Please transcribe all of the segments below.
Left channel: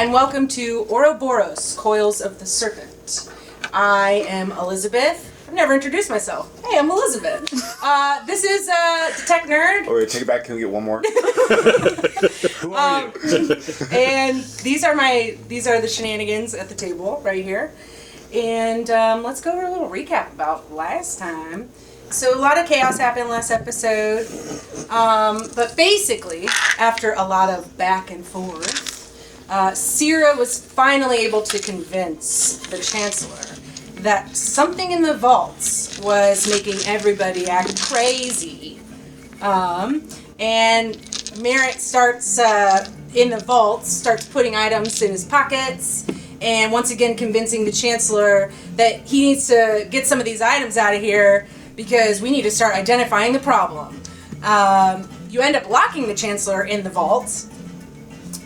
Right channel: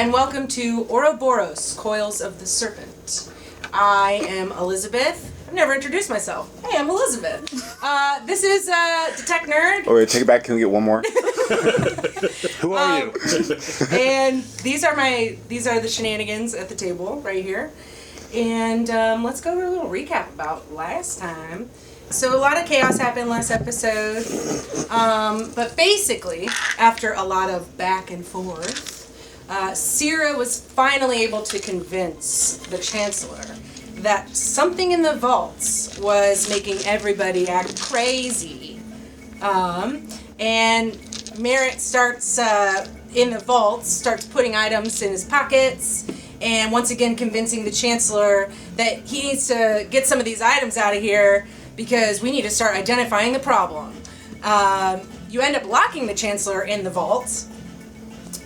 and welcome to Auroboros, Coils of the Serpent. I am Elizabeth. I've never introduced myself. Hey, I'm Elizabeth. This is Detect Nerd. Oh, wait, take it back. Can we get one more? Who are you? And these are the shenanigans at the table right here. And let's go over a little recap about last time. So a lot of chaos happened last episode. But basically, after a lot of back and forth, Sierra was finally able to convince the Chancellor that something in the vaults was making everybody act crazy. And Merritt starts in the vaults, starts putting items in his pockets, and once again convincing the Chancellor that he needs to get some of these items out of here because we need to start identifying the problem. You end up locking the Chancellor in the vault,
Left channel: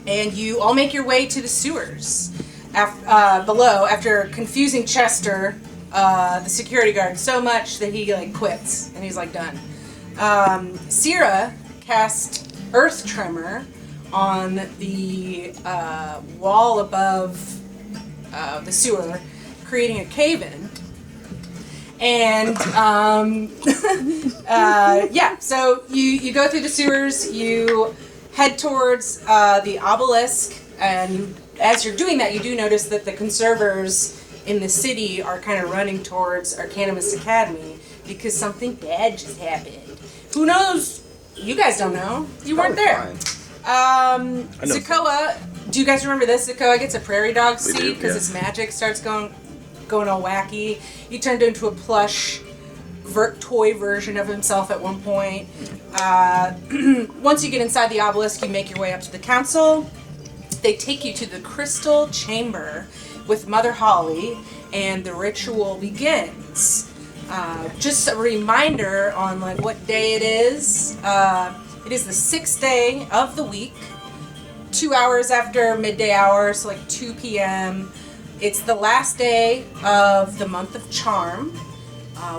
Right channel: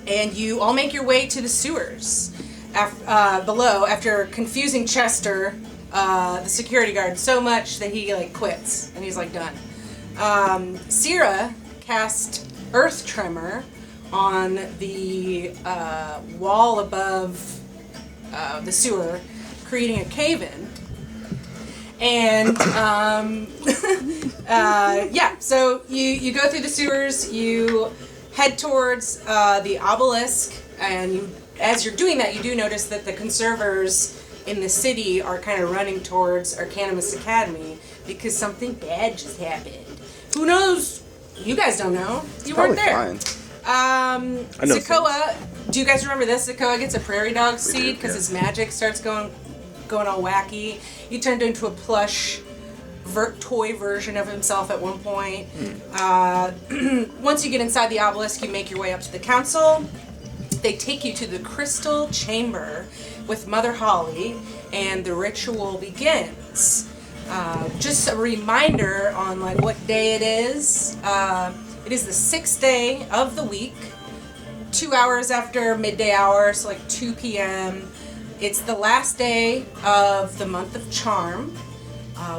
and you all make your way to the sewers below after confusing Chester, the security guard, so much that he quits and he's done. Sierra cast Earth Tremor on the wall above the sewer, creating a cave-in. And so you go through the sewers, you head towards the obelisk, and as you're doing that, you do notice that the conservers in the city are kind of running towards Arcanimus Academy because something bad just happened. Who knows? You guys don't know. You weren't there. Zakoa, do you guys remember this? Zakoa gets a prairie dog seed because his magic starts going all wacky. He turned into a plush toy version of himself at one point. Once you get inside the obelisk, you make your way up to the council. They take you to the crystal chamber with Mother Holly, and the ritual begins. Just a reminder on what day it is. It is the 6th day of the week, 2 hours after midday hour, so 2 p.m. It's the last day of the month of Charm.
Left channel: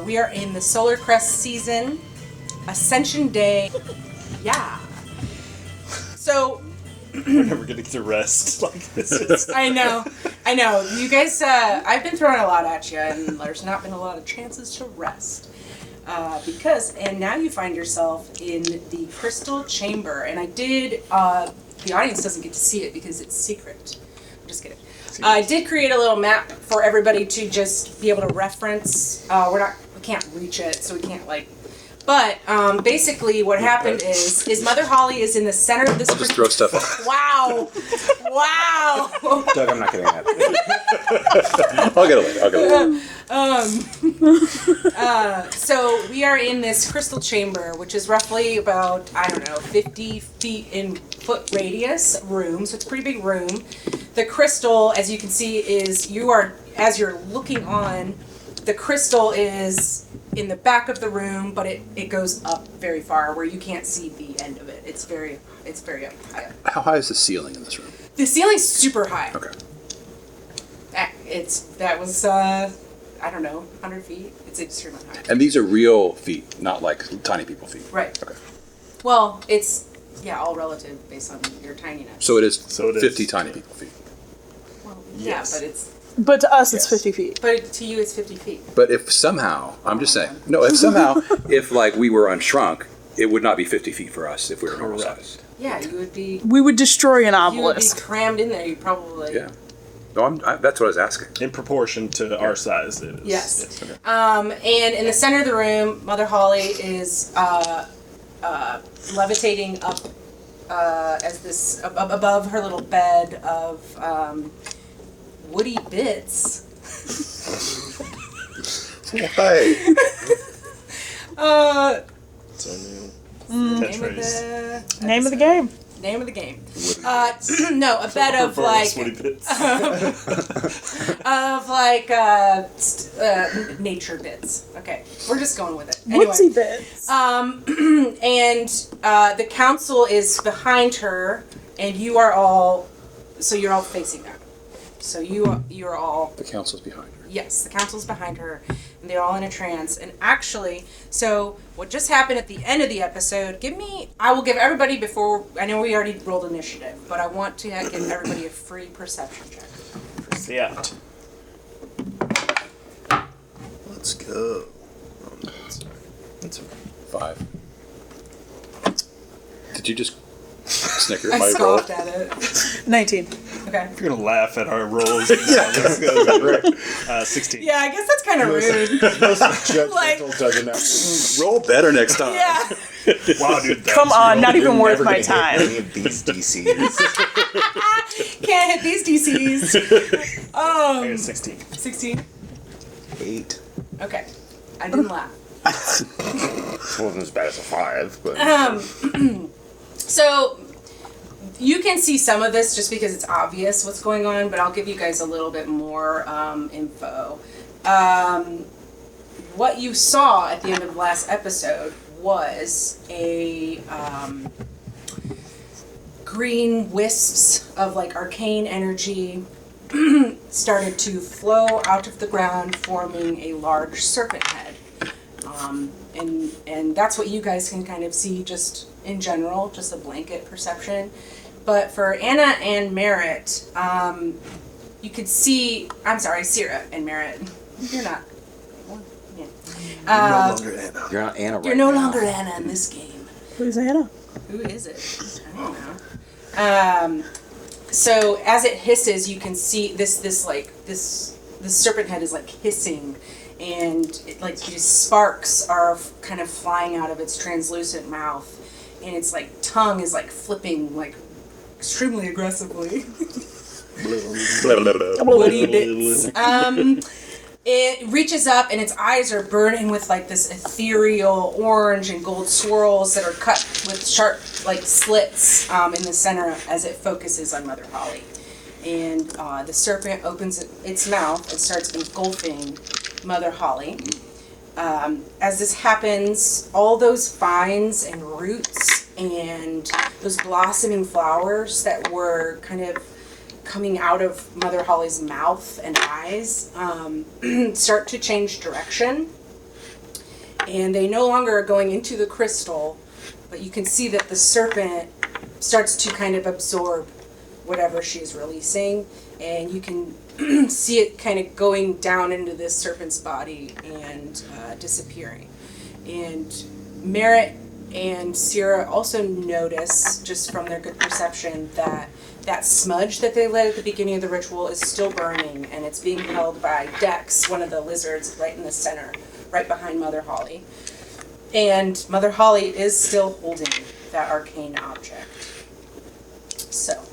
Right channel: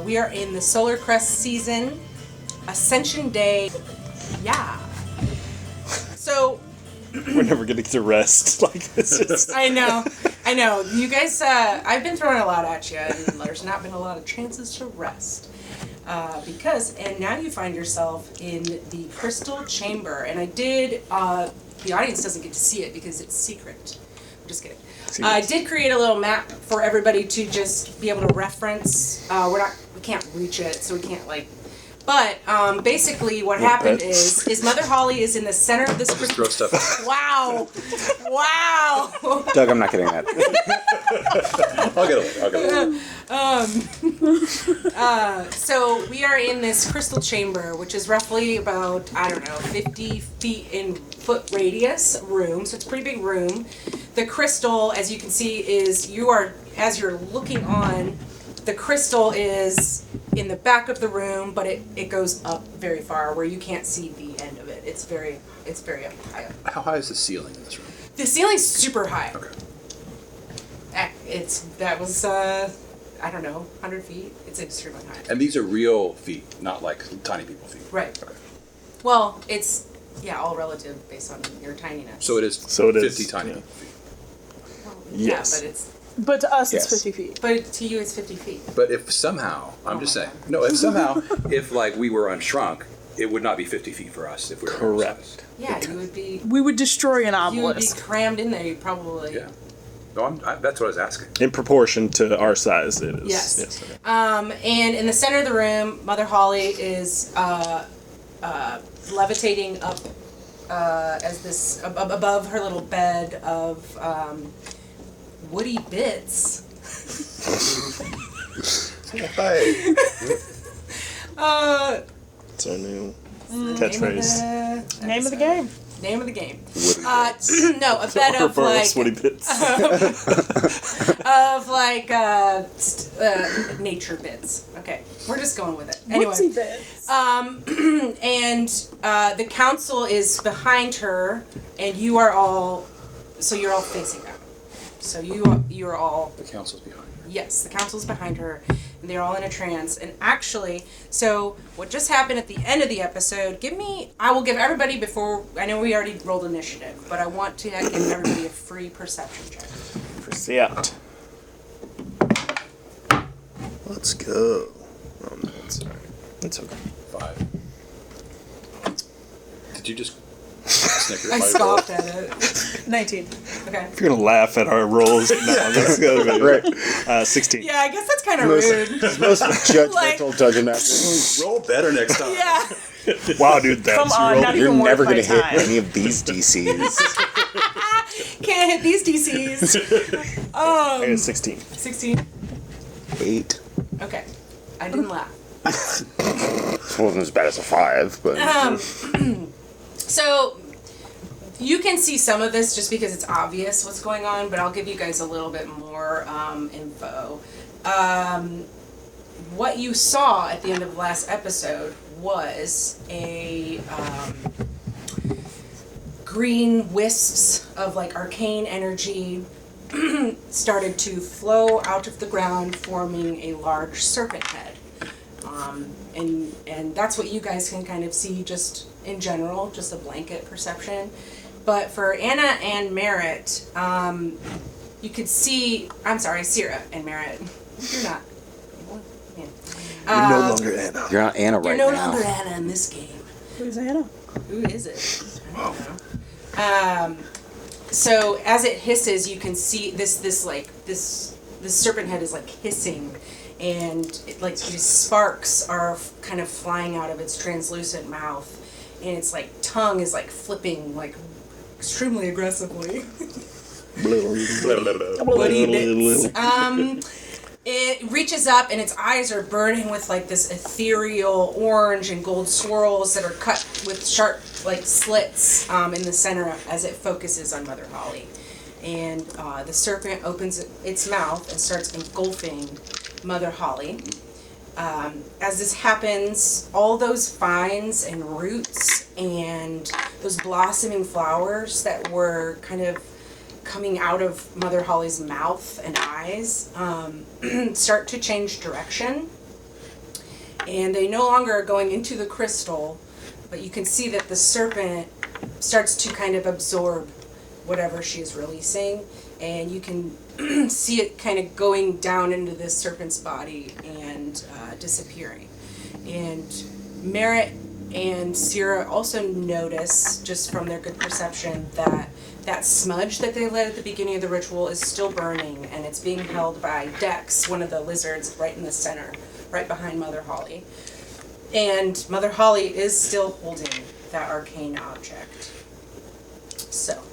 We are in the Solar Crest season, Ascension Day. Yeah. So We're never gonna get to rest. I know. You guys, I've been throwing a lot at you, and there's not been a lot of chances to rest. And now you find yourself in the crystal chamber, and I did, the audience doesn't get to see it because it's secret. I'm just kidding. I did create a little map for everybody to just be able to reference. We can't reach it, so we can't But basically, what happened is Mother Holly is in the center of this crystal. Throw stuff out. Wow! Doug, I'm not getting that. I'll get it. So we are in this crystal chamber, which is roughly about 50 feet in foot radius room. So it's a pretty big room. The crystal, as you can see, as you're looking on, the crystal is in the back of the room, but it goes up very far where you can't see the end of it. It's very up high up. How high is the ceiling in this room? The ceiling's super high. Okay. That was 100 feet. It's extremely high. And these are real feet, not tiny people feet. Right. Okay. Well, it's all relative based on your tininess. So it is So it is. 50 tiny people feet. Well, yeah, Yes. but But to us, Yes. it's 50 feet. to you it's 50 feet. But if somehow, I'm Oh just my saying, God. no, if somehow, if we were unshrunk, it would not be 50 feet for us if we were normal Correct. sized. Yeah, you would be We would destroy an obelisk. you would be crammed in there. You'd probably Yeah. No, that's what I was asking. In proportion to our size, it is. Yes. And in the center of the room, Mother Holly is levitating up as this above her little bed of woody bits. So, I mean, It's the name of the Name of the episode. game. Name of the game. No, a bed of nature bits. Okay, we're just going with it. Anyway, Woodsy bits. and the council is behind her, and you're all facing that. So you're all The council's behind. Yes, the council's behind her, and they're all in a trance. And actually, so what just happened at the end of the episode, I will give everybody I know we already rolled initiative, but I want to give everybody a free perception check. Percept. Let's go. It's okay. 5. Did you just snicker? I scoffed at it. 19. Okay. If you're gonna laugh at our rolls, let's go. Right. 16. Yeah, I guess that's kind of rude. Like- Roll better next time. Yeah. Wow, dude. That's Come on, not even worth Never my gonna hit time. any of these DCs. Can't hit these DCs. 16. 16? 8. Okay. I didn't laugh. Wasn't as bad as a 5, but So you can see some of this just because it's obvious what's going on, but I'll give you guys a little bit more info. What you saw at the end of the last episode was a green wisps of like arcane energy started to flow out of the ground, forming a large serpent head. And that's what you guys can kind of see just in general, just a blanket perception. But for Anna and Merritt, you could see, I'm sorry, Sierra and Merritt, you're not, yeah. no longer Anna. You're not Anna. You're no longer Anna in this game. Who's Anna? Who is it? I don't know. So as it hisses, you can see this serpent head is like hissing, and it, like these sparks are kind of flying out of its translucent mouth, and its like tongue is like flipping like extremely aggressively. Woody bits. It reaches up and its eyes are burning with like this ethereal orange and gold swirls that are cut with sharp like slits in the center as it focuses on Mother Holly. And the serpent opens its mouth and starts engulfing Mother Holly. As this happens, all those vines and roots and those blossoming flowers that were kind of coming out of Mother Holly's mouth and eyes start to change direction. And they no longer are going into the crystal, but you can see that the serpent starts to kind of absorb whatever she is releasing, and you can see it kind of going down into this serpent's body and disappearing. And Merritt and Sierra also notice, just from their good perception, that that smudge that they lit at the beginning of the ritual is still burning, and it's being held by Dex, one of the lizards, right in the center, right behind Mother Holly. And Mother Holly is still holding that arcane object. So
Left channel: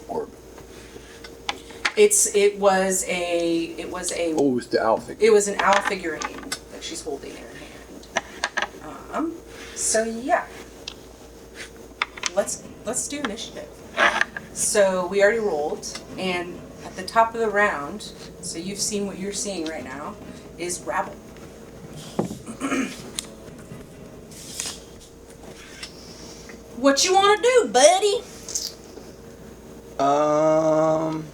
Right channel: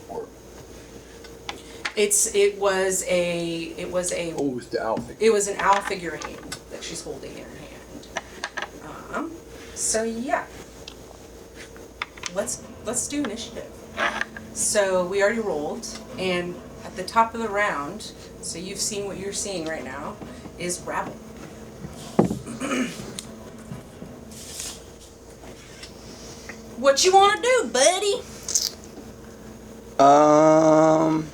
it was an owl figurine that she's holding in her hand. So yeah. Let's do initiative. So we already rolled, and at the top of the round, so you've seen what you're seeing right now, is Rabble. What you want to do, buddy? I'm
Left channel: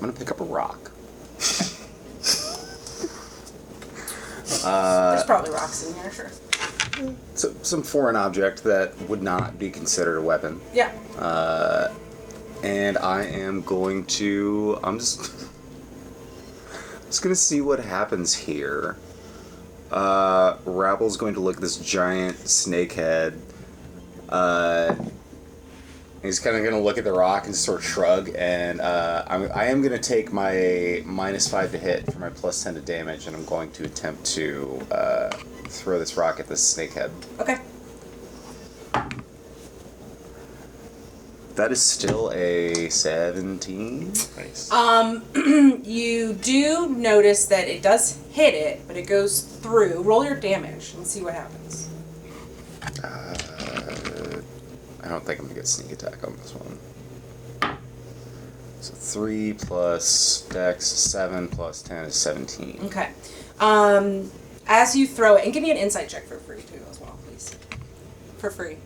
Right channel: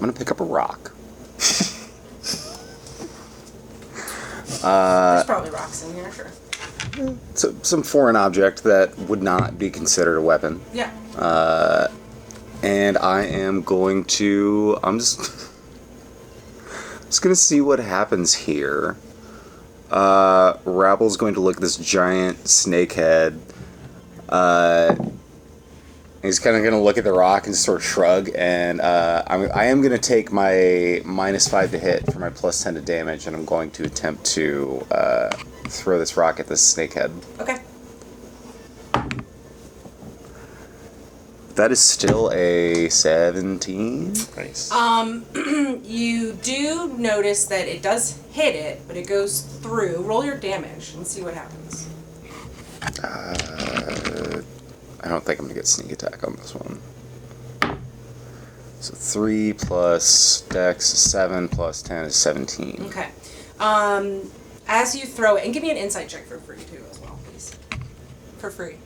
gonna pick up a rock. There's probably rocks in here, sure. So, some foreign object that would not be considered a weapon. Yeah. And I am going to. I'm just gonna see what happens here. Rabble's going to look at this giant snake head. He's kind of going to look at the rock and sort of shrug, and I am going to take my -5 to hit for my +10 to damage, and I'm going to attempt to throw this rock at this snake head. Okay. That is still a 17. Nice. You do notice that it does hit it, but it goes through. Roll your damage and see what happens. I don't think I'm going to get sneak attack on this one. So 3 plus Dex, 7 plus 10 is 17. Okay. As you throw it, and give me an insight check for free too, as well, please. For free.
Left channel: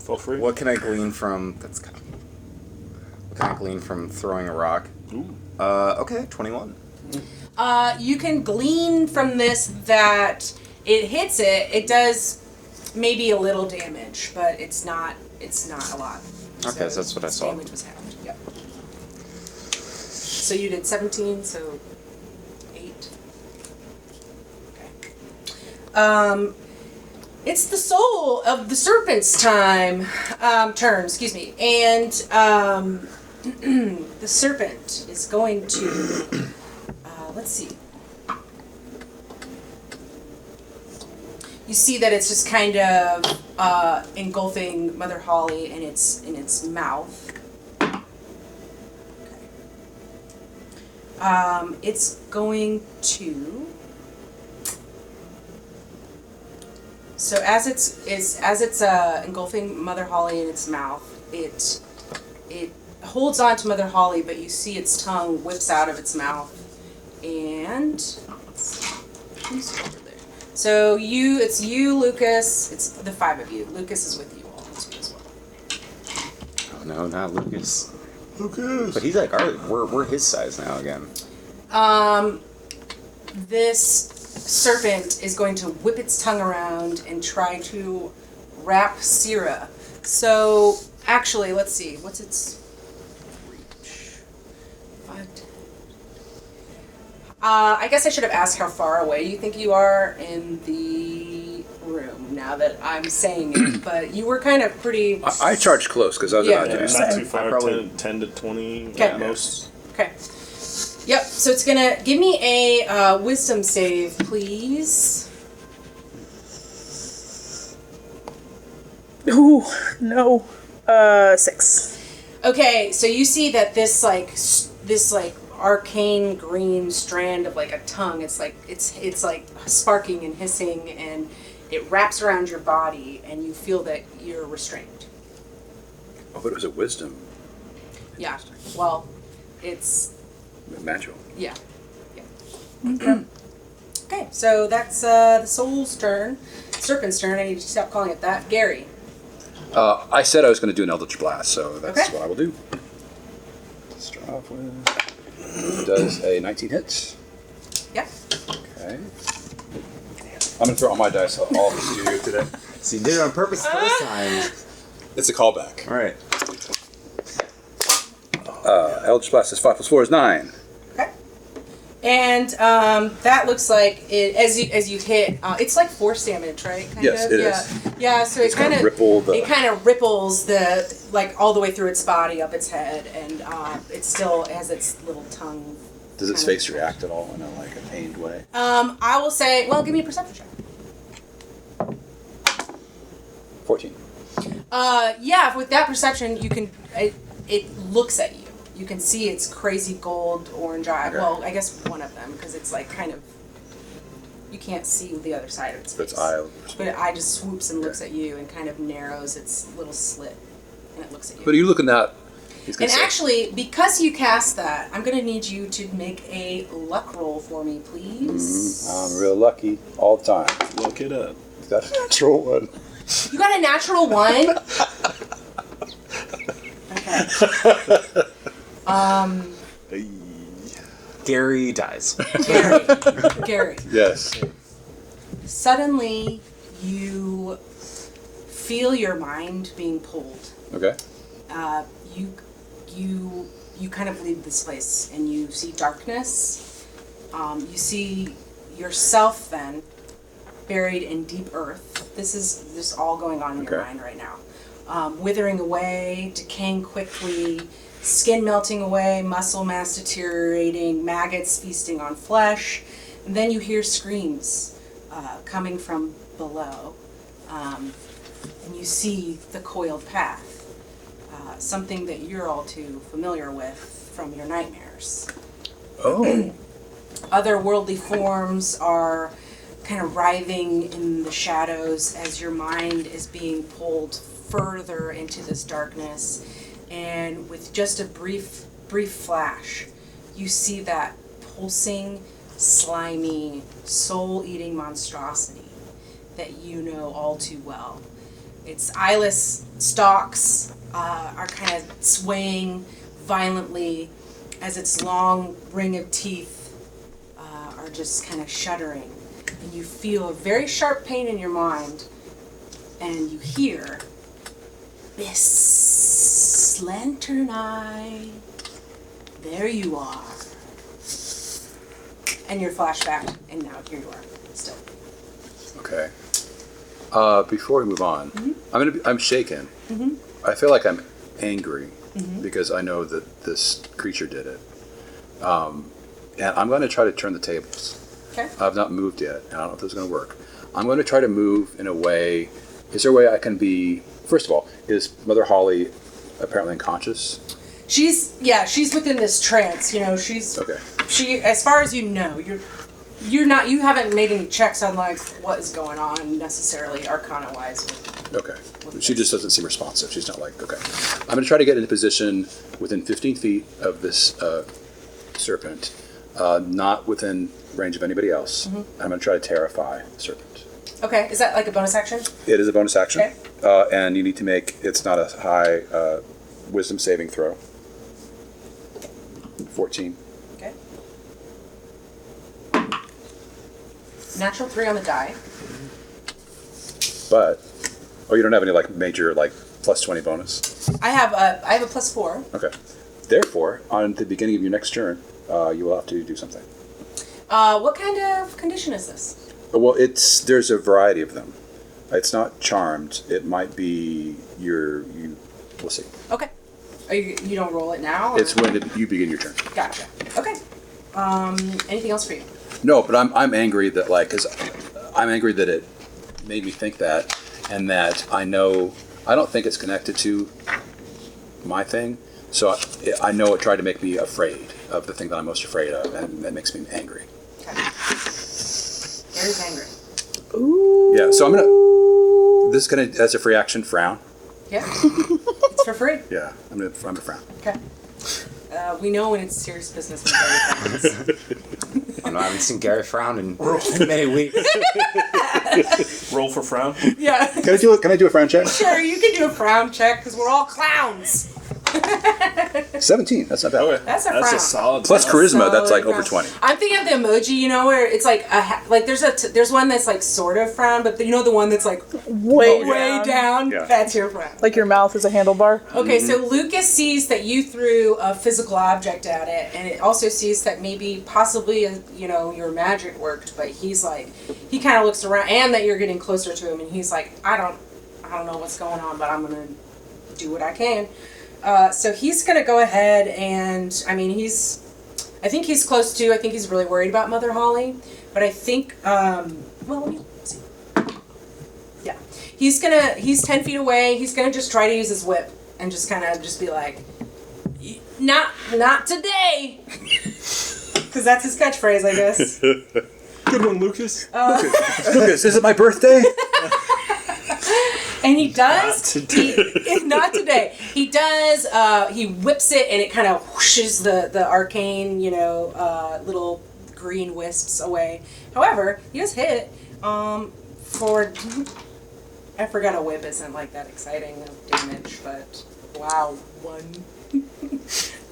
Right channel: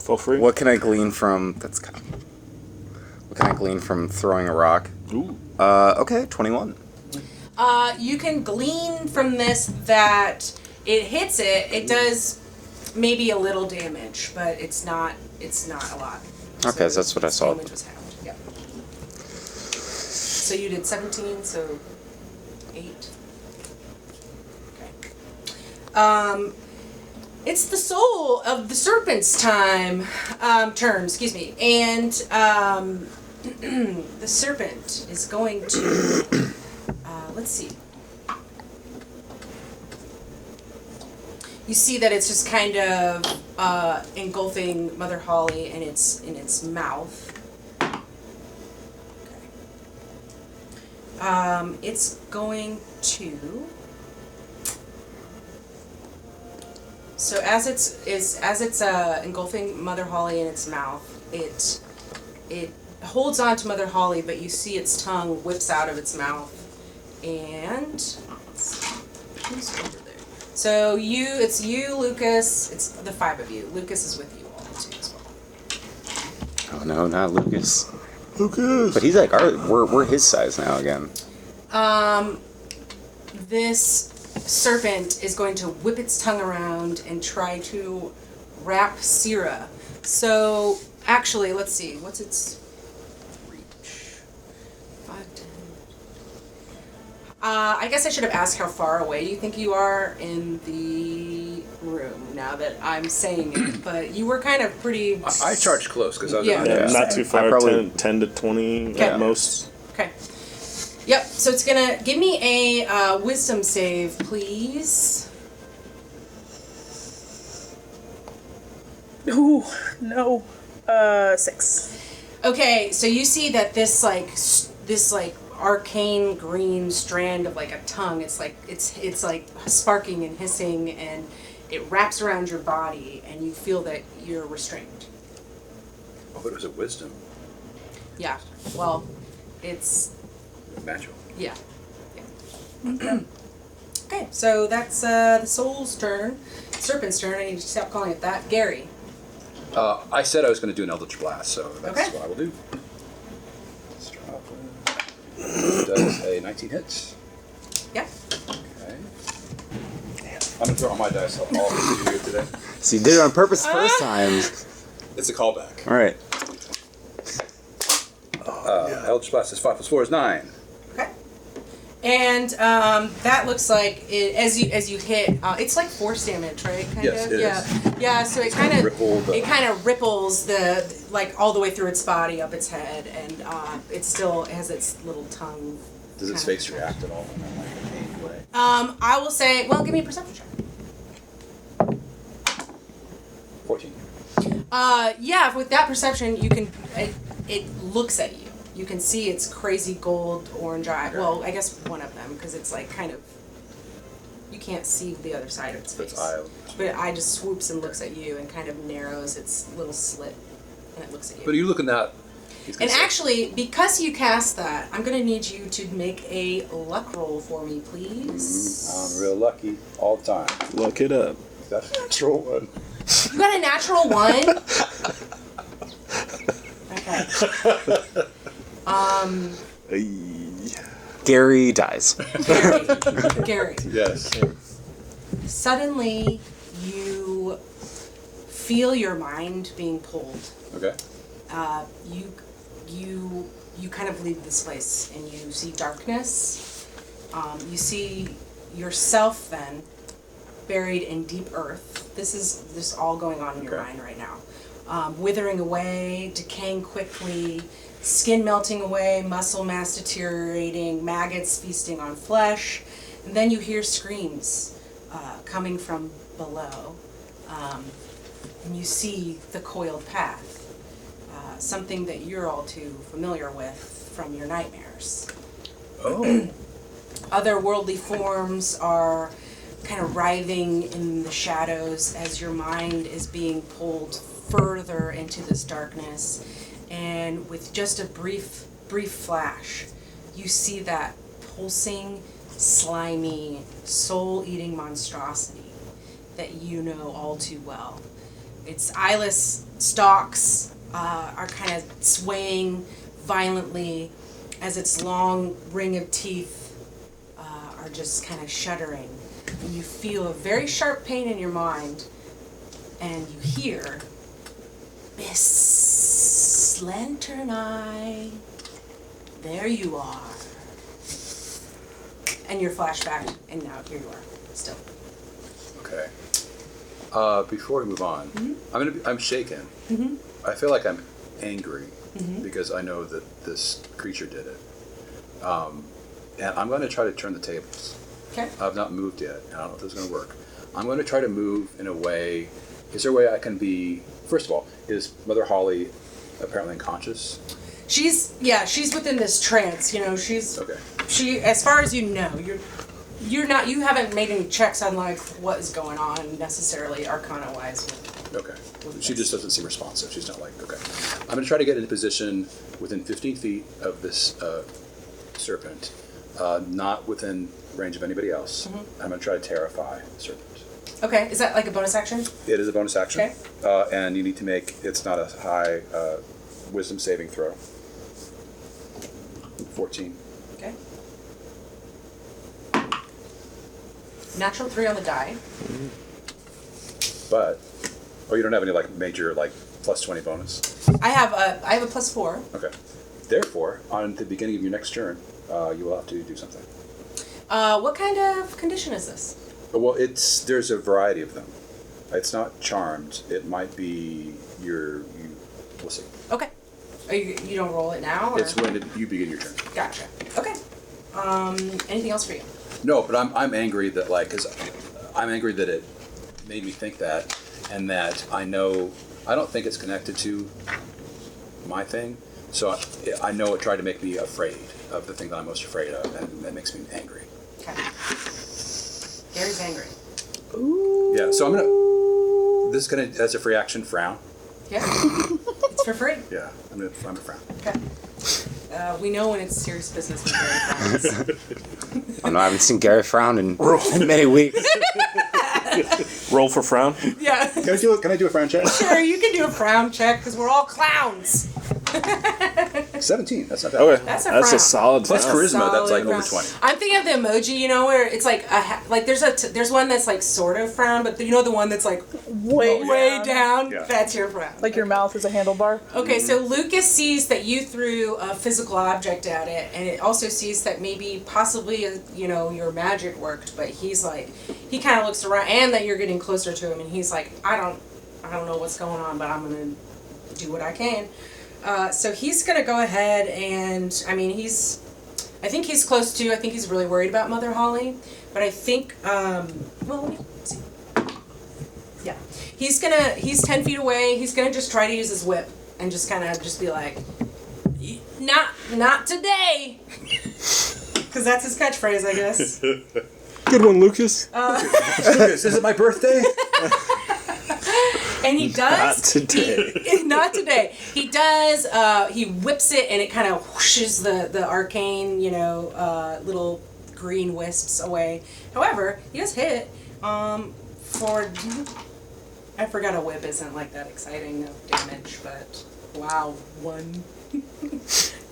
For free. What can I glean from... What can I glean from throwing a rock? Ooh. Okay, 21. You can glean from this that it hits it. It does maybe a little damage, but it's not a lot. Okay, so that's what I its saw. damage was halved. Yep. So you did 17, so 8. Okay. It's the soul of the serpent's turn, excuse me. And the serpent is going to let's see. You see that it's just kind of engulfing Mother Holly in its mouth. Okay. It's going to. So as it's engulfing Mother Holly in its mouth, it holds on to Mother Holly, but you see its tongue whips out of its mouth, and who's over there? So it's you, Lucas. It's the 5 of you. Lucas is with you all too as well. Oh no, not Lucas. Lucas. But he's like, we're his size now again. This serpent is going to whip its tongue around and try to wrap Syrah. So actually, let's see. What's its reach? 5, 10. I guess I should have asked how far away you think you are in the room now that I'm saying it, but you were kind of pretty... I charged close because I was Yeah. Yeah, not too far. probably- 10 to 20 Okay. at most. Okay. Yep, so it's gonna... Give me a wisdom save, please. Ooh, no. 6. Okay, so you see that this arcane green strand of like a tongue, it's like sparking and hissing, and it wraps around your body, and you feel that you're restrained. Oh, but it was a wisdom. Yeah. Well, it's Natural. yeah. Okay, so that's the soul's turn. Serpent's turn. I need to stop calling it that. Gary. I said I was going to do an Eldritch Blast, so that's Okay. what I will do. Does a 19 hits. Yeah. Okay. I'm going to throw all my dice all this good today. So you did it on purpose the first time. It's a callback. All right. Eldritch Blast is 5 plus 4 is 9. Okay. And that looks like it as you hit. It's like force damage, right? Kind Yes, of. it Yeah. is. Yeah. So it kind of ripples the like all the way through its body up its head, and it still has its little tongue. Does its kind of face attached. react at all in a, like a pained way? I will say. Well, give me a perception check. 14. Yeah. With that perception, you can. It looks at you. You can see its crazy gold orange eye. Well, I guess one of them, because it's like kind of. You can't see the other side of its face. eye. But it eye just swoops and looks at you and kind of narrows its little slit, and it looks at you. But are you looking at... And actually, because you cast that, I'm going to need you to make a luck roll for me, please. I'm real lucky all the time. Look it up. That's a natural one. You got a natural 1? Okay. Gary dies. Gary. Yes. Suddenly, you feel your mind being pulled. Okay. You kind of leave this place and you see darkness. You see yourself then buried in deep earth. This is all going on in your mind right now. Withering away, decaying quickly, skin melting away, muscle mass deteriorating, maggots feasting on flesh. And then you hear screams coming from below. And you see the coiled path. Something that you're all too familiar with from your nightmares. Oh. Otherworldly forms are kind of writhing in the shadows as your mind is being pulled further into this darkness. And with just a brief flash, you see that pulsing, slimy, soul-eating monstrosity that you know all too well. Its eyeless stalks are kind of swaying violently, as its long ring of teeth are just kind of shuddering, and you feel a very sharp pain in your mind, and you hear, "Bis Lantern Eye, there you are." And you're flashbacked, and now here you are, still. Okay. Before we move on, I'm shaken. I feel like I'm angry because I know that this creature did it. And I'm going to try to turn the tables. Okay. I've not moved yet, and I don't know if this is going to work. I'm going to try to move in a way. Is there a way I can be? First of all, is Mother Holly apparently unconscious? She's within this trance. Okay. She, as far as you know, you haven't made any checks on like what is going on necessarily Arcana wise with. Okay. With She this. just doesn't seem responsive. She's not like, okay. I'm going to try to get into position within 15 feet of this serpent, not within range of anybody else. I'm going to try to terrify the serpent. Okay, is that like a bonus action? It is a bonus action. Okay. And you need to make, it's not a high wisdom saving throw. 14. Okay. Natural 3 on the die. But, you don't have any like major like plus 20 bonus? I have a +4. Okay. Therefore, on the beginning of your next turn, you will have to do something. What kind of condition is this? Well, there's a variety of them. It's not charmed. It might be we'll see. Okay. You don't roll it now, or? It's when you begin your turn. Gotcha. Okay. Anything else for you? No, but I'm angry that I'm angry that it made me think that, and that I don't think it's connected to my thing. So I know it tried to make me afraid of the thing that I'm most afraid of, and that makes me angry. Okay. Gary's angry. Yeah, so this is gonna, as a free action, frown. Yeah. It's for free. Yeah, I'm gonna frown. Okay. We know when it's serious business when Gary frowns. I haven't seen Gary frown in many weeks. Roll for frown. Yeah. Can I do a frown check? Sure, you can do a frown check because we're all clowns. 17. That's not bad. Okay. That's a That's frown. a solid. That's frown. charisma. That's Solid like frown. over 20. I'm thinking of the emoji, where it's like there's one that's like sort of frown, but the one that's like way down. Yeah. That's your frown. Like your mouth is a handlebar. Okay, so Lucas sees that you threw a physical object at it, and it also sees that possibly, your magic worked, but he's like, he kind of looks around, and that you're getting closer to him, and he's like, I don't know what's going on, but I'm gonna do what I can. So he's gonna go ahead and, I think he's close to, I think he's really worried about Mother Holly, but I think, well, let me see. Yeah, he's 10 feet away. He's gonna just try to use his whip and just kind of just be like, not today, because that's his catchphrase, I guess. Good one, Lucas. Lucas, is it my birthday? And he does. Not today. He does. He whips it, and it kind of whooshes the arcane, little green wisps away. However, he does hit. I forgot a whip isn't like that exciting of damage, but wow,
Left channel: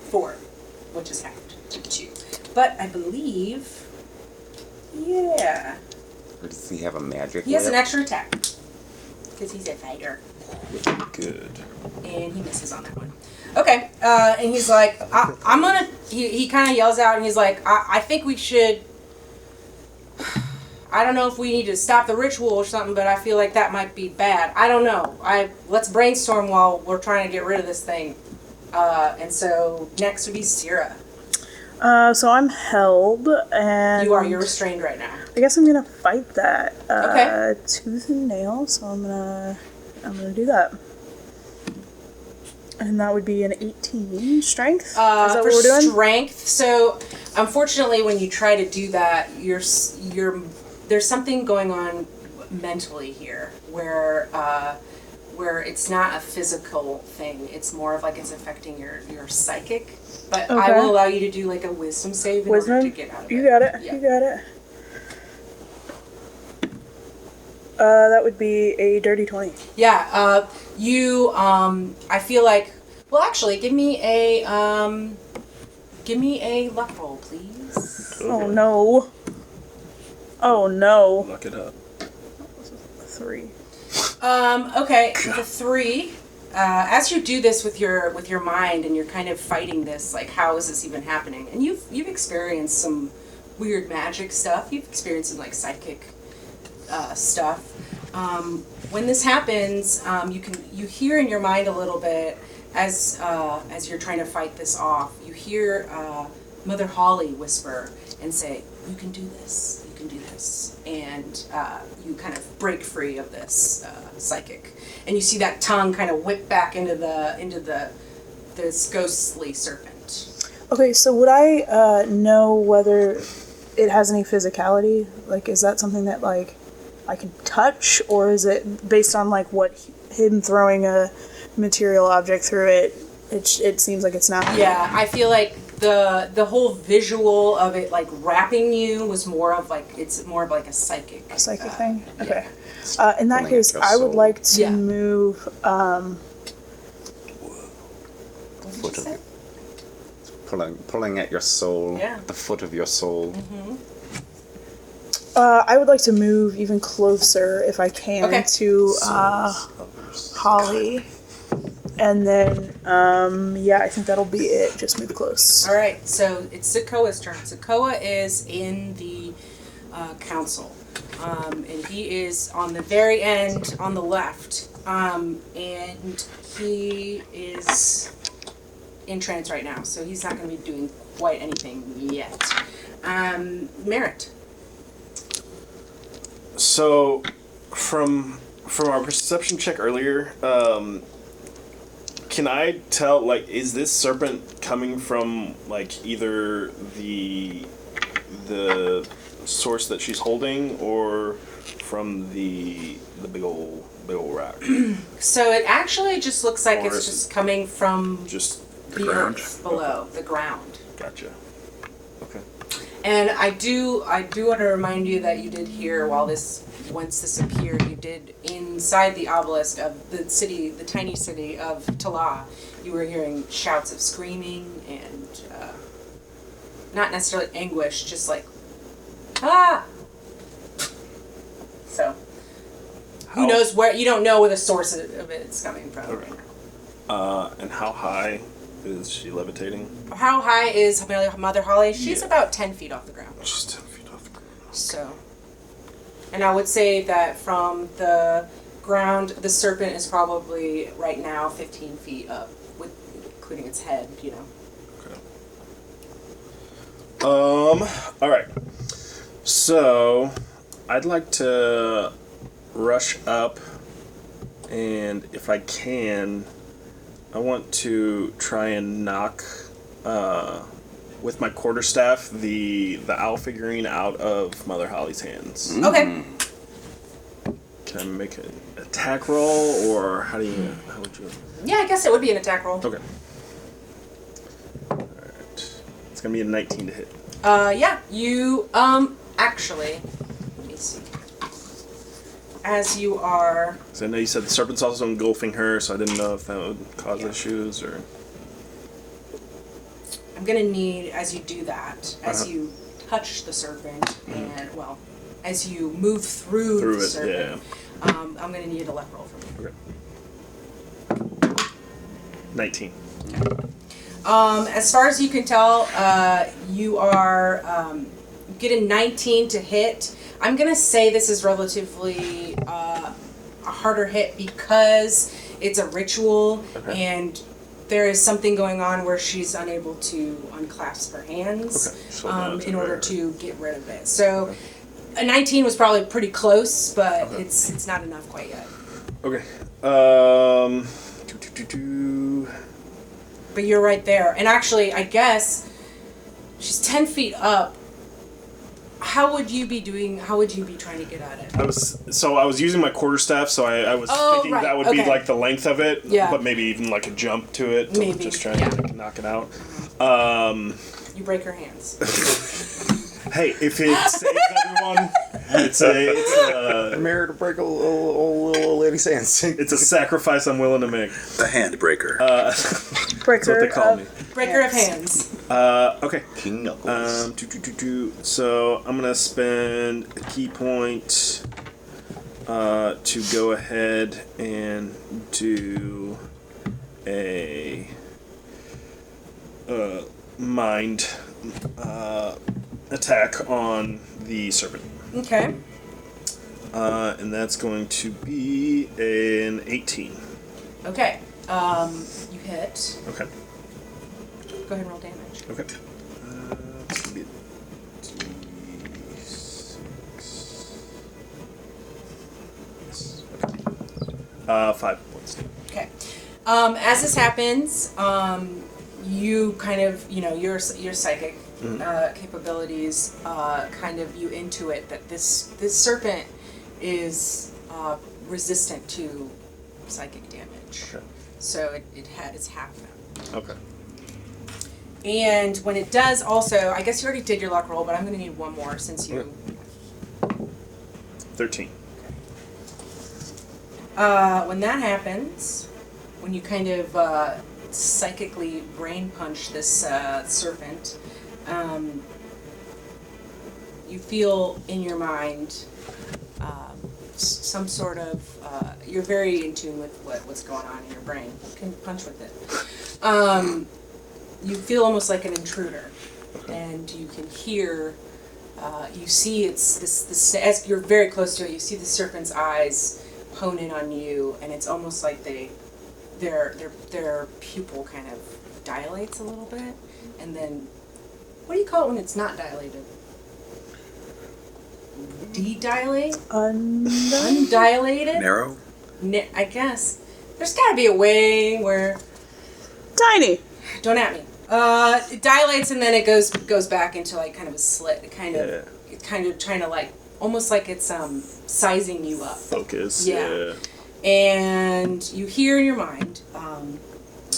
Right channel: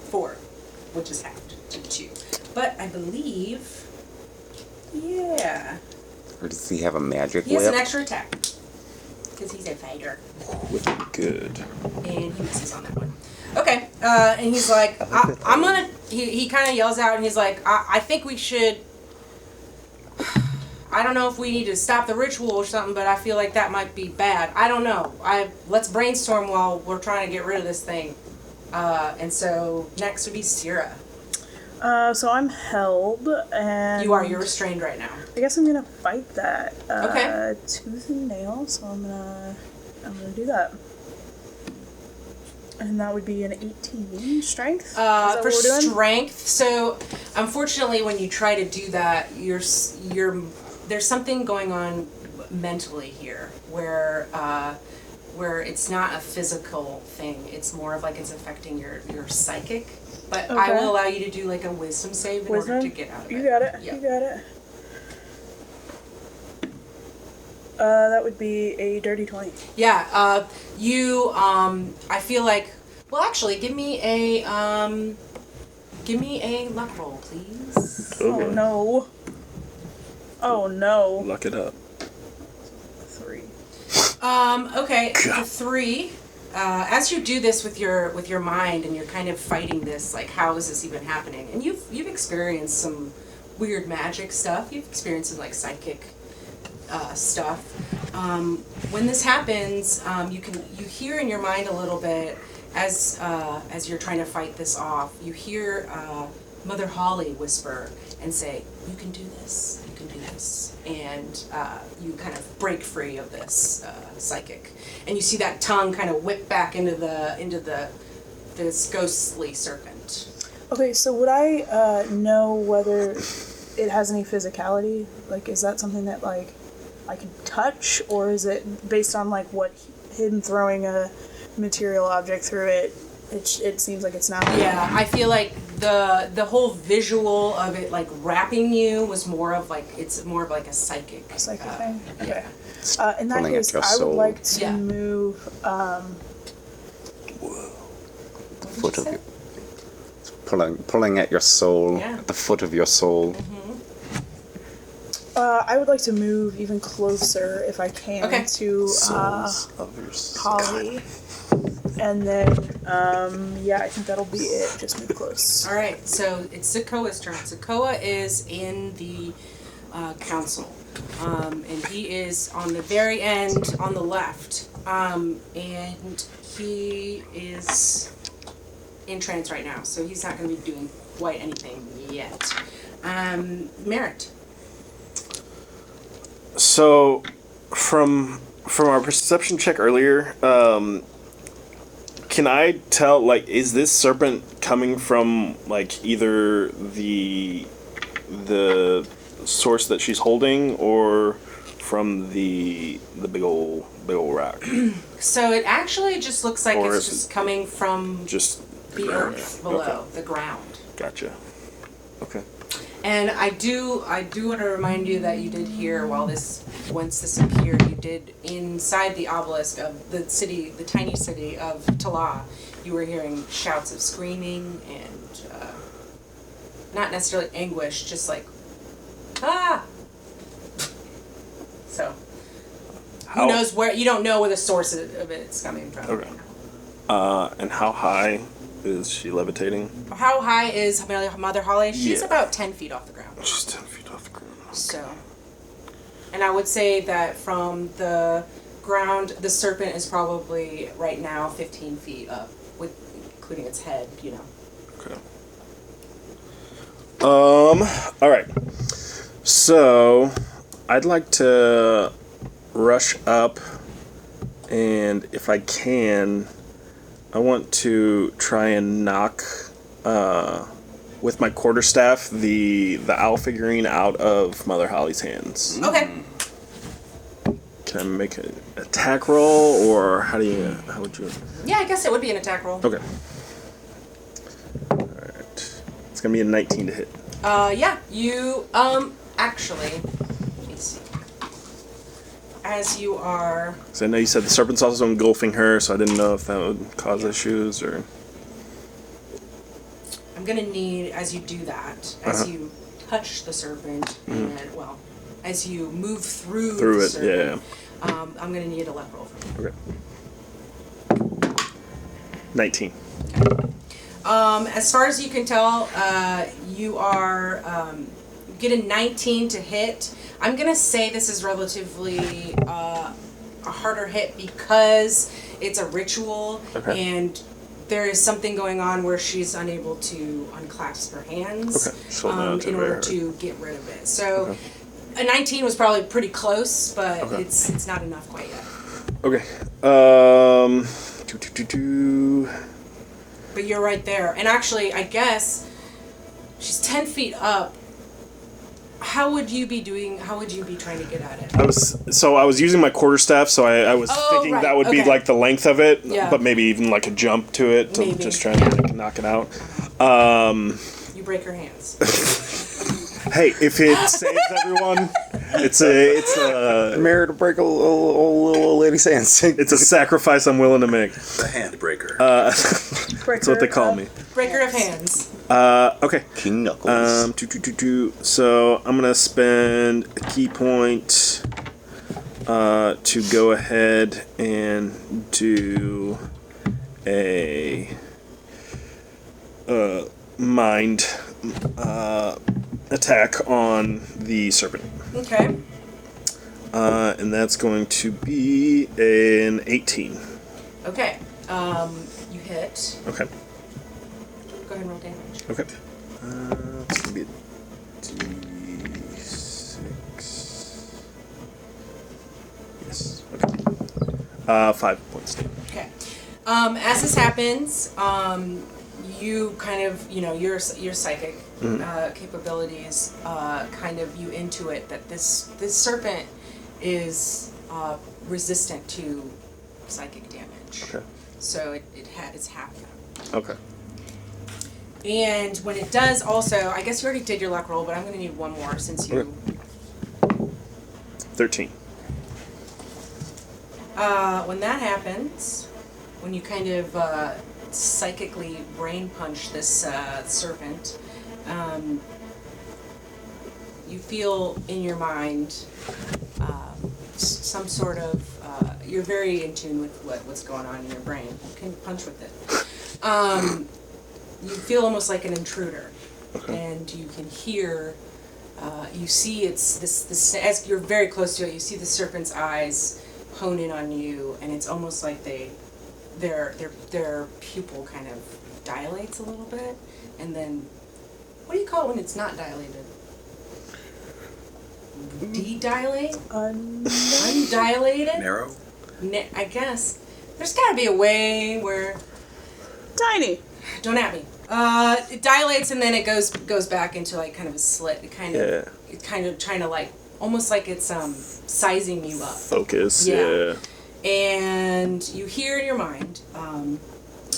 4, which is halved to 2. But I believe, yeah, Or does he have a magic? he has an whip? extra attack because he's a fighter. Good. And he misses on that one. Okay, and he's like, I'm gonna, he kind of yells out, and he's like, I think we should, I don't know if we need to stop the ritual or something, but I feel like that might be bad. I don't know. Let's brainstorm while we're trying to get rid of this thing. And so next would be Sierra. So I'm held, and You're restrained right now. I guess I'm gonna fight that. Okay. Tooth and nail. So I'm gonna do that. And that would be an 18 strength. Is that what For we're doing? strength, so unfortunately, when you try to do that, there's something going on mentally here where it's not a physical thing. It's more of like it's affecting your psychic. But I Okay. will allow you to do like a wisdom save in order Wisdom? to get out of it. You got it. Yeah. You got it. That would be a dirty 20. Yeah. I feel like. Well, actually, give me a Give me a luck roll, please. Oh no. Oh no. Look it up. 3. Okay, with a 3, as you do this with your mind and you're kind of fighting this, like, how is this even happening? And you've experienced some weird magic stuff. You've experienced some like psychic stuff. When this happens, you hear in your mind a little bit as you're trying to fight this off. You hear Mother Holly whisper and say, "You can do this. You can do this." And you kind of break free of this psychic, and you see that tongue kind of whip back into this ghostly serpent. Okay, so would I know whether it has any physicality? Like, is that something that, like, I can touch, or is it based on, like, what him throwing a material object through it? It seems like it's not. Yeah, I feel like the whole visual of it, like, wrapping you was more of like a psychic thing. Yeah. In that Pulling at case, your I would soul. like to Yeah. move. What did you say? Pulling at your soul. Yeah. The foot of your soul. I would like to move even closer, if I can, Okay. to Souls of your soul. Holly. And then, I think that'll be it. Just move close. All right, so it's Sokoa's turn. Sokoa is in the council, and he is on the very end on the left, and he is in trance right now, so he's not going to be doing quite anything yet. Merritt. So, from our perception check earlier, can I tell, like, is this serpent coming from, like, either the source that she's holding or from the big ol' rock? So it actually just looks like Or it's is- just coming from Just the ground. earth below, the ground. Gotcha. Okay. And I do want to remind you that you did hear once this appeared, you did inside the obelisk of the tiny city of Tala, you were hearing shouts of screaming and not necessarily anguish, just like, ah! So, who knows where, you don't know where the source of it's coming from right now. And how high is she levitating? How high is Mother Holly? She's about 10 feet off the ground. She's 10 feet off the ground. So, and I would say that from the ground, the serpent is probably right now 15 feet up, with including its head, you know. Okay. All right. So, I'd like to rush up, and if I can, I want to try and knock with my quarterstaff the owl figurine out of Mother Holly's hands. Okay. Can I make an attack roll, or how would you? Yeah, I guess it would be an attack roll. Okay. All right. It's gonna be a 19 to hit. Yeah, you, actually, let me see. As you are, So I know you said the serpent's also engulfing her, so I didn't know if that would cause Yeah. issues or. I'm gonna need, as you do that, as you touch the serpent, and, well, as you move through Through the it, serpent, I'm gonna need a luck roll from you. Okay. 19. As far as you can tell, you are get a 19 to hit. I'm gonna say this is relatively a harder hit because it's a ritual and there is something going on where she's unable to unclasp her hands Okay. So in order to get rid of it. So a 19 was probably pretty close, but it's not enough quite yet. Okay. But you're right there. And actually, I guess she's 10 feet up. How would you be trying to get at it? I was using my quarterstaff, so I was Oh, thinking right, that would okay. be like the length of it. Yeah. But maybe even like a jump to it. Maybe, Just trying yeah. to knock it out. You break her hands. Hey, if it saves everyone, It's a Married to break a little lady's hands. it's a sacrifice I'm willing to make. The handbreaker. That's what they call me. Breaker of hands. Okay. King Knuckles. So I'm gonna spend a key point to go ahead and do a mind attack on the serpent. Okay. And that's going to be an 18. Okay. You hit. Okay. Go ahead and roll damage. Okay. It's gonna be a 5 points. Okay. As this happens, you kind of, your psychic capabilities kind of you intuit that this serpent is resistant to psychic damage. Sure. So it's half that. Okay. And when it does, also, I guess you already did your luck roll, but I'm going to need one more since you. 13. When that happens, when you kind of psychically brain punch this serpent, you feel in your mind some sort of. You're very in tune with what's going on in your brain. You can punch with it. You feel almost like an intruder, and you can hear. You see it's this as you're very close to it. You see the serpent's eyes hone in on you, and it's almost like their pupil kind of dilates a little bit, and then what do you call it when it's not dilated? De-dilate? Undilated? Narrow? I guess. There's got to be a way where... Tiny. Don't at me. It dilates and then it goes back into like kind of a slit. It's kind of trying to like almost like it's sizing you up. Focus. Yeah. And you hear in your mind,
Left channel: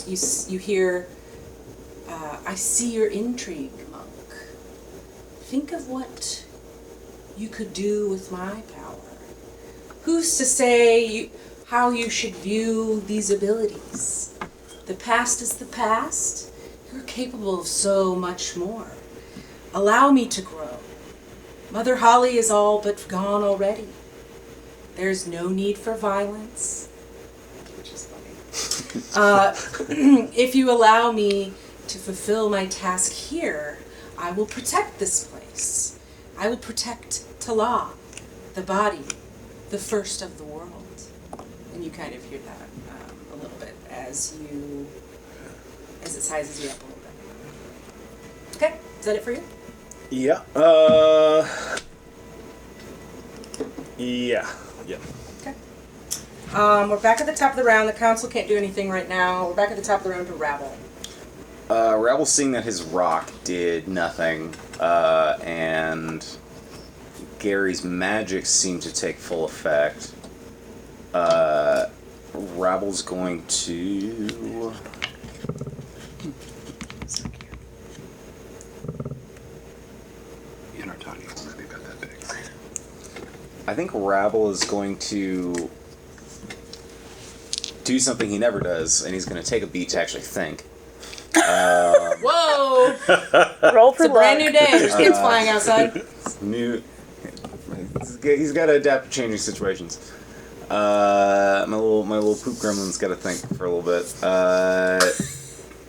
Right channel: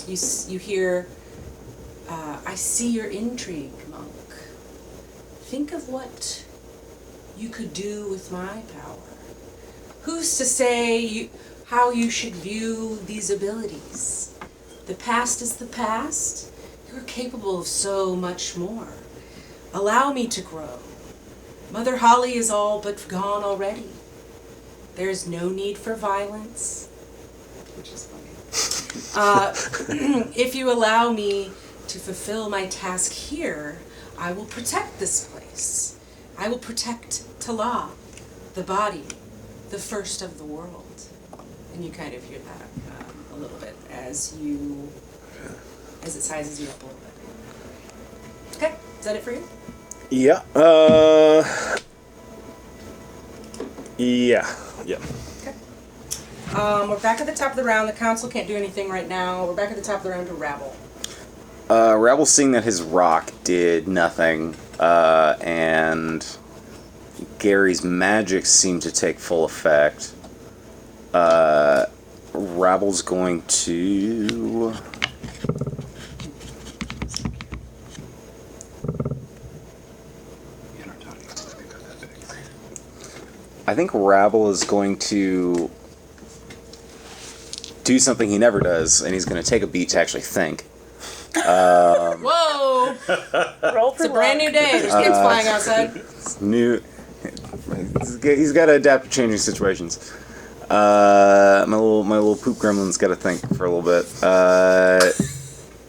you hear, I see your intrigue, monk. Think of what you could do with my power. Who's to say how you should view these abilities? The past is the past. You're capable of so much more. Allow me to grow. Mother Holly is all but gone already. There's no need for violence, which is funny. If you allow me to fulfill my task here, I will protect this place. I will protect Tala, the body, the first of the world. And you kind of hear that a little bit as it sizes you up a little bit. Okay, is that it for you? Yeah. Yeah. Okay. We're back at the top of the round. The council can't do anything right now. We're back at the top of the round to Rabble. Rabble, seeing that his rock did nothing, and Gary's magic seemed to take full effect, Rabble's going to... I think Rabble is going to do something he never does, and he's going to take a beat to actually think. Whoa! It's a brand new day. There's pigs flying outside. He's got to adapt to changing situations. My little poop gremlin's got to think for a little bit.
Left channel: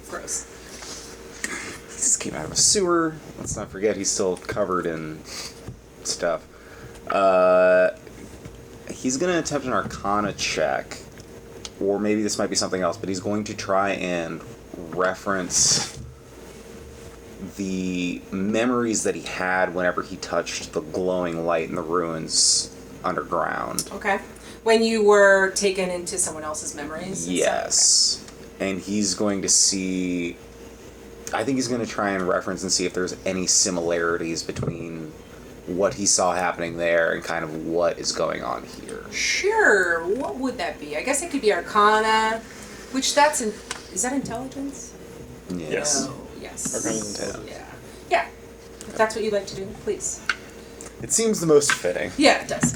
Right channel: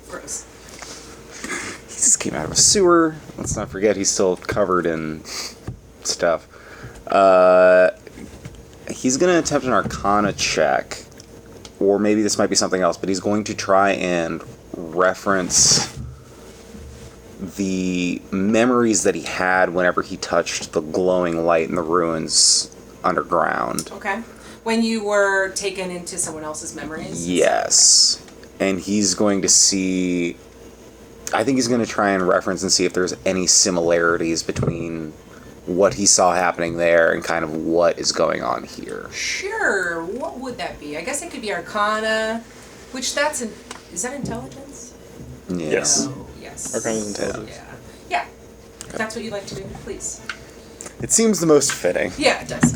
Gross. He just came out of a sewer. Let's not forget he's still covered in stuff. He's going to attempt an Arcana check, or maybe this might be something else, but he's going to try and reference the memories that he had whenever he touched the glowing light in the ruins underground. Okay. When you were taken into someone else's memories and stuff? Yes. Okay. And he's going to see... I think he's going to try and reference and see if there's any similarities between what he saw happening there and kind of what is going on here. Sure. What would that be? I guess it could be Arcana, which is that intelligence? Yes. No. Yes. Arcana is intelligence. Yeah. Yeah. If that's what you'd like to do, please. It seems the most fitting. Yeah, it does.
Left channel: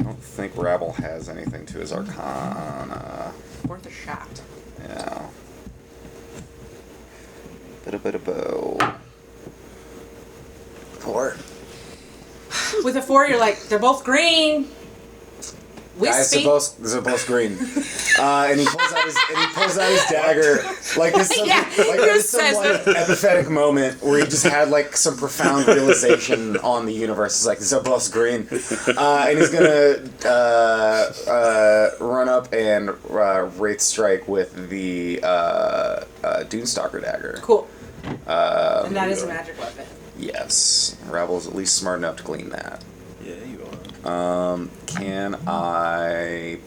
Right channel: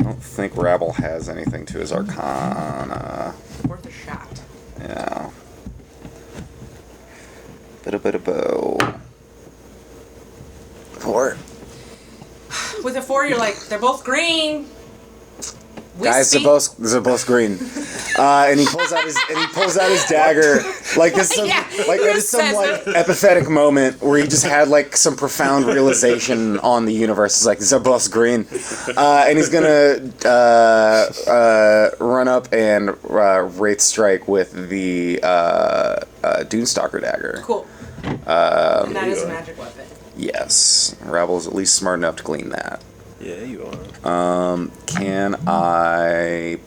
I don't think Rabble has anything to his Arcana. Worth a shot. Yeah. Bit of bow. 4. With a 4, you're like, they're both green. Wispy. They're both green. And he pulls out his dagger. Like this. Yeah, he just says it. Empathetic moment where you just had like some profound realization on the universe. It's like they're both green, and he's gonna run up and wraith strike with the Dunestalker dagger. Cool. And that is a magic weapon. Yes, Ravel's at least smart enough to glean that. Yeah, you are. Can I...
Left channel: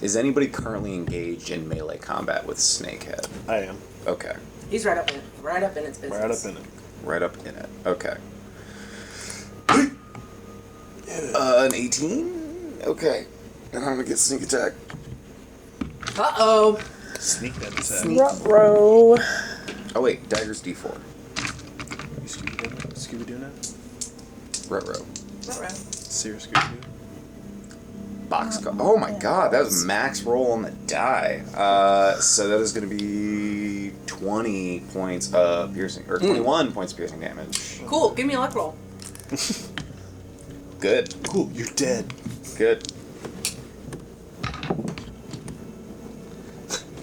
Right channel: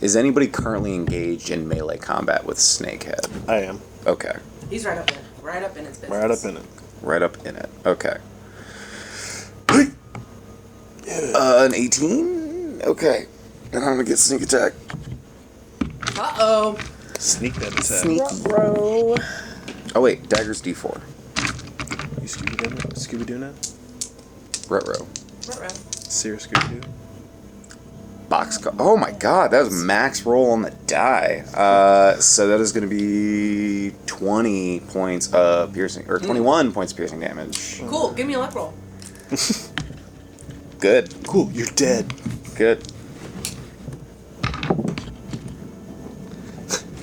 Is anybody currently engaged in melee combat with Snakehead? I am. Okay. He's right up in its business. Right up in it. Right up in it. Okay. An 18? Okay. And I'm gonna get sneak attack. Uh-oh. Sneak that attack. Sneak. Bro. Oh wait, dagger's D4. You Scooby doing that? Ruh-roh. Ruh-roh. Serious Scooby Doo? Oh my god, that was max roll on the die. So that is going to be 20 points of piercing, or 21 points of piercing damage. Cool. Give me a luck roll. Good. Cool, you're dead. Good.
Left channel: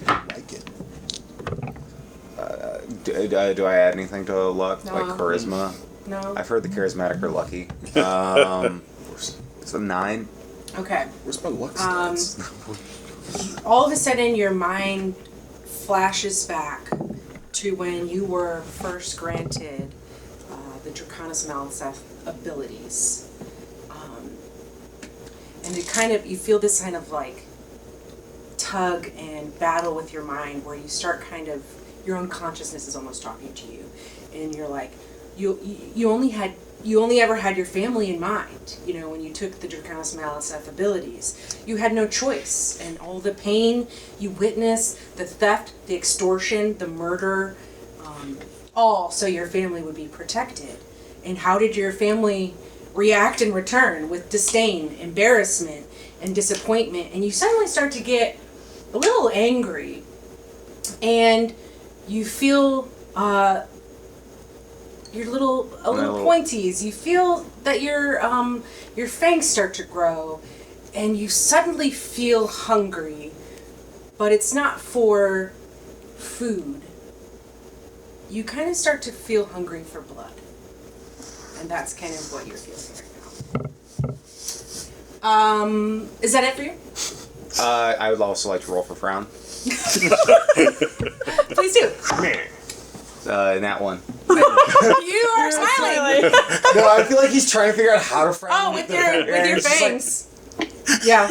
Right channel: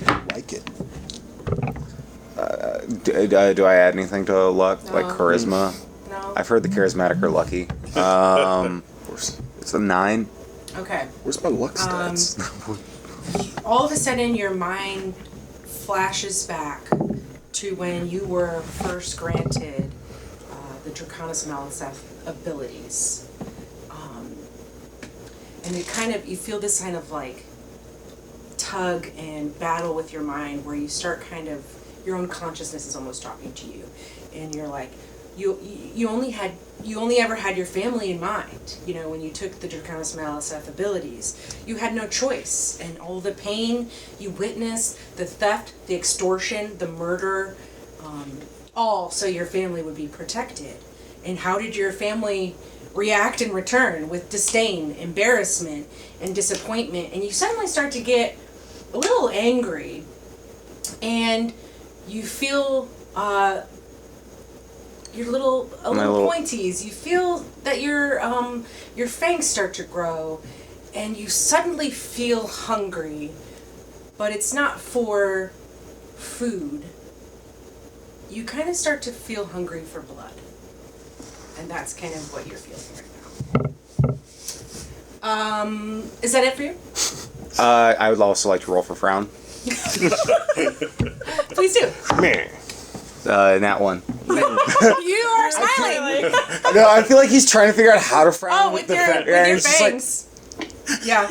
Like it. Do I add anything to luck? No. Like charisma? No. I've heard the charismatic are lucky. So 9. Okay. Where's my luck stats? All of a sudden, your mind flashes back to when you were first granted the Draconis Malice abilities. And it kind of, you feel this kind of like tug and battle with your mind where you start kind of, your own consciousness is almost talking to you. And you're like, you only ever had your family in mind, you know, when you took the Draconis Malice abilities. You had no choice, and all the pain you witnessed, the theft, the extortion, the murder, all so your family would be protected. And how did your family react in return? With disdain, embarrassment, and disappointment. And you suddenly start to get a little angry, and you feel your little pointies. You feel that your fangs start to grow, and you suddenly feel hungry, but it's not for food. You kind of start to feel hungry for blood, and that's kind of what you're feeling right now. Is that it for you? I would also like to roll for frown. Please do. Nat 1. You are smiling. No, I feel like he's trying to figure out how to frown. Oh, with your fangs. Yeah.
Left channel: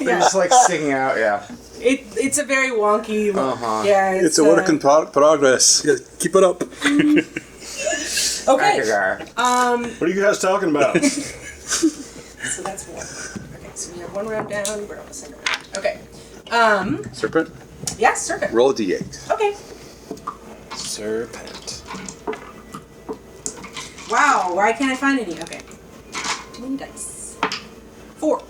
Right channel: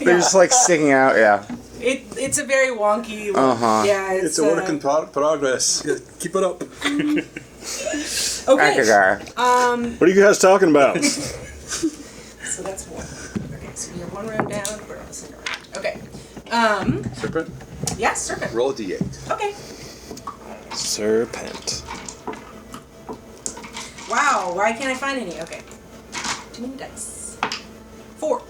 They're just like sticking out. Yeah. It's a very wonky look. Uh-huh. Yeah, It's a work in progress. Yeah, keep it up. okay. What are you guys talking about? So that's one. Okay, so we have one round down. We're on the second round. Okay. Serpent, Yeah, Serpent. roll a d8. Okay. Serpent. Wow, why can't I find any? Okay. Too many dice. 4.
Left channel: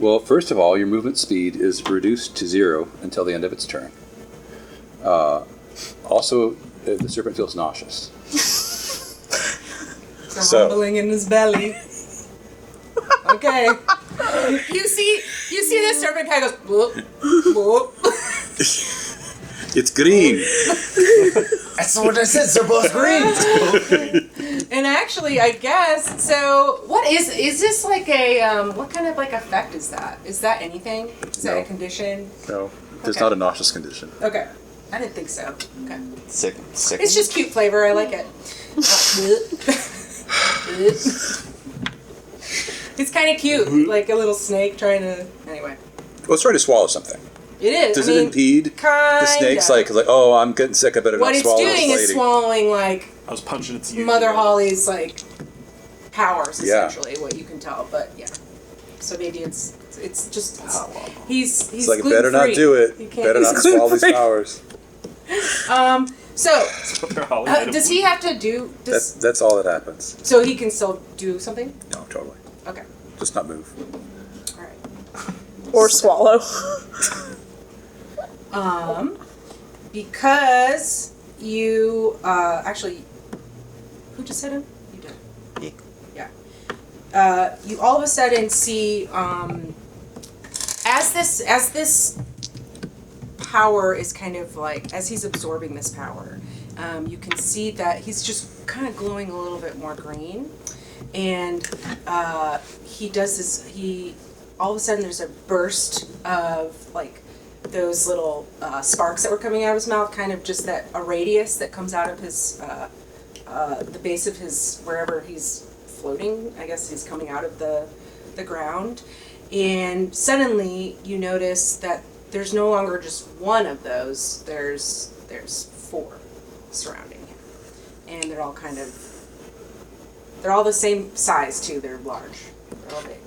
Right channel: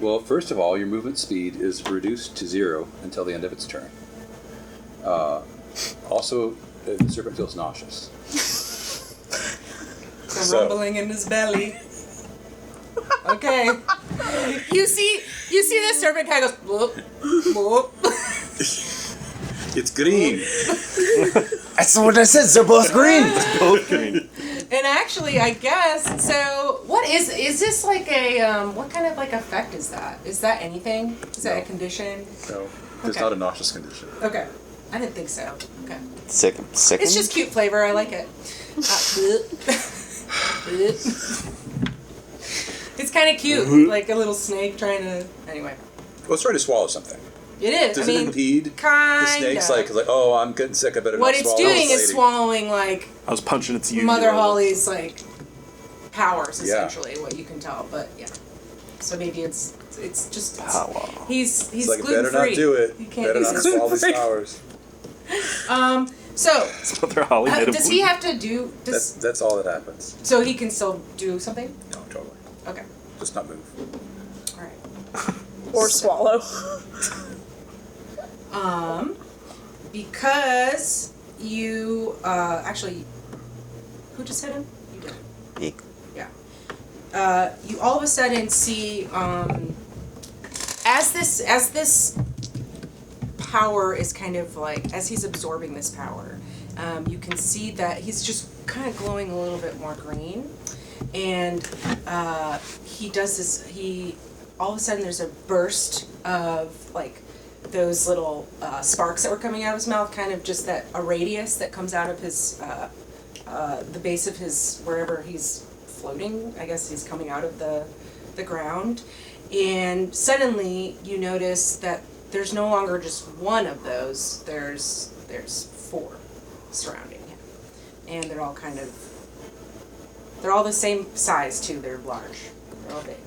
Well, first of all, your movement speed is reduced to 0 until the end of its turn. Also, the serpent feels nauseous. So rumbling in his belly. Okay. You see this serpent kind of goes, boop, boop. It's green. That's what I said. So both green. And actually, I guess, so what is this like a, what kind of like effect is that? Is that anything? Is that a condition? No, it's Okay. not a nauseous condition. Okay. I didn't think so. Okay. Sick. It's just cute flavor. I like it. It's kind of cute. Like a little snake trying to, anyway. Well, it's trying to swallow something. It is. Does I mean, it impede? The kind snake's of. like, oh, I'm getting sick. I better What not it's swallow doing this is lady. swallowing like I was punching its Mother Holly's like powers, Yeah. essentially, what you can tell. But yeah, so maybe it's just Oh, well. he's It's like, gluten better free. not do it. He can't better do not this. swallow these powers. So, They're all does he have to do? That's all that happens. So he can still do something? No, totally. Okay. Just not move. All right. Or swallow. Because you actually, who just hit him? You did. Me. Yeah. You all of a sudden see as this power is kind of like, as he's absorbing this power, you can see that he's just kind of glowing a little bit more green, and he does this. All of a sudden there's a burst of like those little sparks that were coming out of his mouth, kind of just a radius that comes out of his the base of his, wherever he's floating. I guess he's coming out of the ground, and suddenly you notice that there's no longer just one of those. There's 4 surrounding him, and they're all the same size too. They're large. They're all big.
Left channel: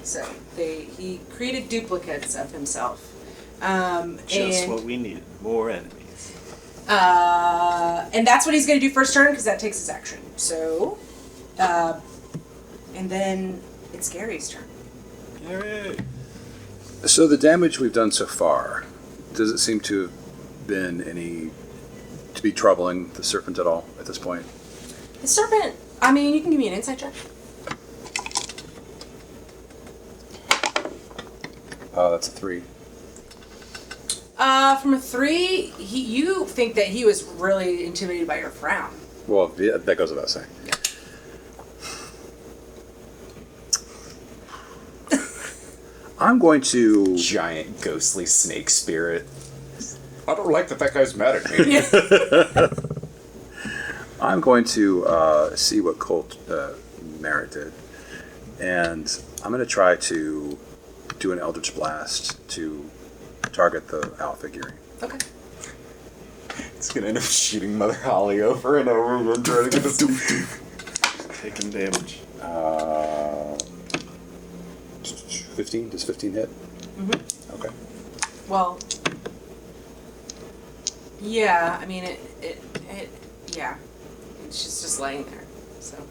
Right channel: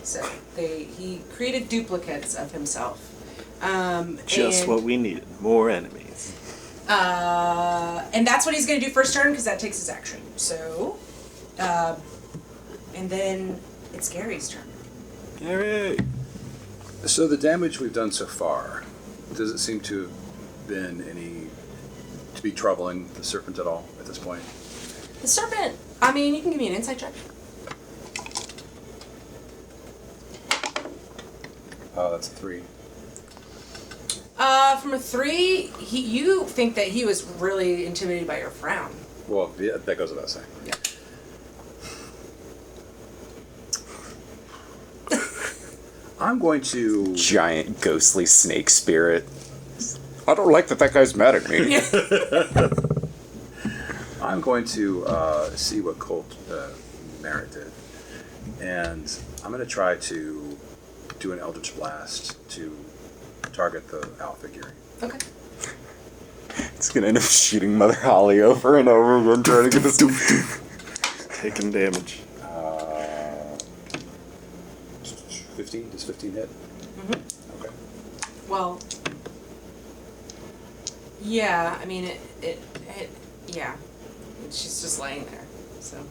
So he created duplicates of himself. Just and what we need. More enemies. and that's what he's going to do first turn because that takes his action. So, and then it's Gary's turn. Yay. So the damage we've done so far, does it seem to have been to be troubling the serpent at all at this point? The serpent. I mean, you can give me an insight check. That's a 3. From a 3, you think that he was really intimidated by your frown. Well, yeah, that goes without saying. Yeah. I'm going to. Giant ghostly snake spirit. I don't like that guy's mad at me. Yeah. I'm going to see what Colt Merritt did, and I'm going to try to do an Eldritch Blast to target the owl figure. Okay. It's gonna end up shooting Mother Holly over and over again, trying to get this. Taking damage. 15? Does 15 hit? Mm-hmm. Okay. Well, yeah, I mean, yeah. And she's just laying there, so.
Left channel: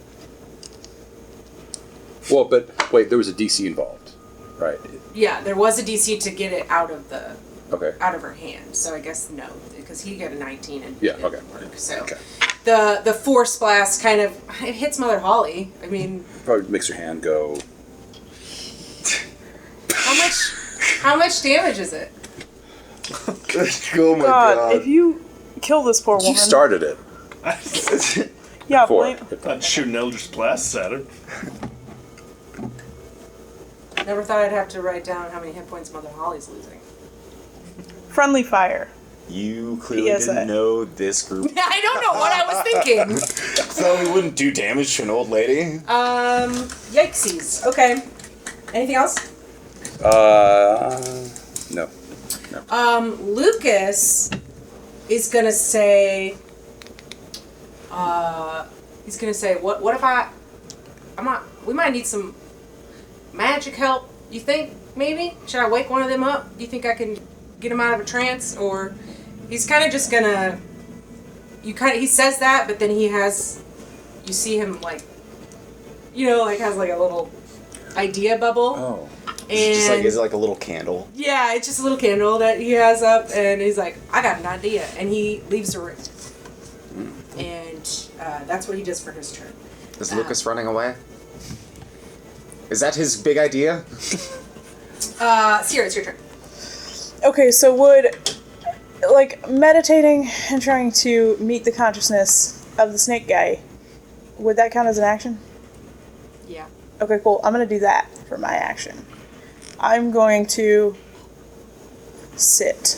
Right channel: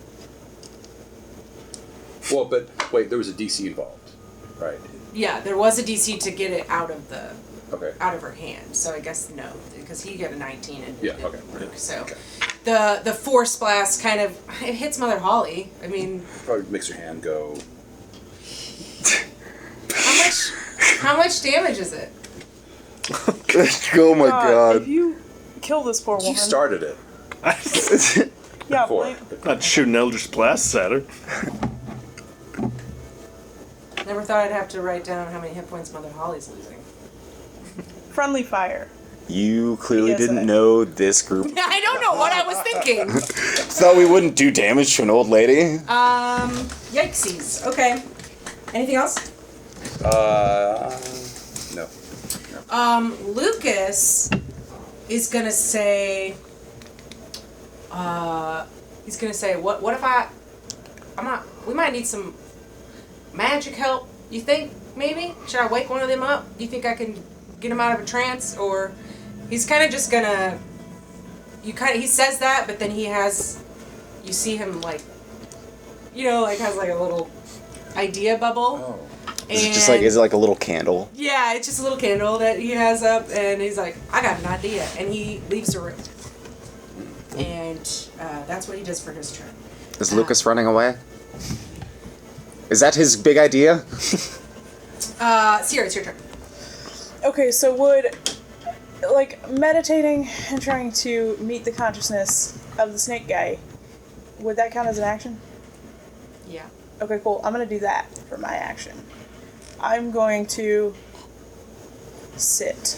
Well, but wait, there was a DC involved, right? Yeah, there was a DC to get it out of her hand. So I guess no, because he got a 19 and it didn't work. So the force blast kind of, it hits Mother Holly. I mean, Probably makes her hand go. how much damage is it? Oh my god. If you kill this poor woman. You started it. Yeah, 4. blame- I'd shoot an Eldritch Blast at her. Never thought I'd have to write down how many hit points Mother Holly's losing. friendly fire. You clearly PSA. didn't know this group. I don't know what I was thinking. Thought we wouldn't do damage to an old lady. Yikesies. Okay. Anything else? No. Lucas is gonna say, what if we might need some magic help, you think, maybe? Should I wake one of them up? Do you think I can get him out of a trance? Or he's kind of just gonna, he says that, but then you see him like, has like a little idea bubble. Oh. And Is it like a little candle? yeah, it's just a little candle that he has up, and he's like, I got an idea. And he leaves the room. And that's what he does for his turn. Is Lucas running away? Is that his big idea? Sierra, it's your turn. Okay, so would, like, meditating and trying to meet the consciousness of the snake guy, would that count as an action? Yeah. Okay, cool. I'm going to do that for my action. I'm going to sit.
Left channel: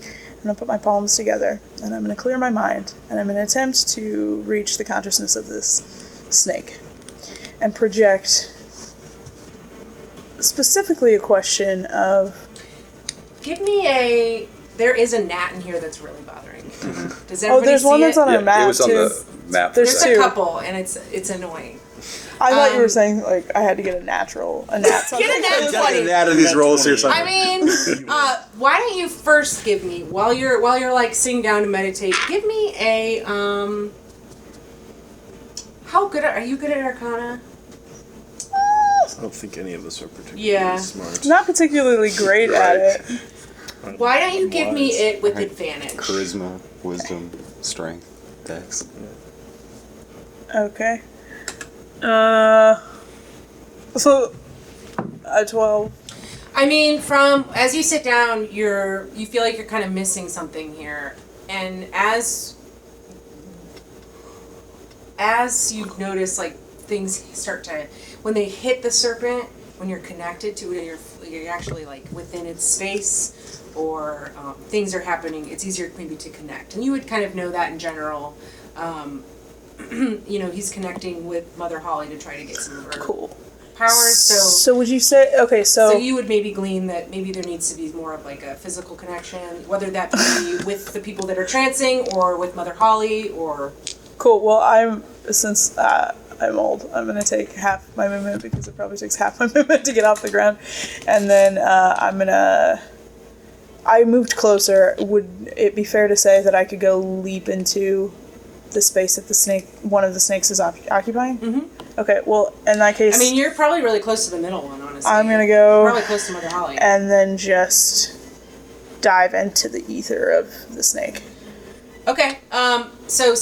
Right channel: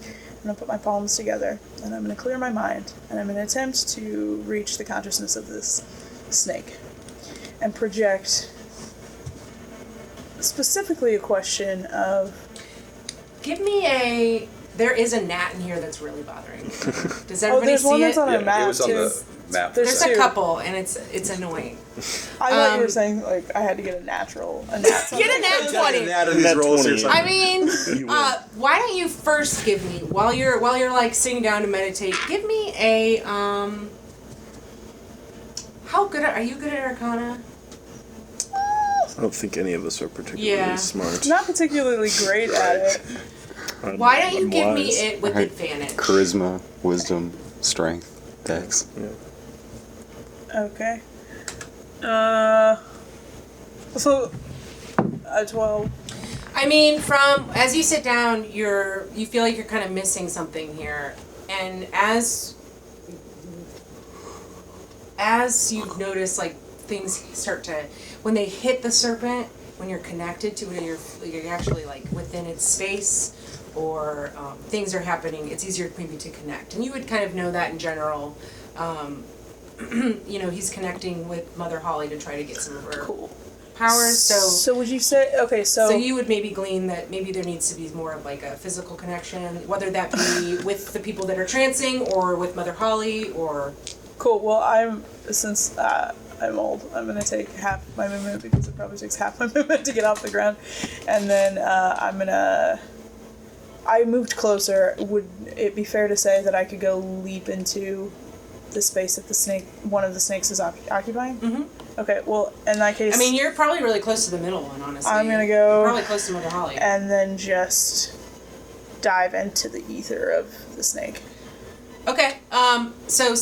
I'm going to put my palms together, and I'm going to clear my mind, and I'm going to attempt to reach the consciousness of this snake and project specifically a question of... Give me there is a gnat in here that's really bothering me. Does everybody there's one see that's it? on our map, it was on too. the map. There's There's two. a couple, and it's annoying. I thought you were saying like I had to get a natural. A nat Get a nat 20. Out of these rolls here. I mean, why don't you first give me while you're like sitting down to meditate? Give me a How good are you good at Arcana? I don't think any of us are particularly smart. Not particularly great at it. Why don't you give me Wise. it with advantage? Charisma, wisdom, strength, dex. Okay. So, a 12. I mean, from as you sit down, you feel like you're kind of missing something here, and as you notice, like things start to when they hit the serpent, when you're connected to it, you're actually like within its space, or things are happening. It's easier maybe to connect, and you would kind of know that in general. You know, he's connecting with Mother Holly to try to get some of her powers. So would you say okay? So you would maybe glean that maybe there needs to be more of like a physical connection, whether that be with the people that are trancing or with Mother Holly or. Cool. Well, since I'm old, I'm gonna take half my movement because it probably takes half my movement to get off the ground, and then I moved closer. Would it be fair to say that I could go leap into the space that one of the snakes is occupying? Mm-hmm. Okay, well, in that case... I mean, you're probably really close to the middle one, honestly. I'm gonna go... You're probably close to Mother Holly. And then just dive into the ether of the snake. Okay, so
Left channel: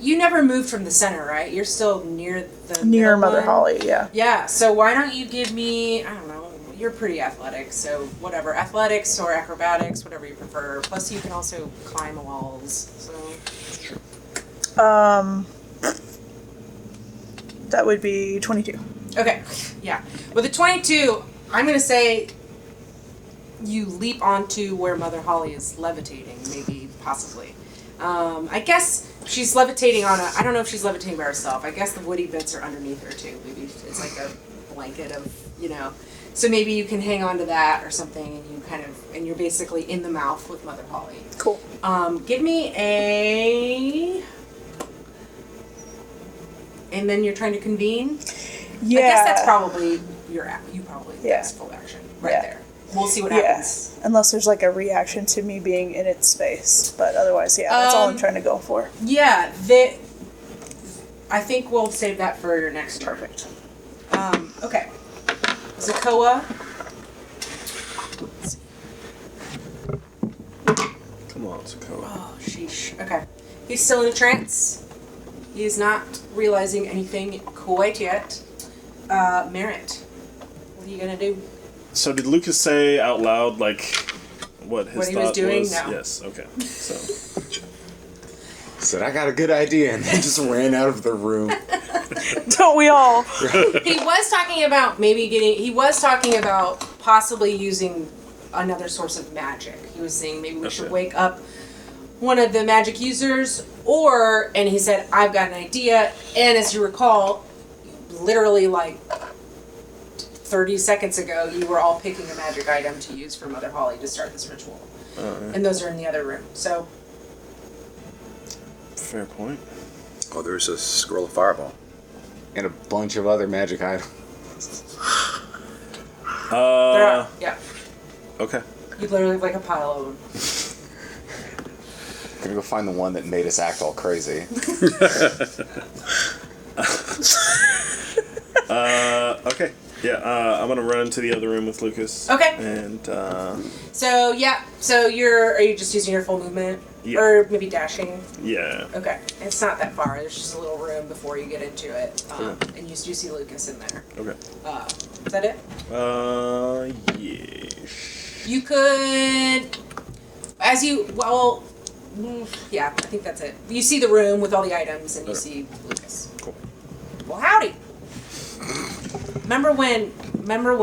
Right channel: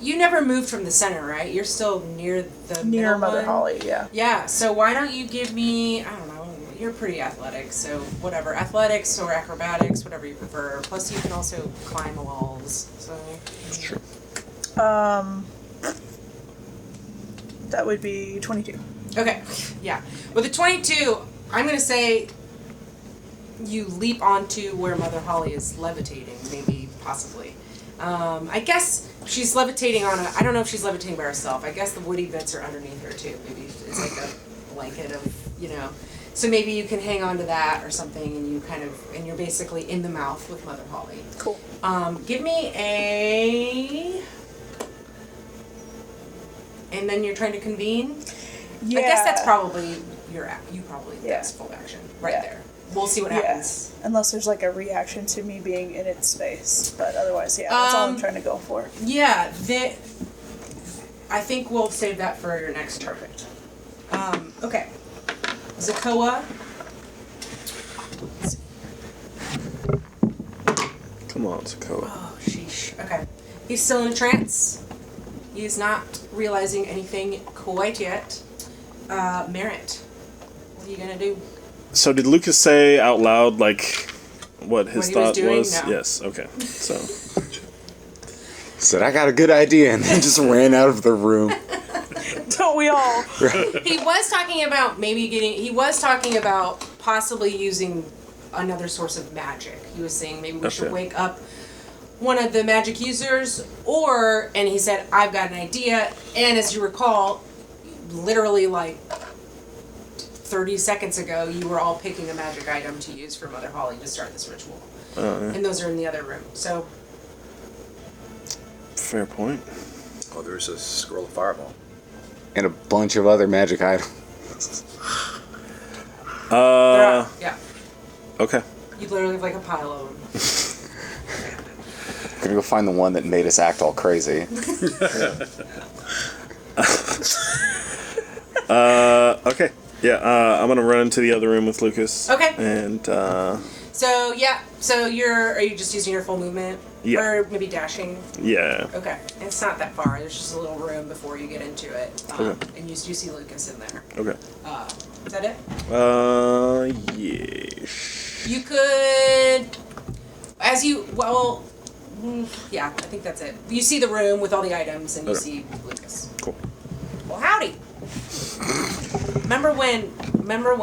you never moved from the center, right? You're still near the Near middle Mother one? Holly, yeah. Yeah, so why don't you give me, I don't know, you're pretty athletic, so whatever, athletics or acrobatics, whatever you prefer. Plus you can also climb walls, so... Sure. That would be 22. Okay, yeah. With a 22, I'm going to say you leap onto where Mother Holly is levitating, maybe, possibly. I guess she's levitating on I don't know if she's levitating by herself. I guess the woody bits are underneath her, too. Maybe it's like a blanket of, So maybe you can hang on to that or something, and you're basically in the mouth with Mother Holly. Cool. Give me a... And then you're trying to convene? Yeah. I guess that's probably that's full action right Yeah. there. We'll see what happens. Unless there's like a reaction to me being in its space. But otherwise, that's all I'm trying to go for. Yeah, I think we'll save that for your next turn. Okay. Zakoa. Let's see. Come on, Zakoa. Oh, sheesh. Okay. He's still in a trance. He is not realizing anything quite yet. Merritt, what are you going to do? So did Lucas say out loud, like, what his What he was thought doing? was? No. Yes, okay. So, Said, I got a good idea, and he just ran out of the room. Don't we all? He was talking about possibly using another source of magic. He was saying maybe we should wake up one of the magic users, and he said, I've got an idea. And as you recall, literally like 30 seconds ago, you were all picking a magic item to use for Mother Holly to start this ritual. And those are in the other room. So, fair point. Oh, there's a scroll of fireball. And a bunch of other magic items. there are, yeah. Okay. You literally have like a pile of them. I'm gonna go find the one that made us act all crazy. Okay. Yeah, I'm gonna run into the other room with Lucas. Okay. And, So, yeah. So are you just using your full movement? Yeah. Or maybe dashing? yeah. Okay. It's not that far. There's just a little room before you get into it. And you do see Lucas in there. Okay. Is that it? Yeah. You could, yeah, I think that's it. You see the room with all the items, and you see Lucas. Cool. Well, howdy. Remember when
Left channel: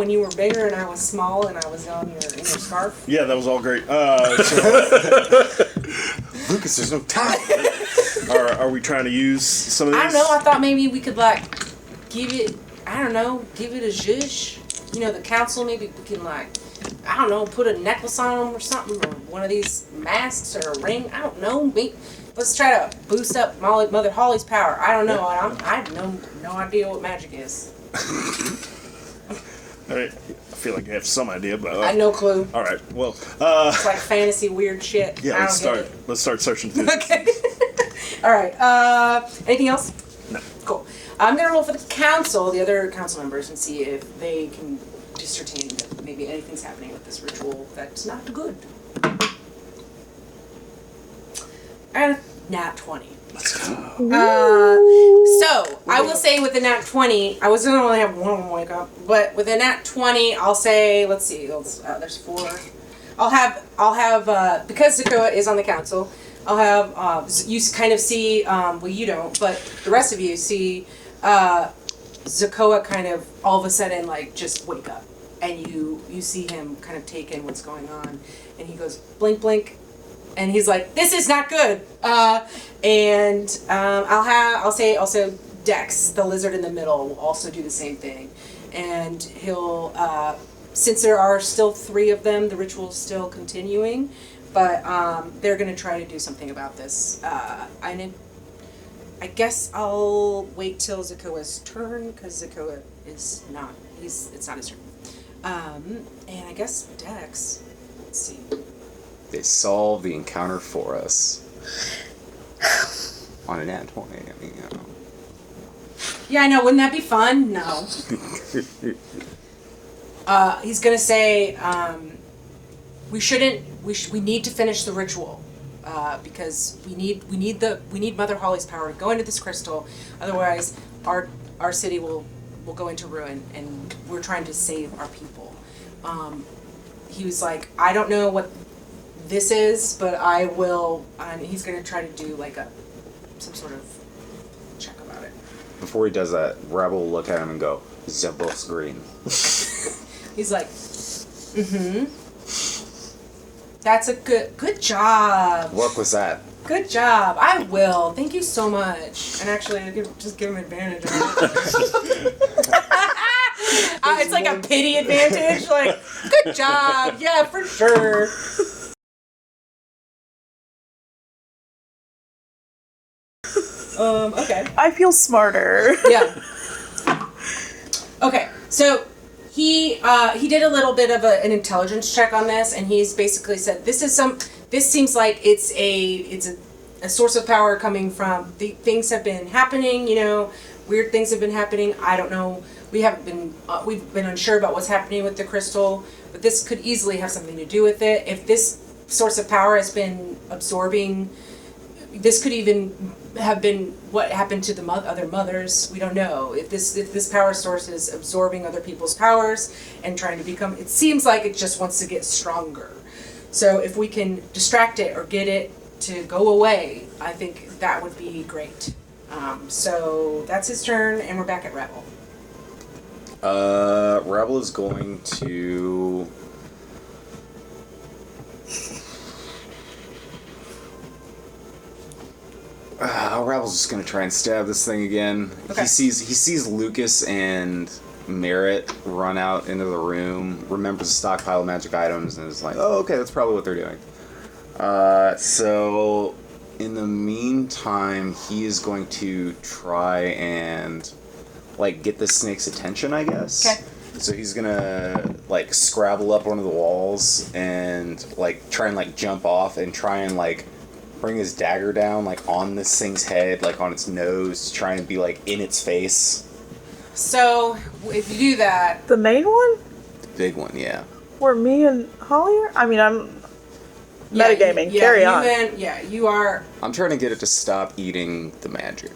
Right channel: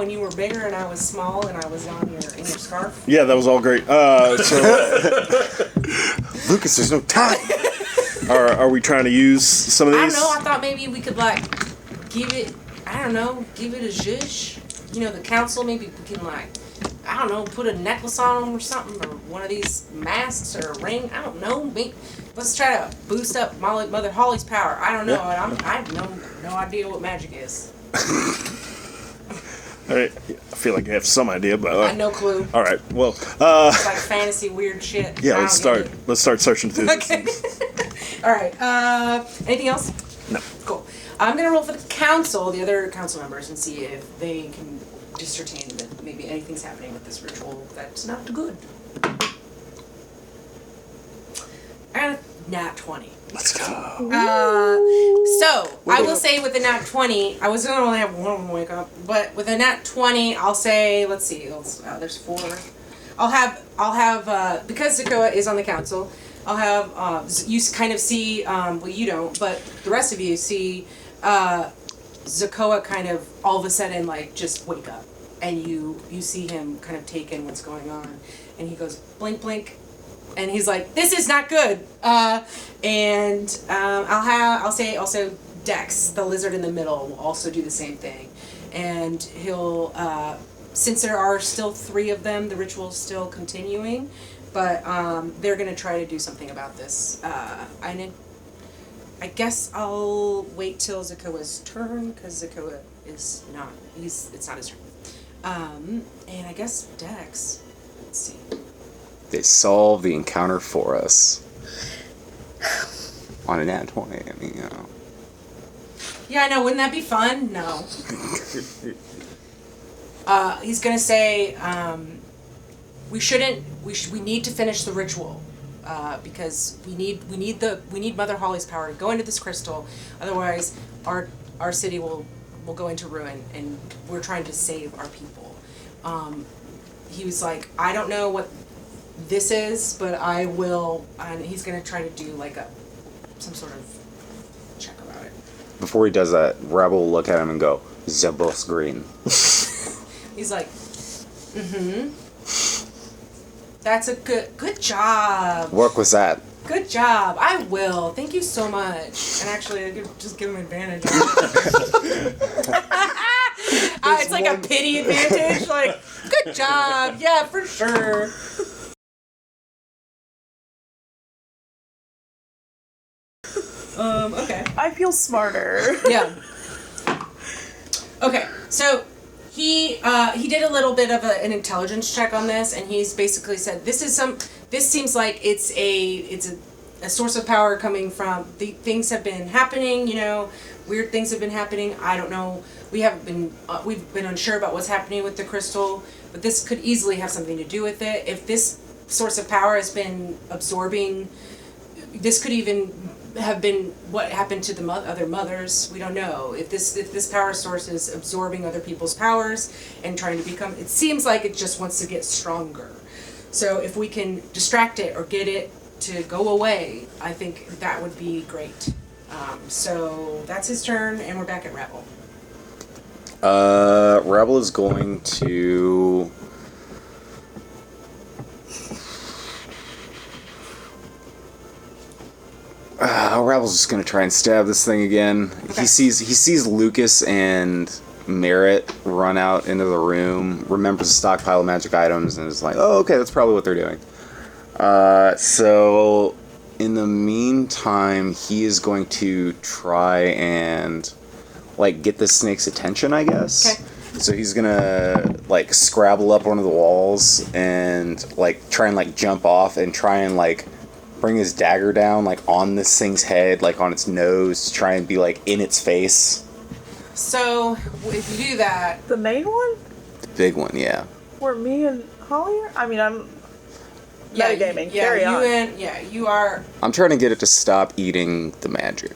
you were bigger and I was small and I was down in your scarf? Yeah, that was all great. Lucas, there's no time. Are we trying to use some of these? I don't know. I thought maybe we could give it a zhuzh. The council, maybe we can I don't know, put a necklace on him or something, or one of these masks or a ring. I don't know. Maybe, let's try to boost up Mother Holly's power. I don't know. I have no idea what magic is. All right. I feel like I have some idea, but I have no clue. All right. Well, It's like fantasy weird shit. yeah. I Let's don't get start. it. Let's start searching through. Okay. All right. Anything else? No. Cool. I'm gonna roll for the council, the other council members, and see if they can discertain that maybe anything's happening with this ritual that's not good. I got a nat 20. Let's go. So I will say with the nat 20, I was gonna only have one of them wake up, but with a nat 20, I'll say, let's see, there's 4. I'll have because Zakoa is on the council, I'll have you kind of see, well you don't, but the rest of you see Zakoa kind of all of a sudden like just wake up, and you see him kind of take in what's going on, and he goes blink blink, and he's like, this is not good. And I'll say also Dex, the lizard in the middle, will also do the same thing, and he'll since there are still 3 of them, the ritual's still continuing, but they're gonna try to do something about this. I guess I'll wait till Zakoa's turn, because Zakoa is not, it's not his turn. And I guess Dex, let's see. They solve the encounter for us. On a nat 20, you know. Yeah, I know, wouldn't that be fun? No. He's gonna say, we need to finish the ritual. Because we need Mother Holly's power to go into this crystal, otherwise our city will go into ruin, and we're trying to save our people. He was like, I don't know what this is, but I will, and he's gonna try to do like some sort of check about it. Before he does that, Rebel will look at him and go, Zebos Green. He's like, that's a good job. What was that? Good job. I will. Thank you so much. And actually, I could just give him advantage on it. It's like a pity advantage. Like, good job. Yeah, for sure. Okay. I feel smarter. Yeah. Okay, so he did a little bit of an intelligence check on this, and he's basically said this seems like it's a source of power coming from things have been happening, weird things have been happening. I don't know. We've been unsure about what's happening with the crystal, but this could easily have something to do with it. If this source of power has been absorbing, this could even have been what happened to the other mothers. We don't know if this power source is absorbing other people's powers and trying to become. It seems like it just wants to get stronger. So if we can distract it or get it to go away, I think that would be great. So that's his turn, and we're back at Rebel. Rebel is going to... Rebel's just gonna try and stab this thing again. Okay. He sees Lucas and Merritt run out into the room, remembers a stockpile of magic items, and is like, oh, okay, that's probably what they're doing. So in the meantime, he is going to try and get the snake's attention, I guess. Okay. So he's gonna scrabble up one of the walls and try and jump off and try and bring his dagger down on this thing's head, on its nose, try and be in its face. So if you do that, The main one? The big one, yeah. Where me and Holly are? I mean, I'm yeah, metagaming. Carry you on. and you are. I'm trying to get it to stop eating the magic.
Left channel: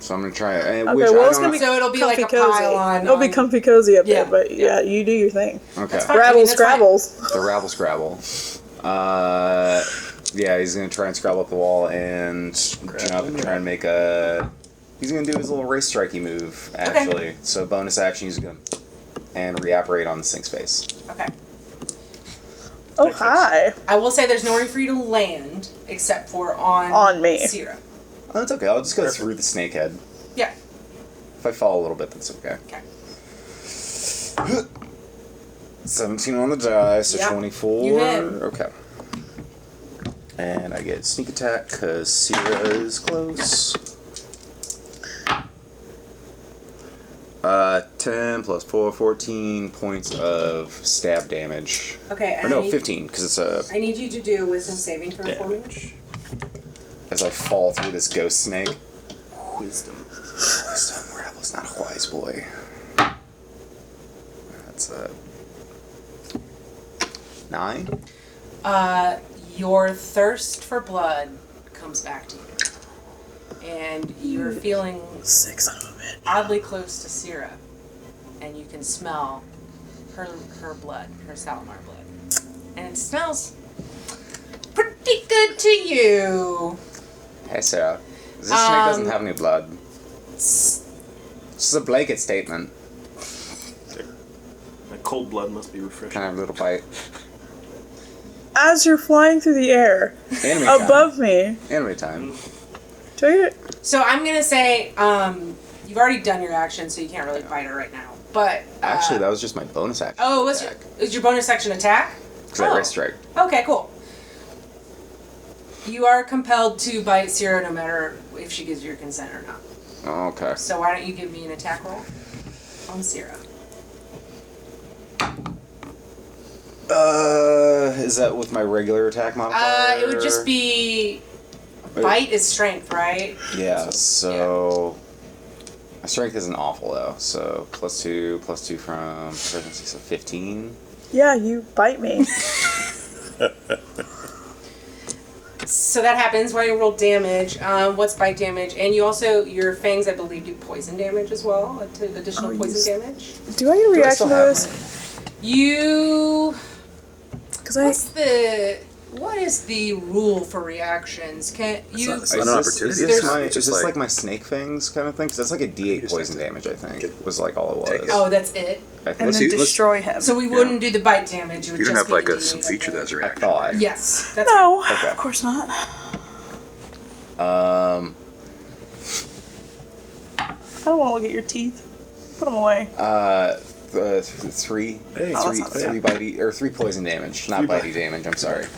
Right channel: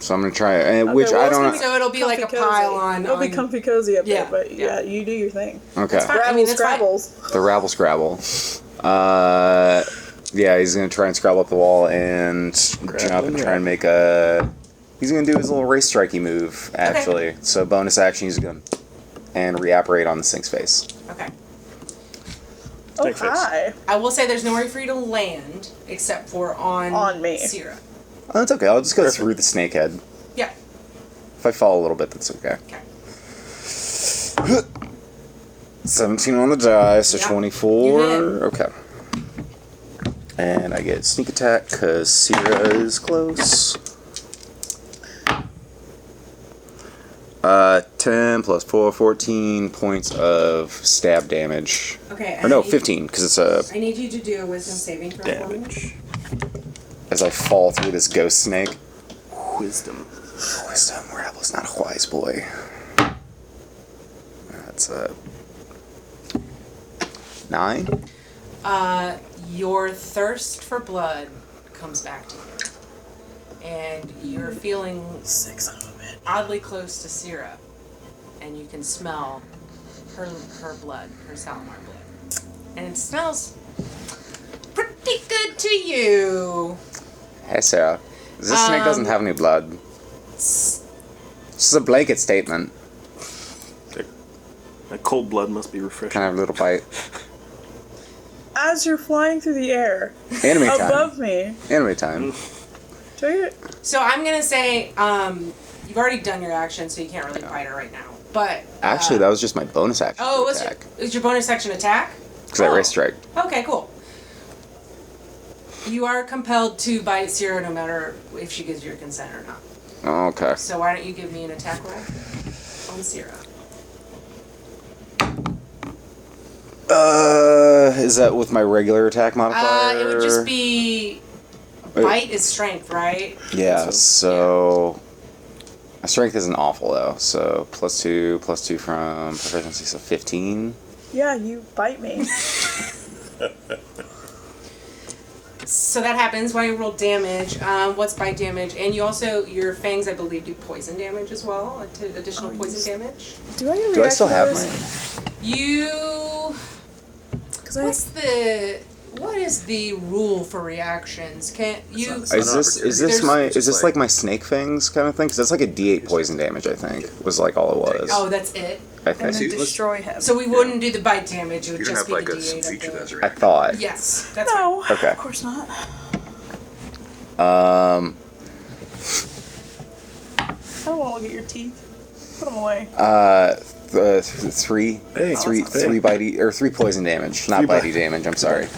So I'm gonna try it, Okay, which well, I it's don't gonna know. So it'll be like a comfy cozy. pile on. It'll be comfy cozy up Yeah, there, but yeah. you do your thing. Okay. That's fine. I mean, that's fine. Scrabbles. The rabble scrabble. Yeah, he's gonna try and scrabble up the wall and jump and try and make a. He's gonna do his little race strikey move, actually. Okay. So bonus action, he's gonna and reapparate on the thing's face. Okay. Oh, Thanks. hi. I will say there's nowhere for you to land except for on me. Sierra. Oh, that's okay. I'll just go through the snake head. Yeah. If I fall a little bit, that's okay. Okay. 17 on the die, so Yep. 24. You hit. Okay. And I get sneak attack because Sierra is close. 10 plus 4, 14 points of stab damage. Okay, Or and no, 15, because it's a... I need you to do a wisdom saving throw for me. As I fall through this ghost snake. Wisdom. Wisdom, Rabble's not a wise boy. That's a... 9? Your thirst for blood comes back to you. And you're feeling oddly close to Syrah. And you can smell her blood, her Salamar blood. And it smells pretty good to you. Hey, Sarah. This snake doesn't have any blood. It's just a blanket statement. That cold blood must be refreshing. Can I have a little bite? As you're flying through the air Enemy time. above me, Enemy time. take it. So I'm going to say, you've already done your action, so you can't really bite her right now. But, Actually, that was just my bonus action. oh, was your bonus action attack? Because I raised strike. Okay, cool. You are compelled to bite Syrah no matter if she gives your consent or not. Oh, okay. So why don't you give me an attack roll on Syrah? Is that with my regular attack modifier? It would just be bite is strength, right? Yeah, so... My strength isn't awful, though. So, +2 from proficiency, so 15. Yeah, you bite me. So that happens. Why don't you roll damage? What's bite damage? And you also, your fangs, I believe, do poison damage as well. Additional poison damage. Do I get a Do I reaction still to have this? mine? You... 'Cause What is the rule for reactions? Can you... Is an this, opportunity. is this like my snake fangs kind of thing? Because that's like a D8 poison damage, I think, was like all it was. Oh, that's it? I and think. then destroy him. So we wouldn't do the bite damage, it would You just have be like the a D8 feature of that's the... I reacting. thought. Yes, that's right. No, Okay. of course not. I don't want to look at your teeth. Put them away. Three poison damage, not bitey damage. I'm sorry.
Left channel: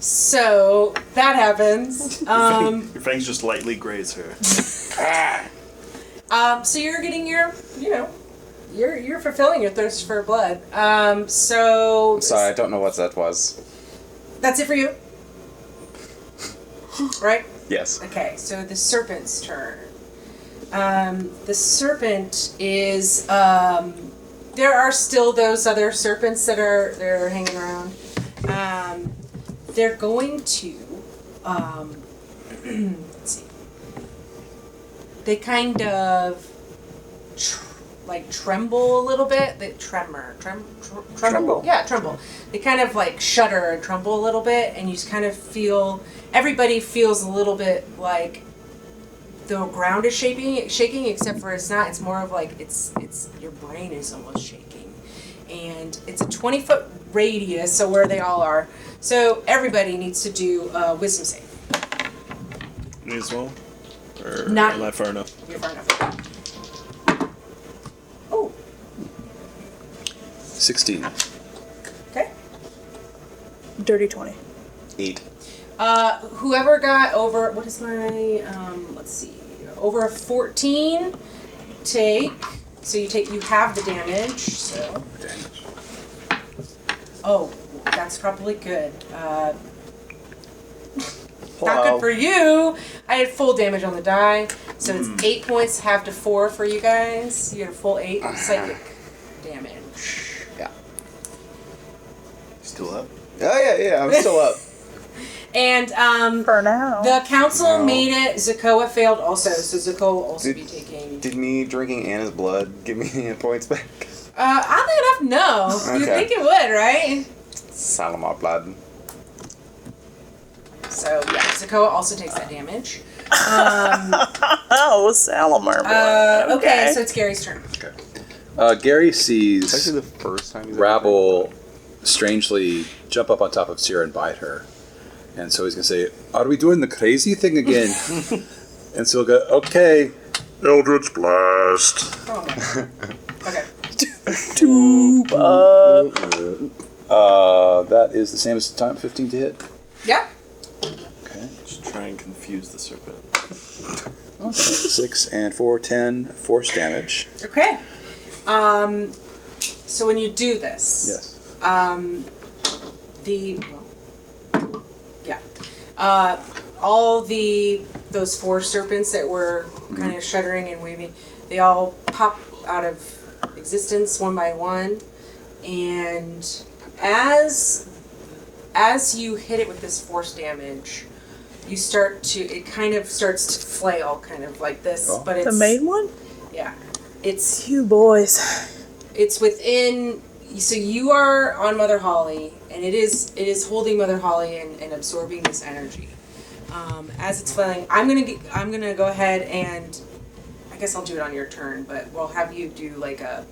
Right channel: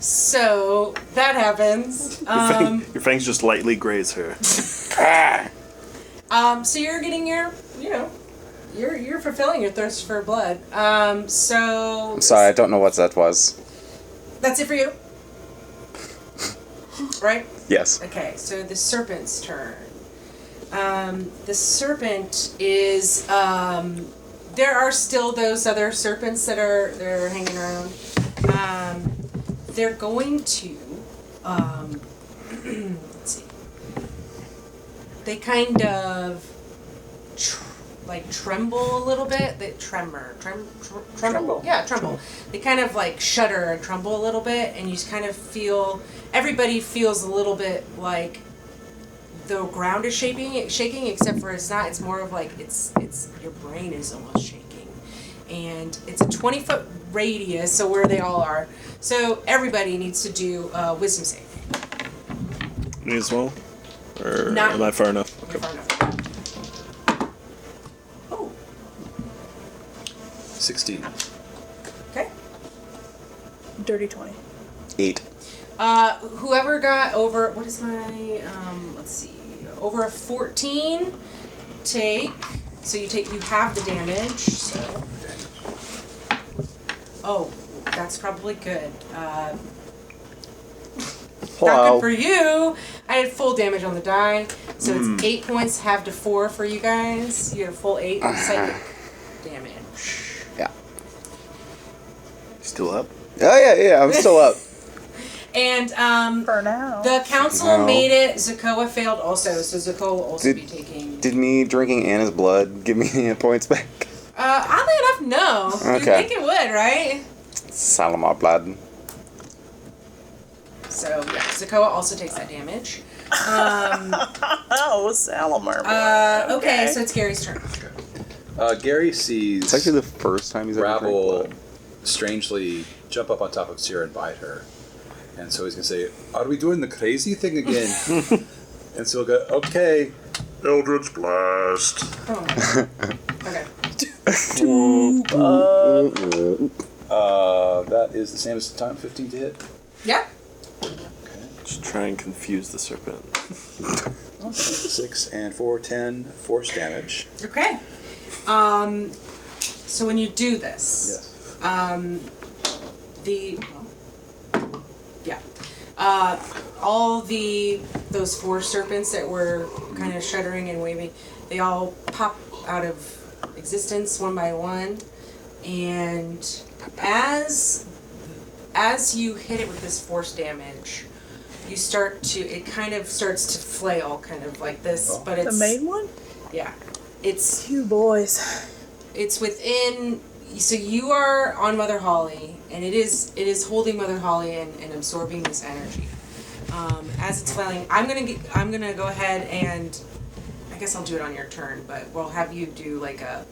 So that happens. Your fangs just lightly graze her. So you're getting your, you're fulfilling your thirst for blood. So Sorry, I don't know what that was. that's it for you, right? Yes. Okay, so the serpent's turn. The serpent is. There are still those other serpents that are hanging around. They're going to. Let's see. They kind of tremble a little bit. They tremble. Yeah, tremble. They kind of like shudder and tremble a little bit, and you just kind of feel. Everybody feels a little bit like the ground is shaking, except for it's not. It's more of like it's your brain is almost shaking, and it's a 20-foot radius, so where they all are. So everybody needs to do a wisdom save. Me as well? Or Not am you. I far enough? You're far enough. Oh, 16. okay. Dirty 20. 8. Whoever got over, what is my, let's see, over a 14, you have the damage, so. Oh, that's probably good. Not good for you. I had full damage on the die, so it's 8 points, halved to 4 for you guys. You had a full 8 psychic damage. Yeah. Still up? Oh yeah, I'm still up. And For now. the council made it. Zakoa failed also, so Zakoa will also be taking. Did me drinking Anna's blood give me any points back? Oddly enough, no. You'd Okay. think it would, right? Salamar blood. So yeah, Zakoa also takes that damage. Oh, Salamar. Okay, so it's Gary's turn. Gary It's sees actually the first time he's ever Rabble strangely jump up on top of Sierra and bite her. And so he's going to say, "Are we doing the crazy thing again?" And so he'll go, "Okay." Eldritch Blast. Oh my god. Okay. That is the same as the time, 15 to hit. Yeah. Okay. Just try and confuse the serpent. Okay. 6 and 4, 10 force damage. Okay. So when you do this, Yes. all those four serpents that were kind of shuddering and waving, they all pop out of existence one by one, and as you hit it with this force damage, it kind of starts to flail, kind of like this, but The it's main one? yeah, it's You boys. it's within. So you are on Mother Holly, and it is holding Mother Holly and absorbing this energy. As it's flailing, I'm gonna go ahead and I guess I'll do it on your turn, but we'll have you do like a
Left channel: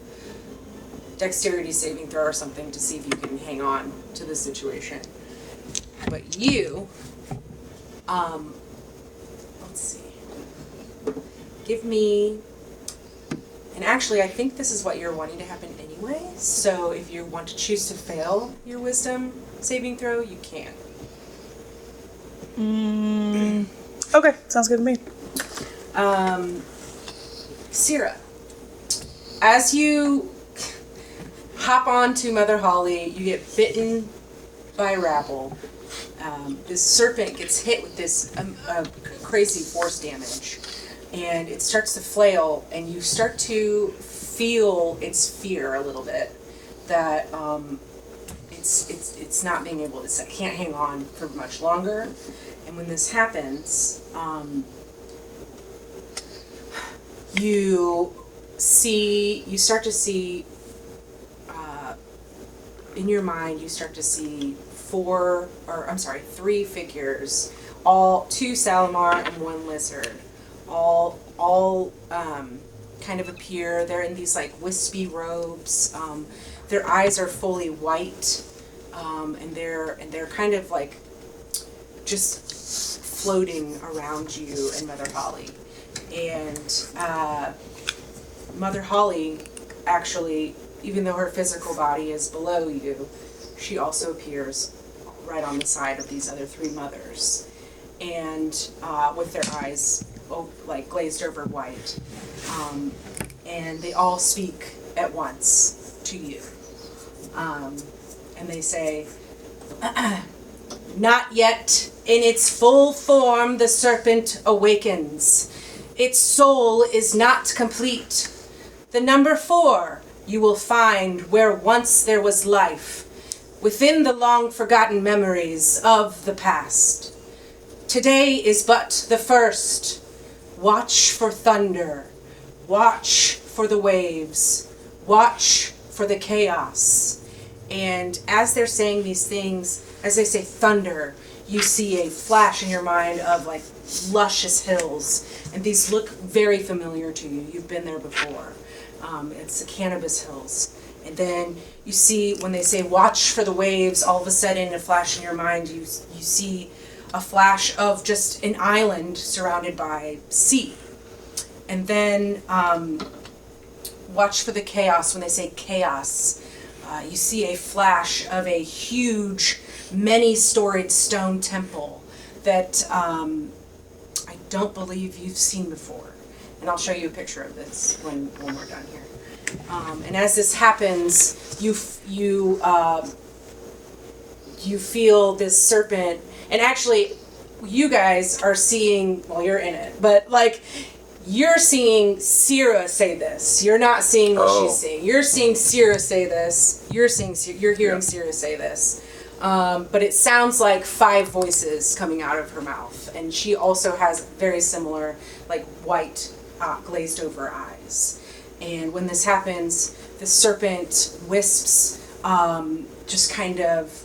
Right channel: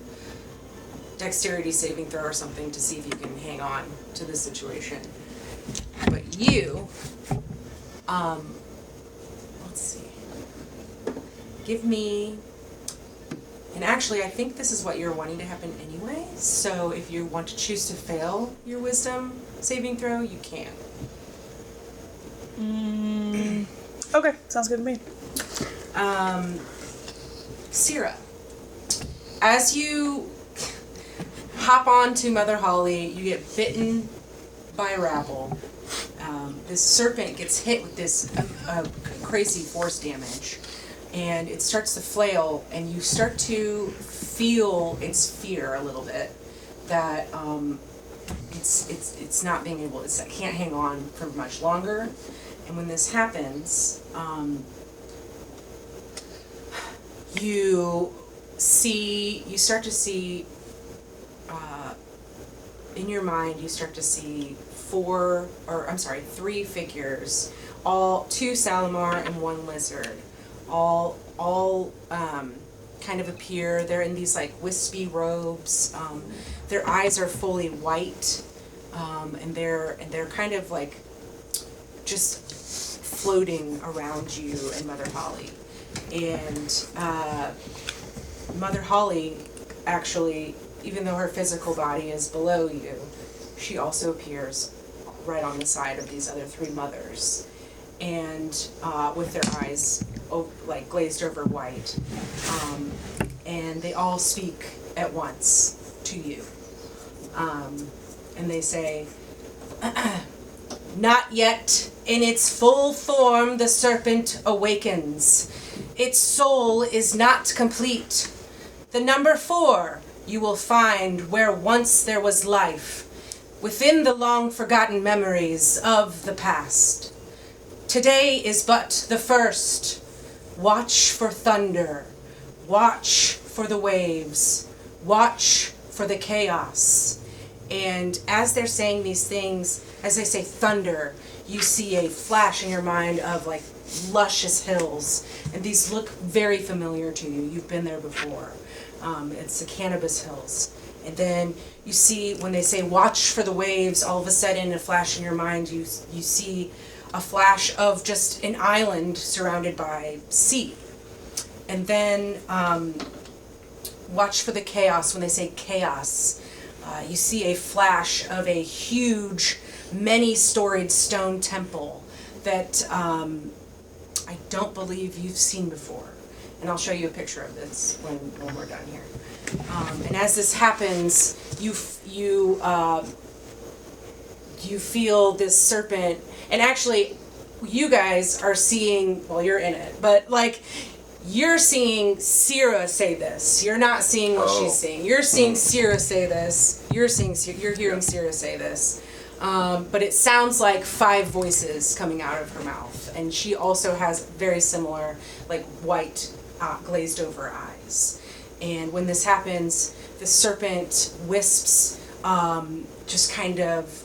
dexterity saving throw or something to see if you can hang on to the situation. But you, let's see, give me. And actually, I think this is what you're wanting to happen anyway. So if you want to choose to fail your wisdom saving throw, you can. Okay, sounds good to me. Syrah, as you hop onto Mother Holly, you get bitten by rabble. This serpent gets hit with this crazy force damage. And it starts to flail, and you start to feel its fear a little bit. That it's not being able to, it can't hang on for much longer. And when this happens, you start to see in your mind, you start to see three figures, two Salamar and one lizard. All kind of appear. They're in these like wispy robes. Their eyes are fully white, and they're kind of like just floating around you and Mother Holly. And Mother Holly, actually, even though her physical body is below you, she also appears right on the side of these other three mothers, and with their eyes like glazed over white, and they all speak at once to you, and they say, "Not yet in its full form the serpent awakens. Its soul is not complete. The number 4 you will find where once there was life, within the long forgotten memories of the past. Today is but the first. Watch for thunder. Watch for the waves. Watch for the chaos." And as they're saying these things, as they say thunder, you see a flash in your mind of like luscious hills. And these look very familiar to you. You've been there before. It's the Cannabis Hills. And then you see when they say watch for the waves, all of a sudden a flash in your mind, you see a flash of just an island surrounded by sea. And then watch for the chaos. When they say chaos, you see a flash of a huge, many-storied stone temple that I don't believe you've seen before. And I'll show you a picture of this when we're done here. And as this happens, you feel this serpent, and actually, you guys are seeing. Well, you're in it, but like, you're seeing Syrah say this. You're not seeing what she's seeing. You're seeing Syrah say this. You're hearing Syrah say this. But it sounds like 5 voices coming out of her mouth, and she also has very similar, like white, glazed over eyes. And when this happens, the serpent wisps, just kind of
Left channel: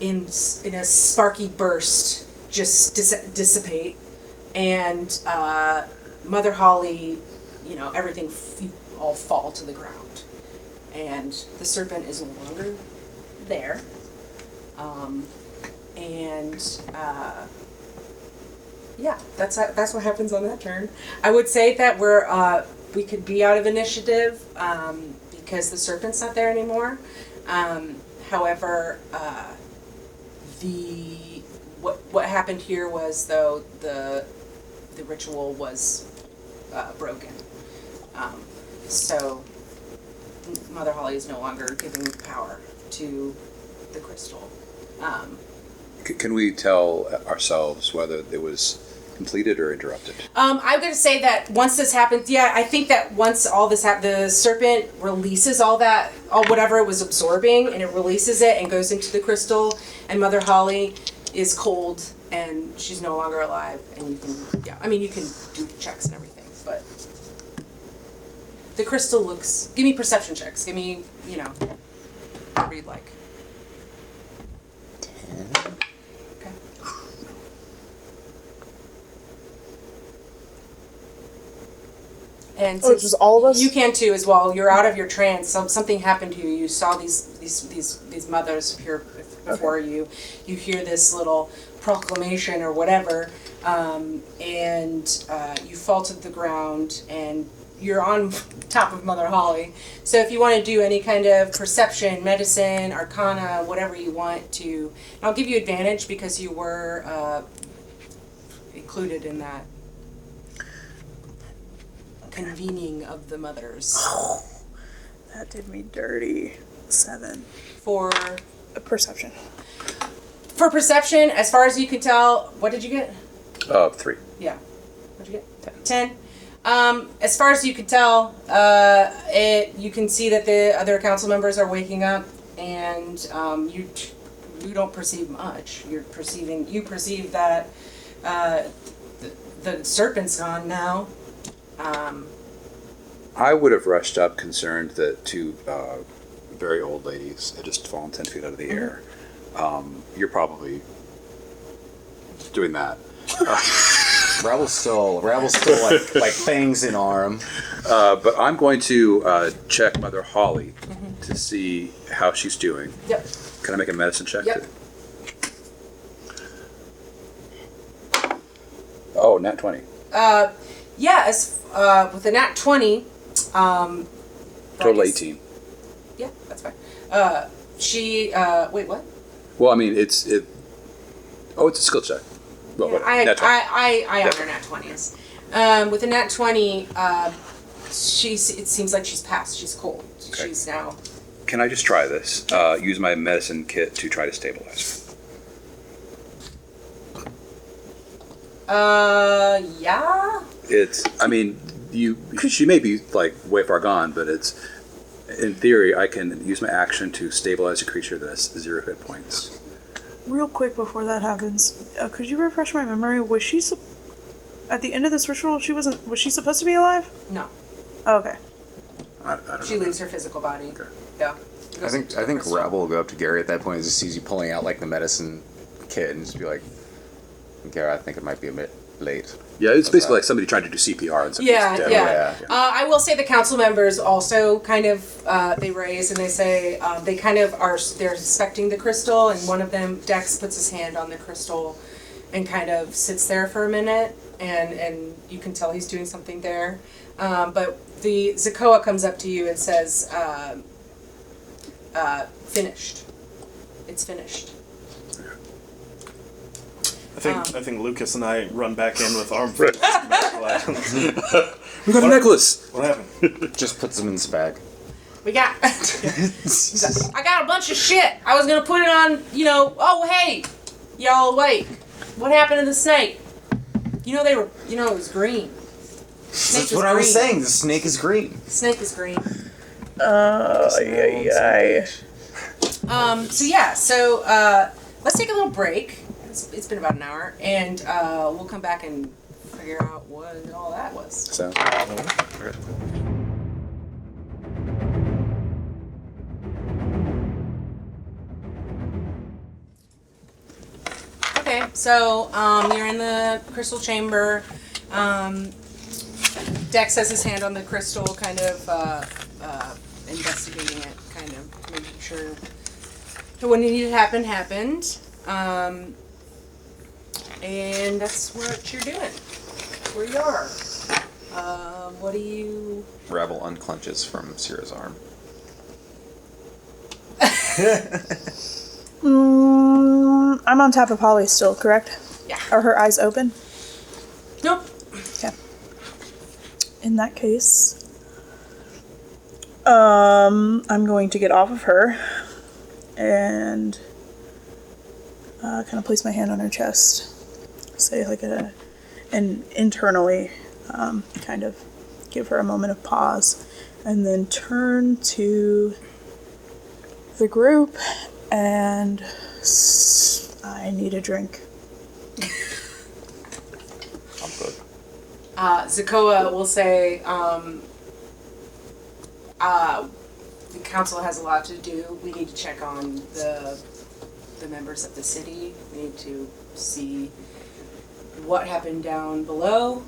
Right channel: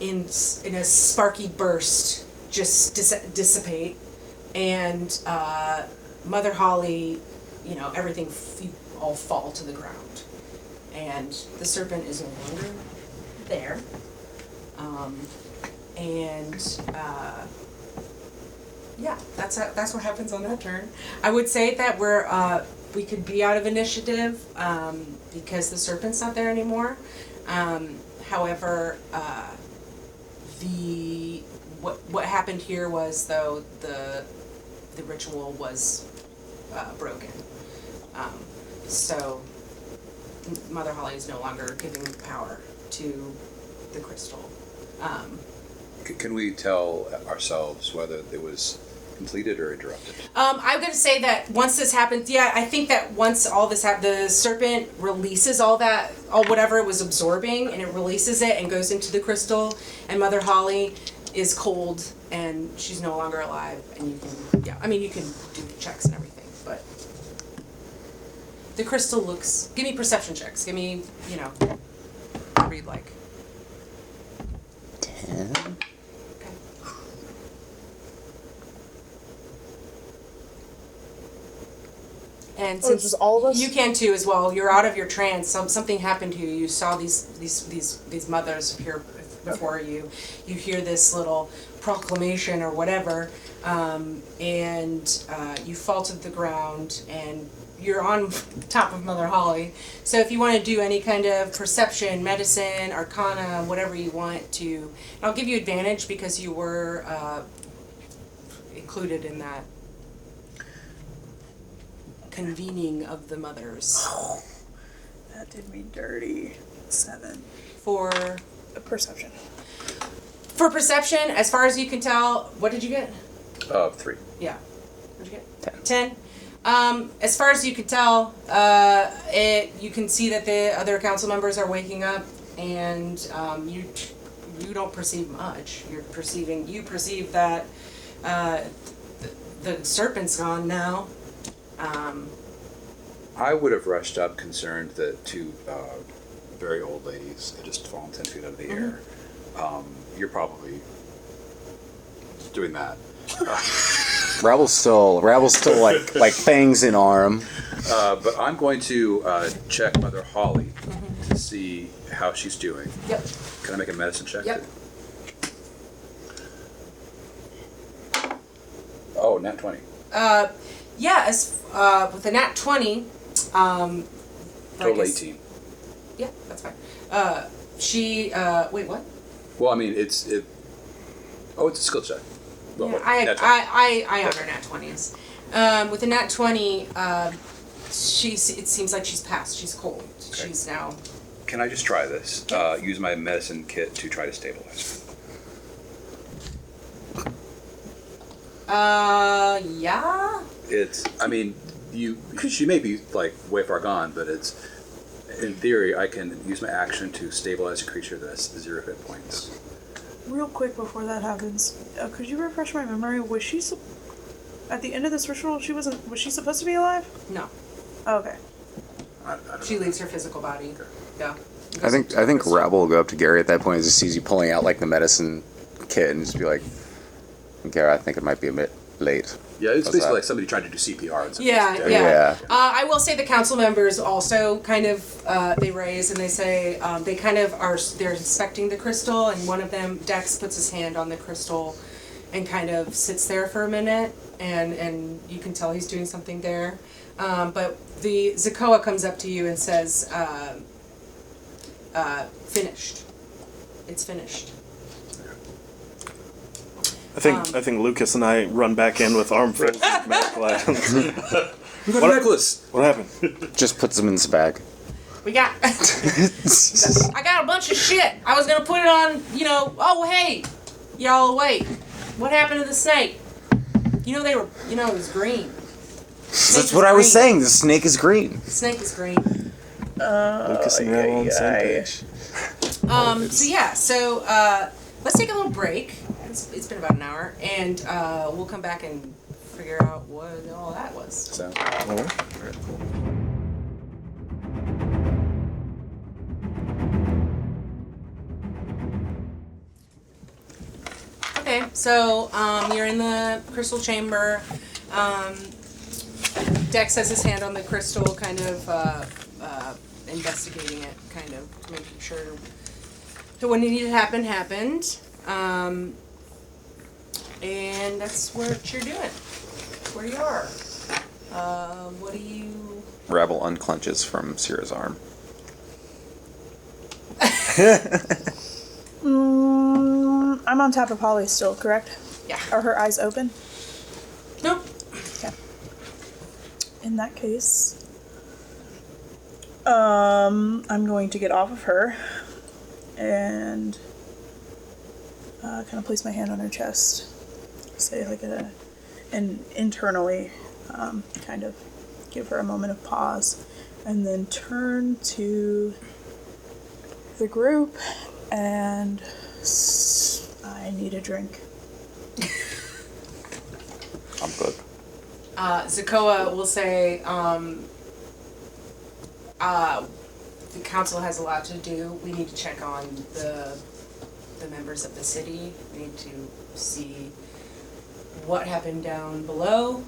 in a sparky burst, just dissipate, and Mother Holly, everything all fall to the ground, and the serpent is no longer there, yeah, that's what happens on that turn. I would say that we're we could be out of initiative because the serpent's not there anymore. However, what happened here was, though, the ritual was broken. So Mother Holly is no longer giving the power to the crystal. Can we tell ourselves whether it was completed or interrupted? I'm going to say that once this happens, I think that once all this the serpent releases all whatever it was absorbing, and it releases it and goes into the crystal, and Mother Holly is cold and she's no longer alive, and you can do checks and everything, but the crystal looks, give me perception checks, give me, whatever you'd like. 10. Okay. And since just all of us? you can too as well, you're out of your trance. Something happened to you. You saw these mothers appear before you. You hear this little proclamation or whatever, and you fall to the ground, and you're on top of Mother Holly. So if you want to do any kind of perception, medicine, arcana, whatever you want to, and I'll give you advantage because you were included in that convening of the mothers. That did me dirty. 7. For Perception. perception, as far as you can tell, what did you get? 3. Yeah. What'd you get? 10. As far as you can tell, you can see that the other council members are waking up, and you don't perceive much. You perceive that the serpent's gone now. I would have rushed up concerned that 2 very old ladies had just fallen 10 feet out of the air. You're probably doing that. Ravel's still like fangs in arm. But I'm going to check Mother Holly to see how she's doing. Yep. Can I make a medicine check? Yep. Oh, nat 20. Yeah, with a nat 20, Total like 18. Yeah, that's fine. Wait, what? Well, I mean, it's a skill check. Yeah, Well, I nat 20. I honor nat 20s. With a nat 20, it seems like she's passed. She's cold. Okay. She's now. Can I just try this? Yeah. Use my medicine kit to try to stabilize her. Yeah. She may be like way far gone, but in theory, I can use my action to stabilize a creature that's 0 hit points. Real quick before that happens, could you refresh my memory? Was she at the end of this ritual? Was she supposed to be alive? No. Oh, okay. I don't She know. leaves her physical body. Okay. Yeah. I think Rabble will go up to Gary at that point and just sees you pulling out like the medicine kit and just be like, Gary, I think it might be a bit late. Yeah, it's How's basically that? like somebody trying to do CPR. And Yeah. Yeah. I will say the council members also kind of they raise and they say they kind of they're inspecting the crystal, and one of them, Dex, puts his hand on the crystal and kind of sits there for a minute, and you can tell he's doing something there. But the Zakoa comes up to you and says, "Finished. It's finished." I think Lucas and I run back in with arm flares. You got a necklace! What happened? Just puts them in his bag. We got. He's like, I got a bunch of shit. I was gonna put it on. Oh hey, y'all awake? What happened to the snake? It was green. Snake That's was what green. I was saying. The snake is green. The snake was green. Lucas and Ravel on the same page. So let's take a little break. It's been about an hour, and we'll come back and figure out what all that was. So, Okay, so you're in the crystal chamber. Dex has his hand on the crystal, kind of investigating it, kind of making sure that what needed to happen happened. And that's what you're doing. That's where you are. What do you? Ravel unclenches from Sierra's arm. I'm on top of Holly still, correct? Yeah. Are her eyes open? Nope. Okay. In that case, I'm going to get off of her and kind of place my hand on her chest, say like and internally kind of give her a moment of pause, and then turn to the group and I need a drink. Zakoa will say, the council has a lot to do. We need to check on the members of the city. We need to see what happened down below.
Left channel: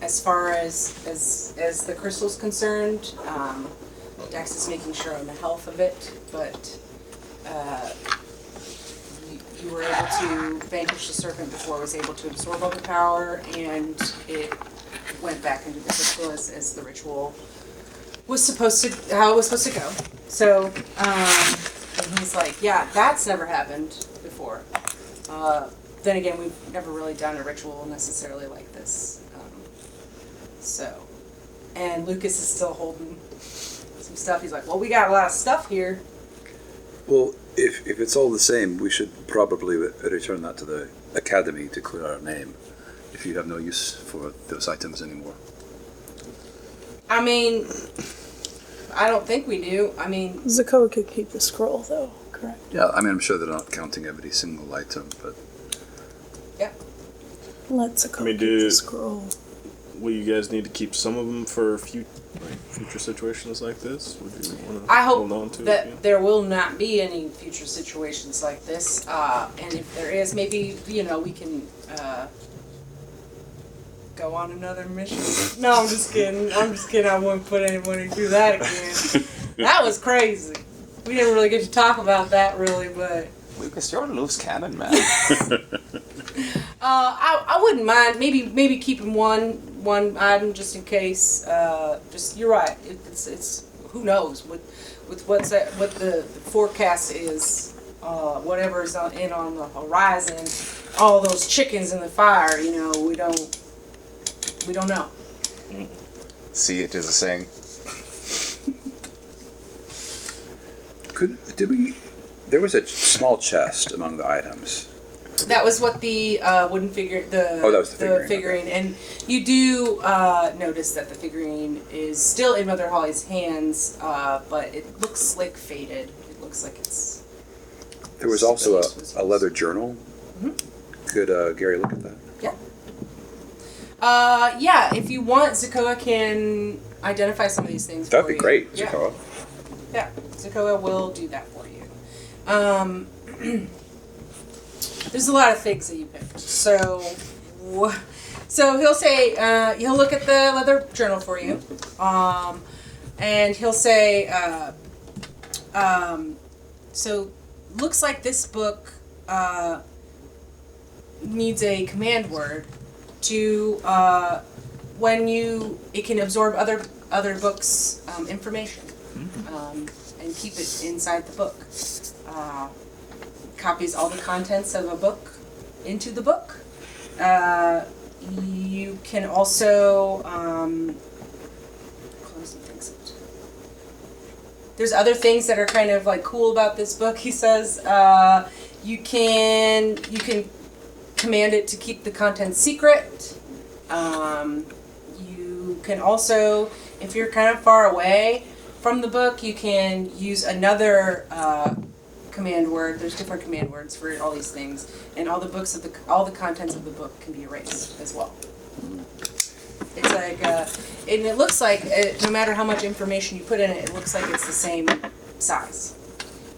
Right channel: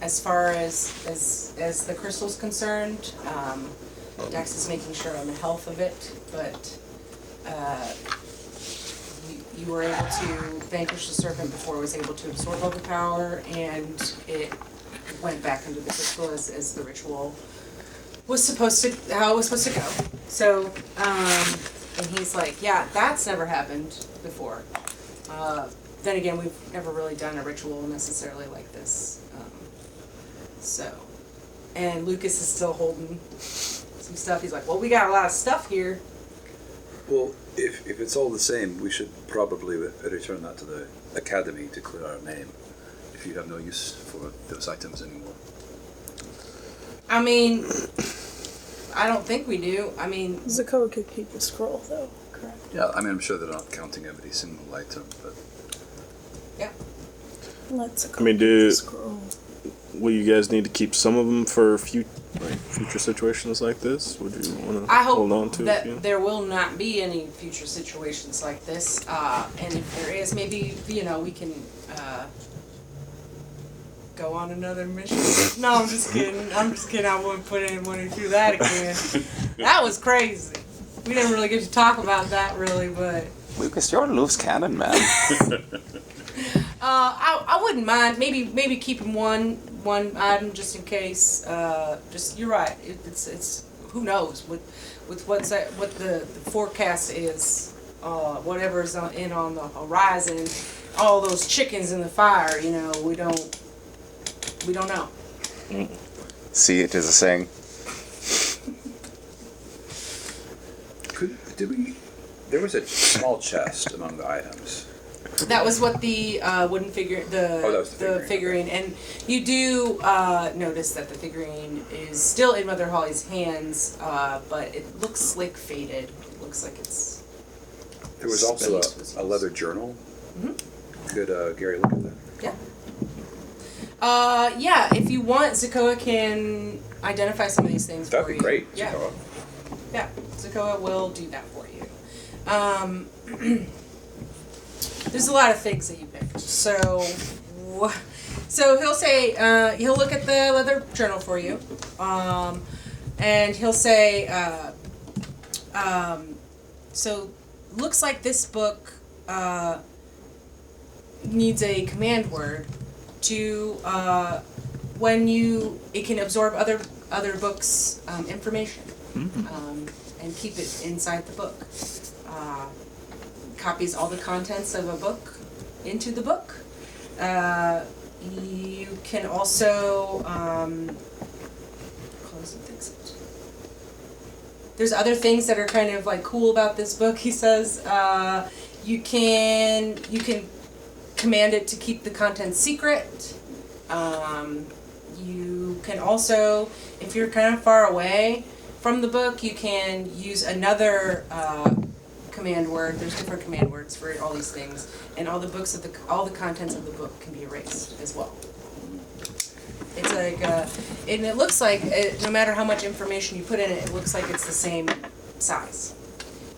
As far as the crystal's concerned, Dex is making sure on the health of it, but you were able to vanquish the serpent before it was able to absorb all the power, and it went back into the crystal as the ritual was supposed to, how it was supposed to go. So, and he's like, yeah, that's never happened before. Then again, we've never really done a ritual necessarily like this. So, and Lucas is still holding some stuff. He's like, well, we got a lot of stuff here. Well, if it's all the same, we should probably return that to the academy to clear our name, if you have no use for those items anymore. I mean, I don't think we do. I mean, Zakoa could keep the scroll, though, correct? Yeah, I mean, I'm sure they're not counting every single item, but yeah. Let Zakoa I mean, keep the scroll. Will you guys need to keep some of them for future situations like this? Would you want to I hold on hope to that it? there will not be any future situations like this. And if there is, maybe, we can go on another mission. No, I'm just kidding. I wouldn't put anybody through that again. That was crazy. We didn't really get to talk about that, really, but... Lucas, you're a loose cannon, man. I wouldn't mind. Maybe keeping one item just in case. You're right. It's who knows with what the forecast is. Whatever's on the horizon, all those chickens in the fire. We don't know. See, it is a saying. there was a small chest among the items. That was what the wooden figure, that was the figurine, and you do notice that the figurine is still in Mother Holly's hands, but it looks like faded. It looks like it's. There was also was used. a leather journal. Mm-hmm. Could Gary look at that? Yeah. Yeah. If you want, Zakoa can identify some of these things That'd for be you. great. Yeah. Zakoa. Yeah. Zakoa will do that for you. There's a lot of things that you picked. So he'll say, he'll look at the leather journal for you. And he'll say, so looks like this book, needs a command word to, it can absorb other books' information, and keep it inside the book. Copies all the contents of a book into the book. You can also close and things of it. There's other things that are kind of like cool about this book. He says you can command it to keep the contents secret. You can also, if you're kind of far away from the book, you can use another command word. There's different command words for all these things, and all the contents of the book can be erased as well. It's like, and it looks like no matter how much information you put in it, it looks like it's the same size.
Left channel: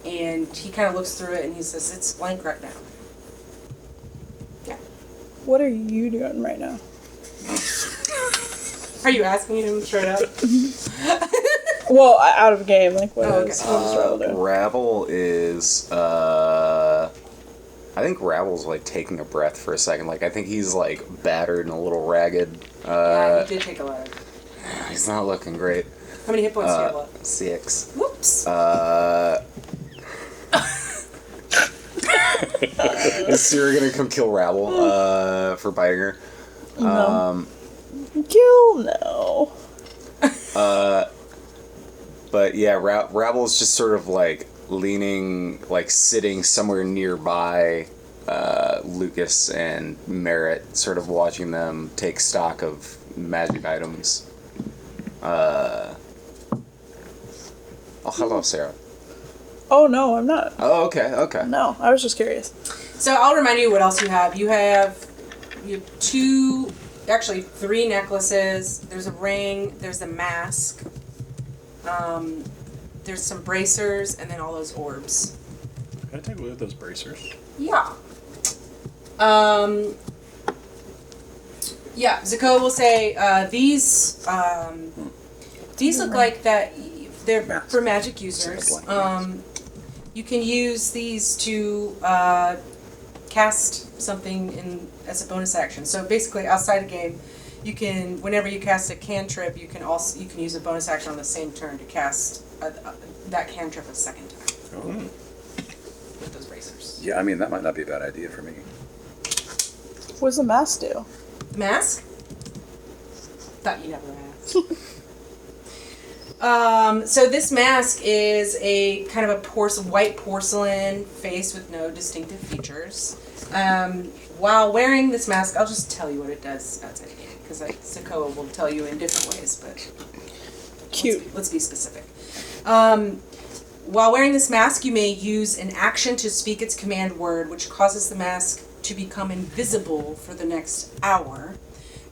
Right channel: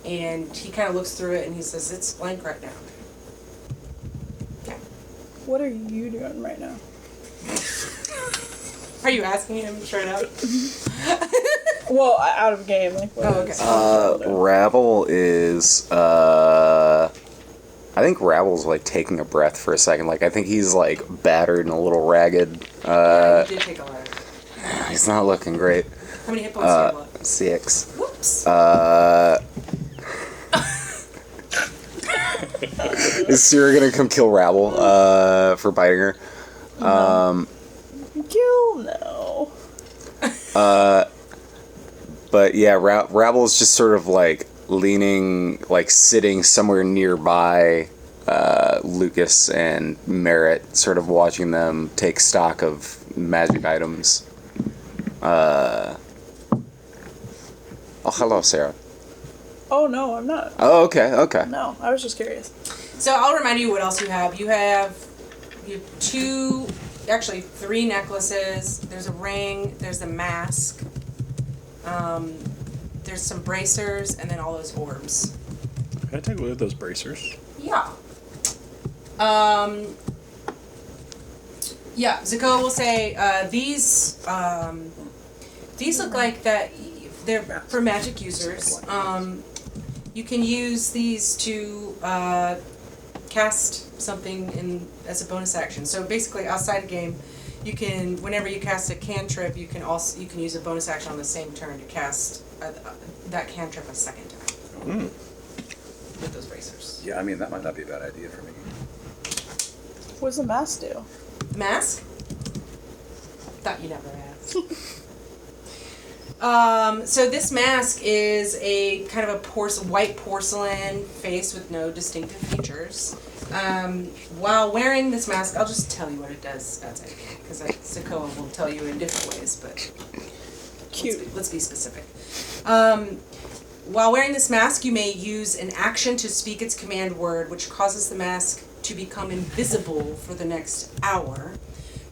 And he kind of looks through it and he says, "It's blank right now." Yeah. What are you doing right now? Are you asking him straight up? Well, out of game, like. What Oh, okay. is Ravel doing? Ravel is I think Rabble's like taking a breath for a second. Like I think he's like battered and a little ragged. Yeah, you did take a lot of. He's not looking great. How many hit points do you have left? 6. Whoops. Is Sierra gonna come kill Rabble for biting her? Kill no. But yeah, Rabble's just sort of like leaning, like sitting somewhere nearby Lucas and Merritt, sort of watching them take stock of magic items. Oh, hello, Sarah. Oh no, I'm not. Oh, okay. No, I was just curious. So I'll remind you what else you have. You have 3 necklaces. There's a ring. There's a mask. There's some bracers, and then all those orbs. Can I take a look at those bracers? Yeah. Yeah, Zakoa will say these look like that they're for magic users. You can use these to cast something in as a bonus action. So basically, outside a game, you can whenever you cast a cantrip, you can use a bonus action on the same turn to cast that cantrip a second time with those bracers. Yeah, I mean, that might not be a bad idea for me. What does the mask do? The mask? Thought you never asked. So this mask is a kind of a white porcelain face with no distinctive features. While wearing this mask, I'll just tell you what it does outside a game, because Zakoa will tell you in different ways, but Cute. let's be specific. While wearing this mask, you may use an action to speak its command word, which causes the mask to become invisible for the next hour.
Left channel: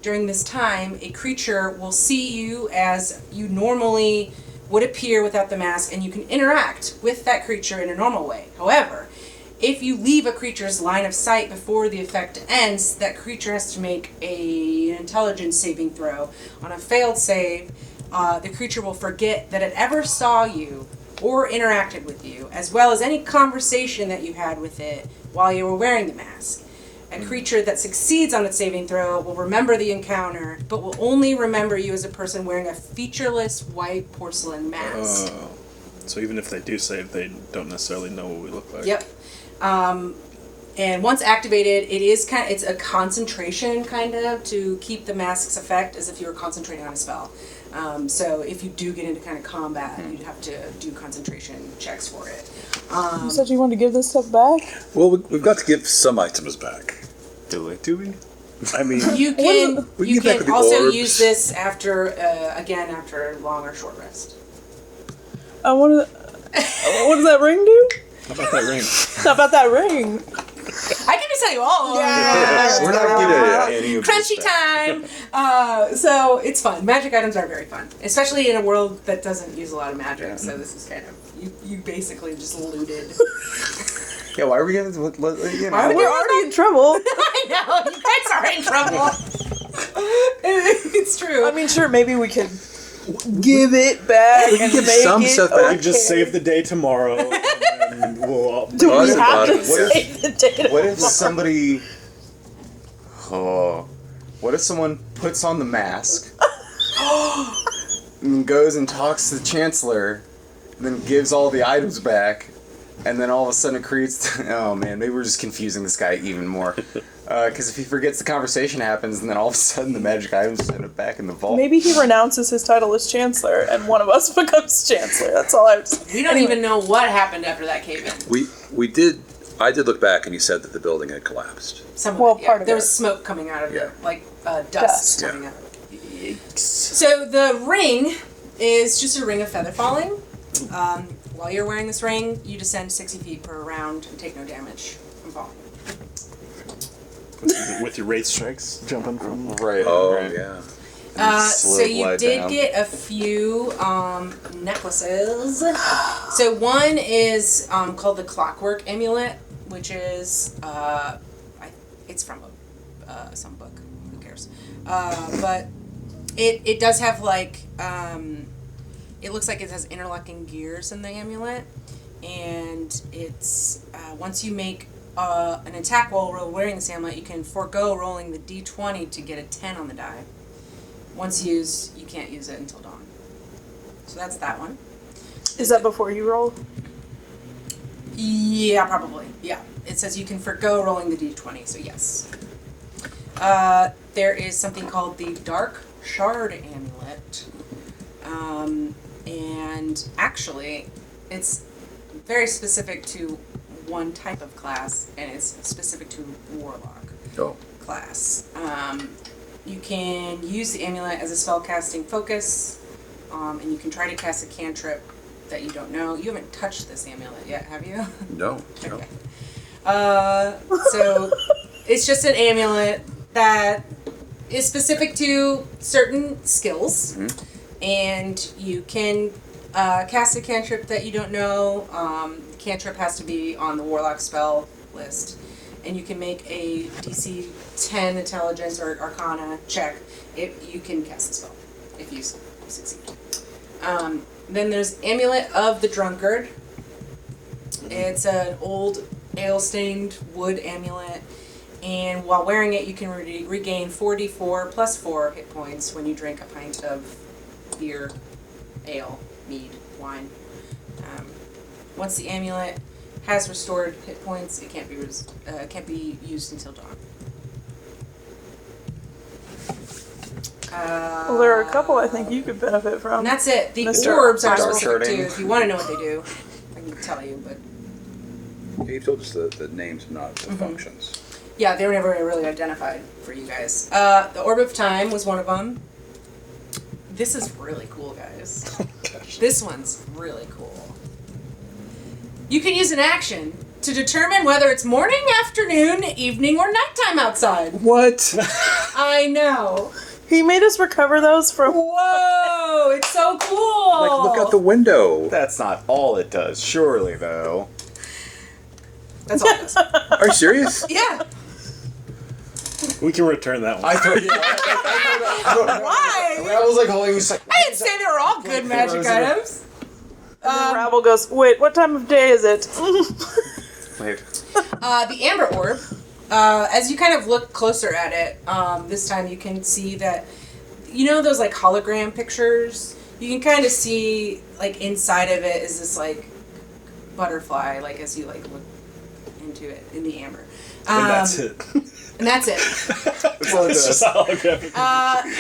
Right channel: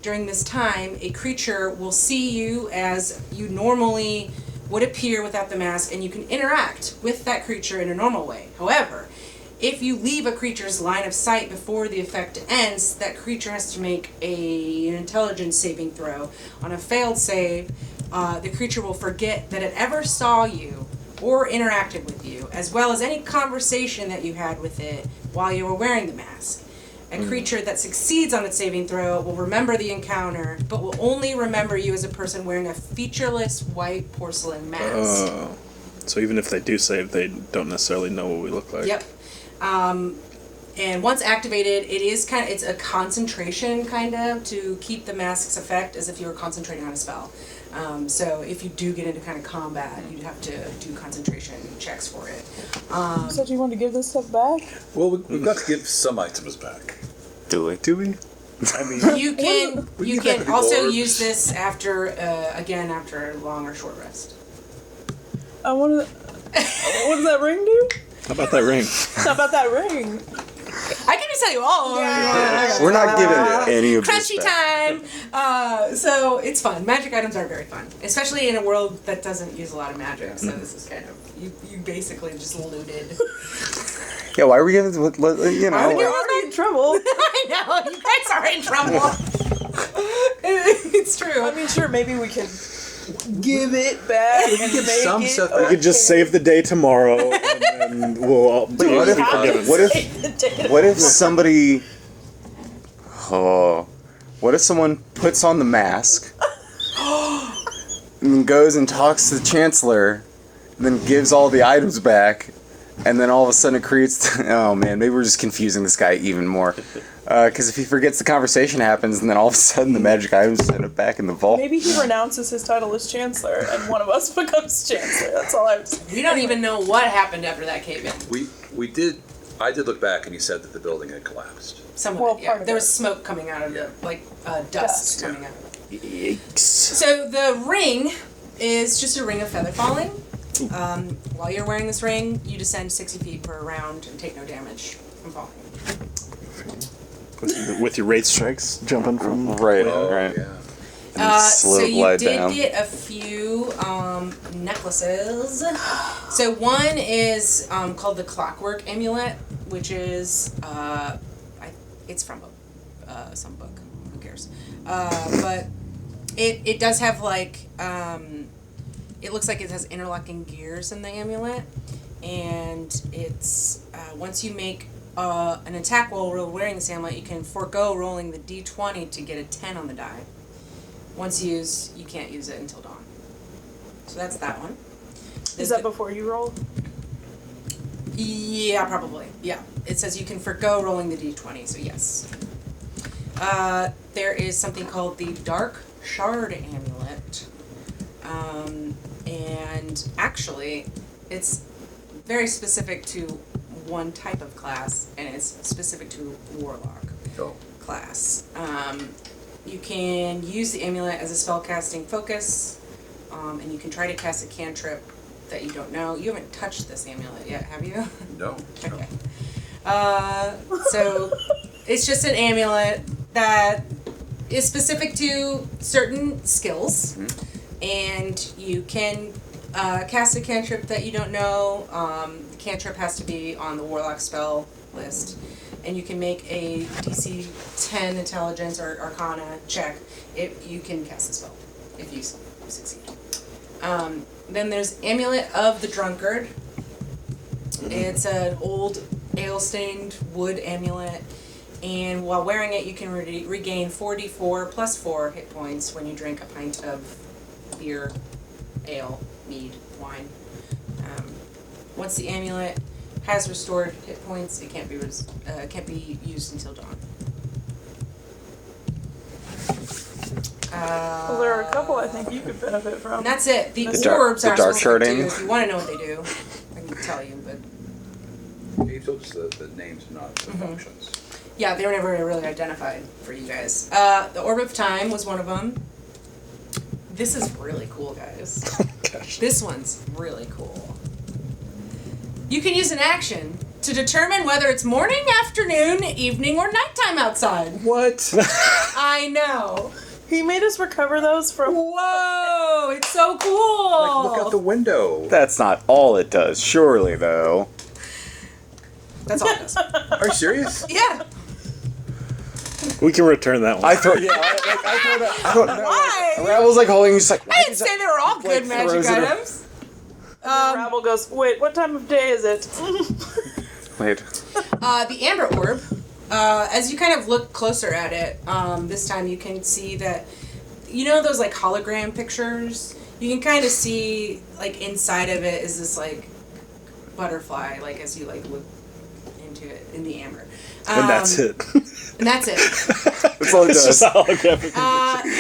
During this time, a creature will see you as you normally would appear without the mask, and you can interact with that creature in a normal way. However, if you leave a creature's line of sight before the effect ends, that creature has to make an intelligence saving throw. On a failed save, the creature will forget that it ever saw you or interacted with you, as well as any conversation that you had with it while you were wearing the mask. A creature that succeeds on its saving throw will remember the encounter, but will only remember you as a person wearing a featureless white porcelain mask. So even if they do save, they don't necessarily know what we look like. Yep. And once activated, it's a concentration kind of to keep the mask's effect as if you were concentrating on a spell. So if you do get into kind of combat, you'd have to do concentration checks for it. You said you wanted to give this stuff back? Well, we've got to give some items back. Do we? I mean, You can get also orbs. use this after after a long or short rest. I want to. What does that ring do? How about that ring? How about that ring? I can just tell you all. We're not giving any of this Crunchy back. time. So it's fun. Magic items are very fun, especially in a world that doesn't use a lot of magic. So this is kind of you basically just looted. Yeah, why are we giving? You know, Why are we giving We're those already back? in trouble. I know you guys are in trouble. It's true. I mean, sure, maybe we could give it back and make some it. stuff We back. could just save the day tomorrow, and we'll all. Do we have to What if- save the day? What if somebody? Oh, what if someone puts on the mask and then goes and talks to the Chancellor, and then gives all the items back, and then all of a sudden it creates? Oh man, maybe we're just confusing this guy even more. Because if he forgets, the conversation happens, and then all of a sudden the magic items end up back in the vault. Maybe he renounces his title as Chancellor, and one of us becomes Chancellor. That's all I have to say. We don't even know what happened after that cave in. I did look back, and he said that the building had collapsed. Some of Well, it, yeah. part of There it. was smoke coming out of the dust Dust. coming out of it. So the ring is just a ring of feather falling. While you're wearing this ring, you descend 60 feet per round and take no damage from falling. With your wraith strikes jumping from. Right. Oh, right. yeah. So Slow you glide did down. get a few necklaces. So one is called the Clockwork Amulet, which is it's from some book. Who cares? But it does have like it looks like it has interlocking gears in the amulet, and it's once you make an attack roll while wearing this amulet, you can forego rolling the d20 to get a 10 on the die. Once used, you can't use it until dawn. So that's that one. Is that before you roll? Yeah, probably. Yeah. It says you can forgo rolling the d20, so yes. There is something called the Dark Shard Amulet. And actually, it's very specific to one type of class, and it's specific to Warlock class. You can use the amulet as a spellcasting focus, and you can try to cast a cantrip that you don't know. You haven't touched this amulet yet, have you? No. Okay. So it's just an amulet that is specific to certain skills, and you can cast a cantrip that you don't know. The cantrip has to be on the Warlock spell list, and you can make a DC 10 Intelligence or Arcana check if you can cast the spell, if you succeed. Then there's Amulet of the Drunkard. It's an old ale-stained wood amulet, and while wearing it, you can regain 4d4 plus 4 hit points when you drink a pint of beer, ale, mead, wine. Once the amulet has restored hit points, it can't be used until dawn. Well, there are a couple I think you could benefit from. And that's it. The Mr. orbs are Dark specific sharding. too. If you want to know what they do, I can tell you. But You told us the names, not the functions. yeah, they were never really identified for you guys. The Orb of Time was one of them. This is really cool, guys. This one's really cool. You can use an action to determine whether it's morning, afternoon, evening, or nighttime outside. What? I know. He made us recover those from. Whoa, it's so cool. Look out the window. That's not all it does, surely, though. That's all it does. Are you serious? Yeah. We can return that one. I thought, yeah, Why? I was like holding. Just like, I didn't say they were all good magic frozen. items. Rabble goes, wait, what time of day is it? Wait. The Amber Orb, as you kind of look closer at it, this time you can see that, you know those like hologram pictures? You can kind of see like inside of it is this like butterfly, like as you like look into it in the amber. And that's it. And that's it. That's all it does.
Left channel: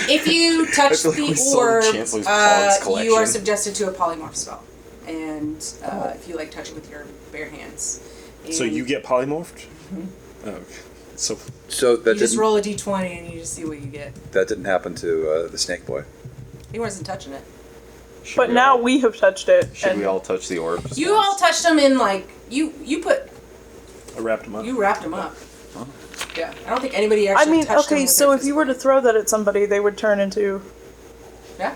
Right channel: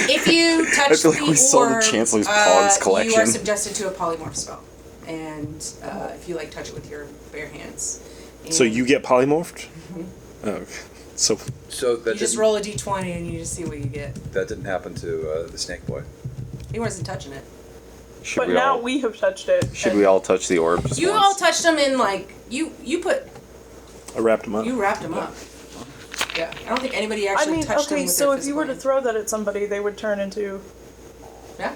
If you touch That's the only sold orb, Chancellor's Cards you are collection. suggested to a polymorph spell. And if you like touch it with your bare hands. And So you get polymorphed? Oh, okay. So So that you just didn't- roll a d20 and you just see what you get. That didn't happen to the snake boy. He wasn't touching it. Should But we now all, we have touched it. should and we all touch the orbs? You all touched them in like you I wrapped him up. you wrapped them up. Yeah, I don't think anybody actually I mean, touched okay, them with so their if you physical were to hands. throw that at somebody, they would turn into. Yeah.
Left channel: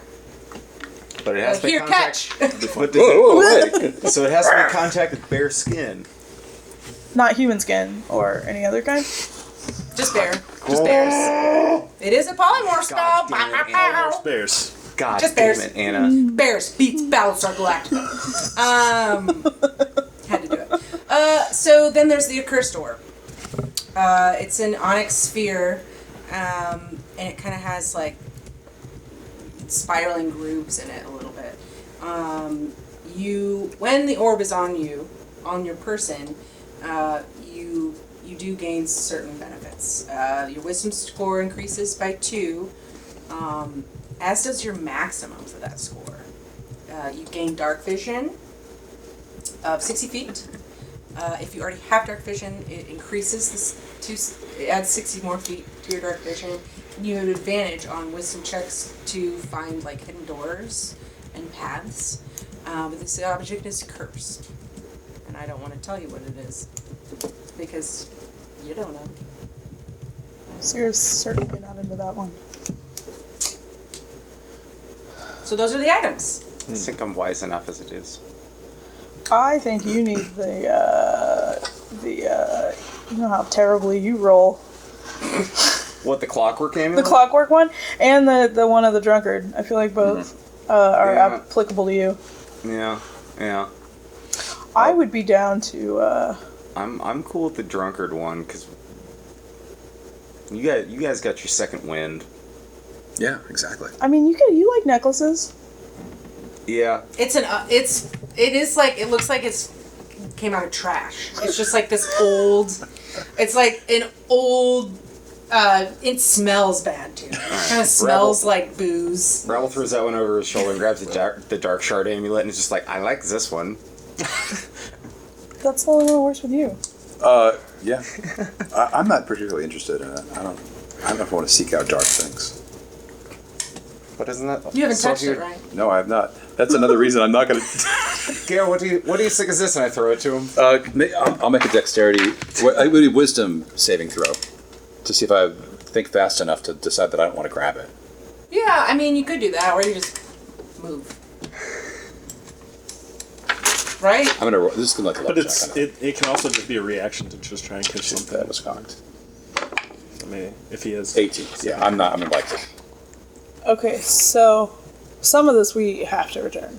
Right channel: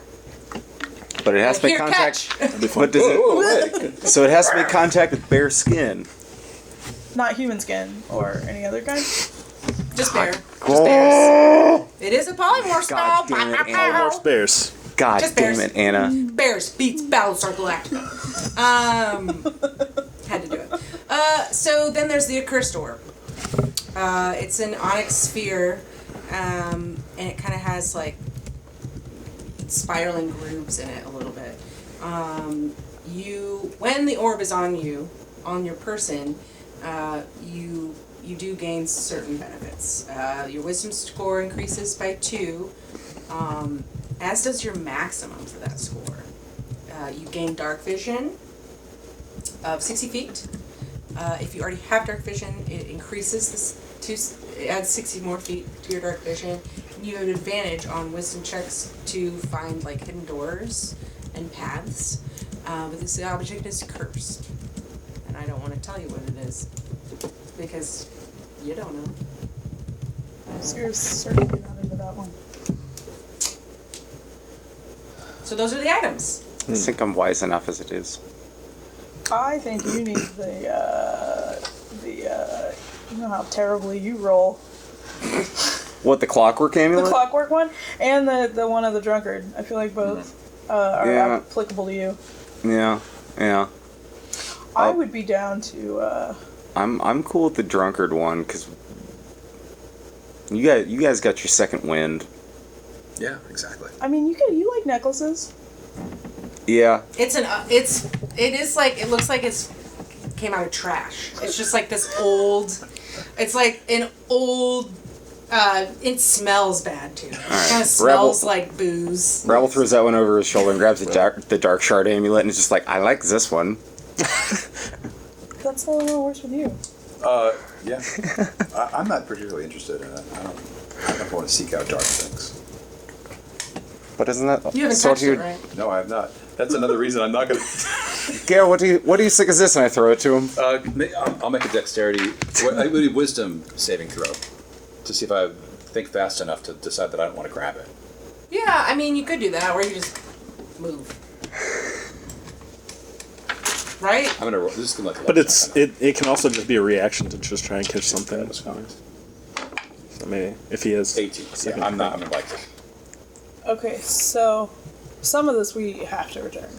But it has Like, to here, contact, catch. What does it, so it has to make contact with bare skin. Not human skin or any other kind. Just bear. Just bears. It is a polymorph spell. God damn it, Bow, bow, bow. Bears. God Just damn bears. it, Anna. Bears beats Battlestar Galactica. Had to do it. So then there's the Accursed Orb. It's an onyx sphere, and it kind of has like spiraling grooves in it a little bit. When the orb is on you, on your person, you do gain certain benefits. Your wisdom score increases by 2, as does your maximum for that score. You gain dark vision of 60 feet. If you already have dark vision, it increases this it adds 60 more feet to your dark vision, and you have advantage on wisdom checks to find like hidden doors and paths. But this object is cursed, and I don't want to tell you what it is because you don't know. So you're certainly not into that one. So those are the items. I think I'm wise enough as it is. I think you need you know how terribly you roll. What, the clockwork amulet? The clockwork one and the one of the drunkard. I feel like both are Yeah. applicable to you. Yeah, yeah. I would be down to I'm cool with the drunkard one because you guys got your second wind. Yeah, exactly. I mean, you like necklaces. Yeah. It is like, it looks like it's came out of trash. It's just like this old, it's like an old, it smells bad too. It kind of smells like booze. Rabble throws that one over his shoulder and grabs the dark shard amulet and is just like, I like this one. That's the only one that works with you. Yeah. I'm not particularly interested in it. I don't want to seek out dark things. But isn't that? You haven't so touched it, good? right? No, I've not. That's another reason I'm not going to. Gail, what do you think is this? And I throw it to him. I'll make a dexterity, I would do wisdom saving throw to see if I think fast enough to decide that I don't want to grab it. Yeah, I mean, you could do that, or you just move. Right? I'm gonna. This is gonna like. But it can also just be a reaction to just try and catch something. That was cocked. I mean, if he has 18. Yeah, I'm not. I'm in like. Okay, so some of this we have to return.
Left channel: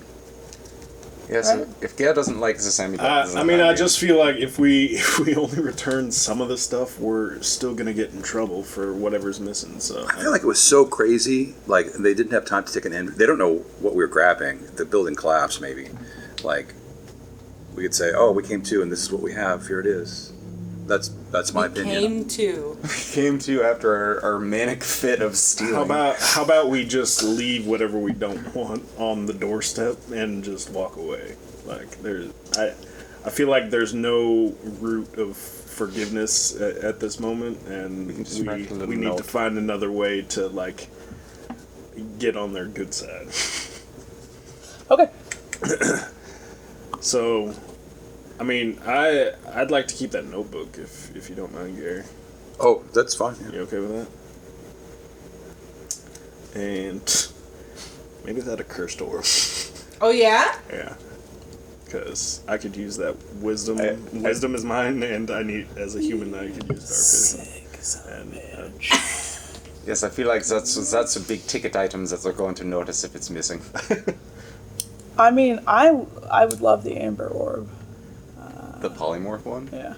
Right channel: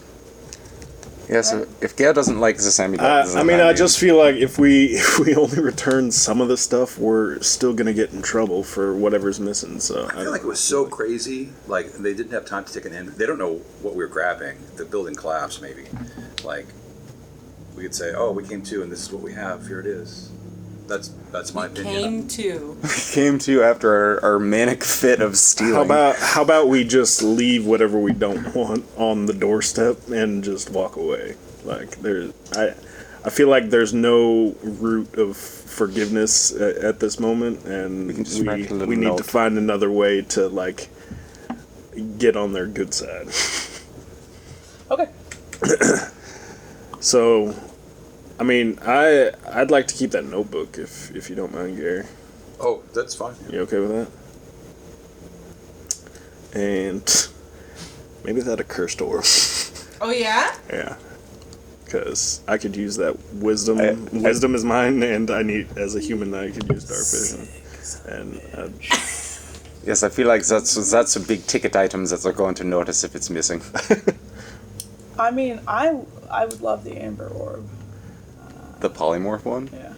Yes. Right. If Gail doesn't like this amulet, I just feel like if we only return some of the stuff, we're still gonna get in trouble for whatever's missing. So I feel like it was so crazy. Like they didn't have time to take an end. They don't know what we were grabbing. The building collapsed. Maybe, like, we could say, "Oh, we came to, and this is what we have. Here it is." That's my We opinion. came to. came to after our manic fit of stealing. how about we just leave whatever we don't want on the doorstep and just walk away? Like I feel like there's no root of forgiveness at this moment, and We can just write a little we need note. to find another way to like get on their good side. Okay. So, I mean, I'd like to keep that notebook if you don't mind, Gary. Oh, that's fine. Yeah. You okay with that? And maybe that a cursed orb. Oh, yeah? Yeah. Because I could use that wisdom. I- Wisdom is mine, and I need, as a human, I could use dark vision. And Yes, I feel like that's a big ticket items that they're going to notice if it's missing. I mean, I would love the Amber Orb. The polymorph one. Yeah.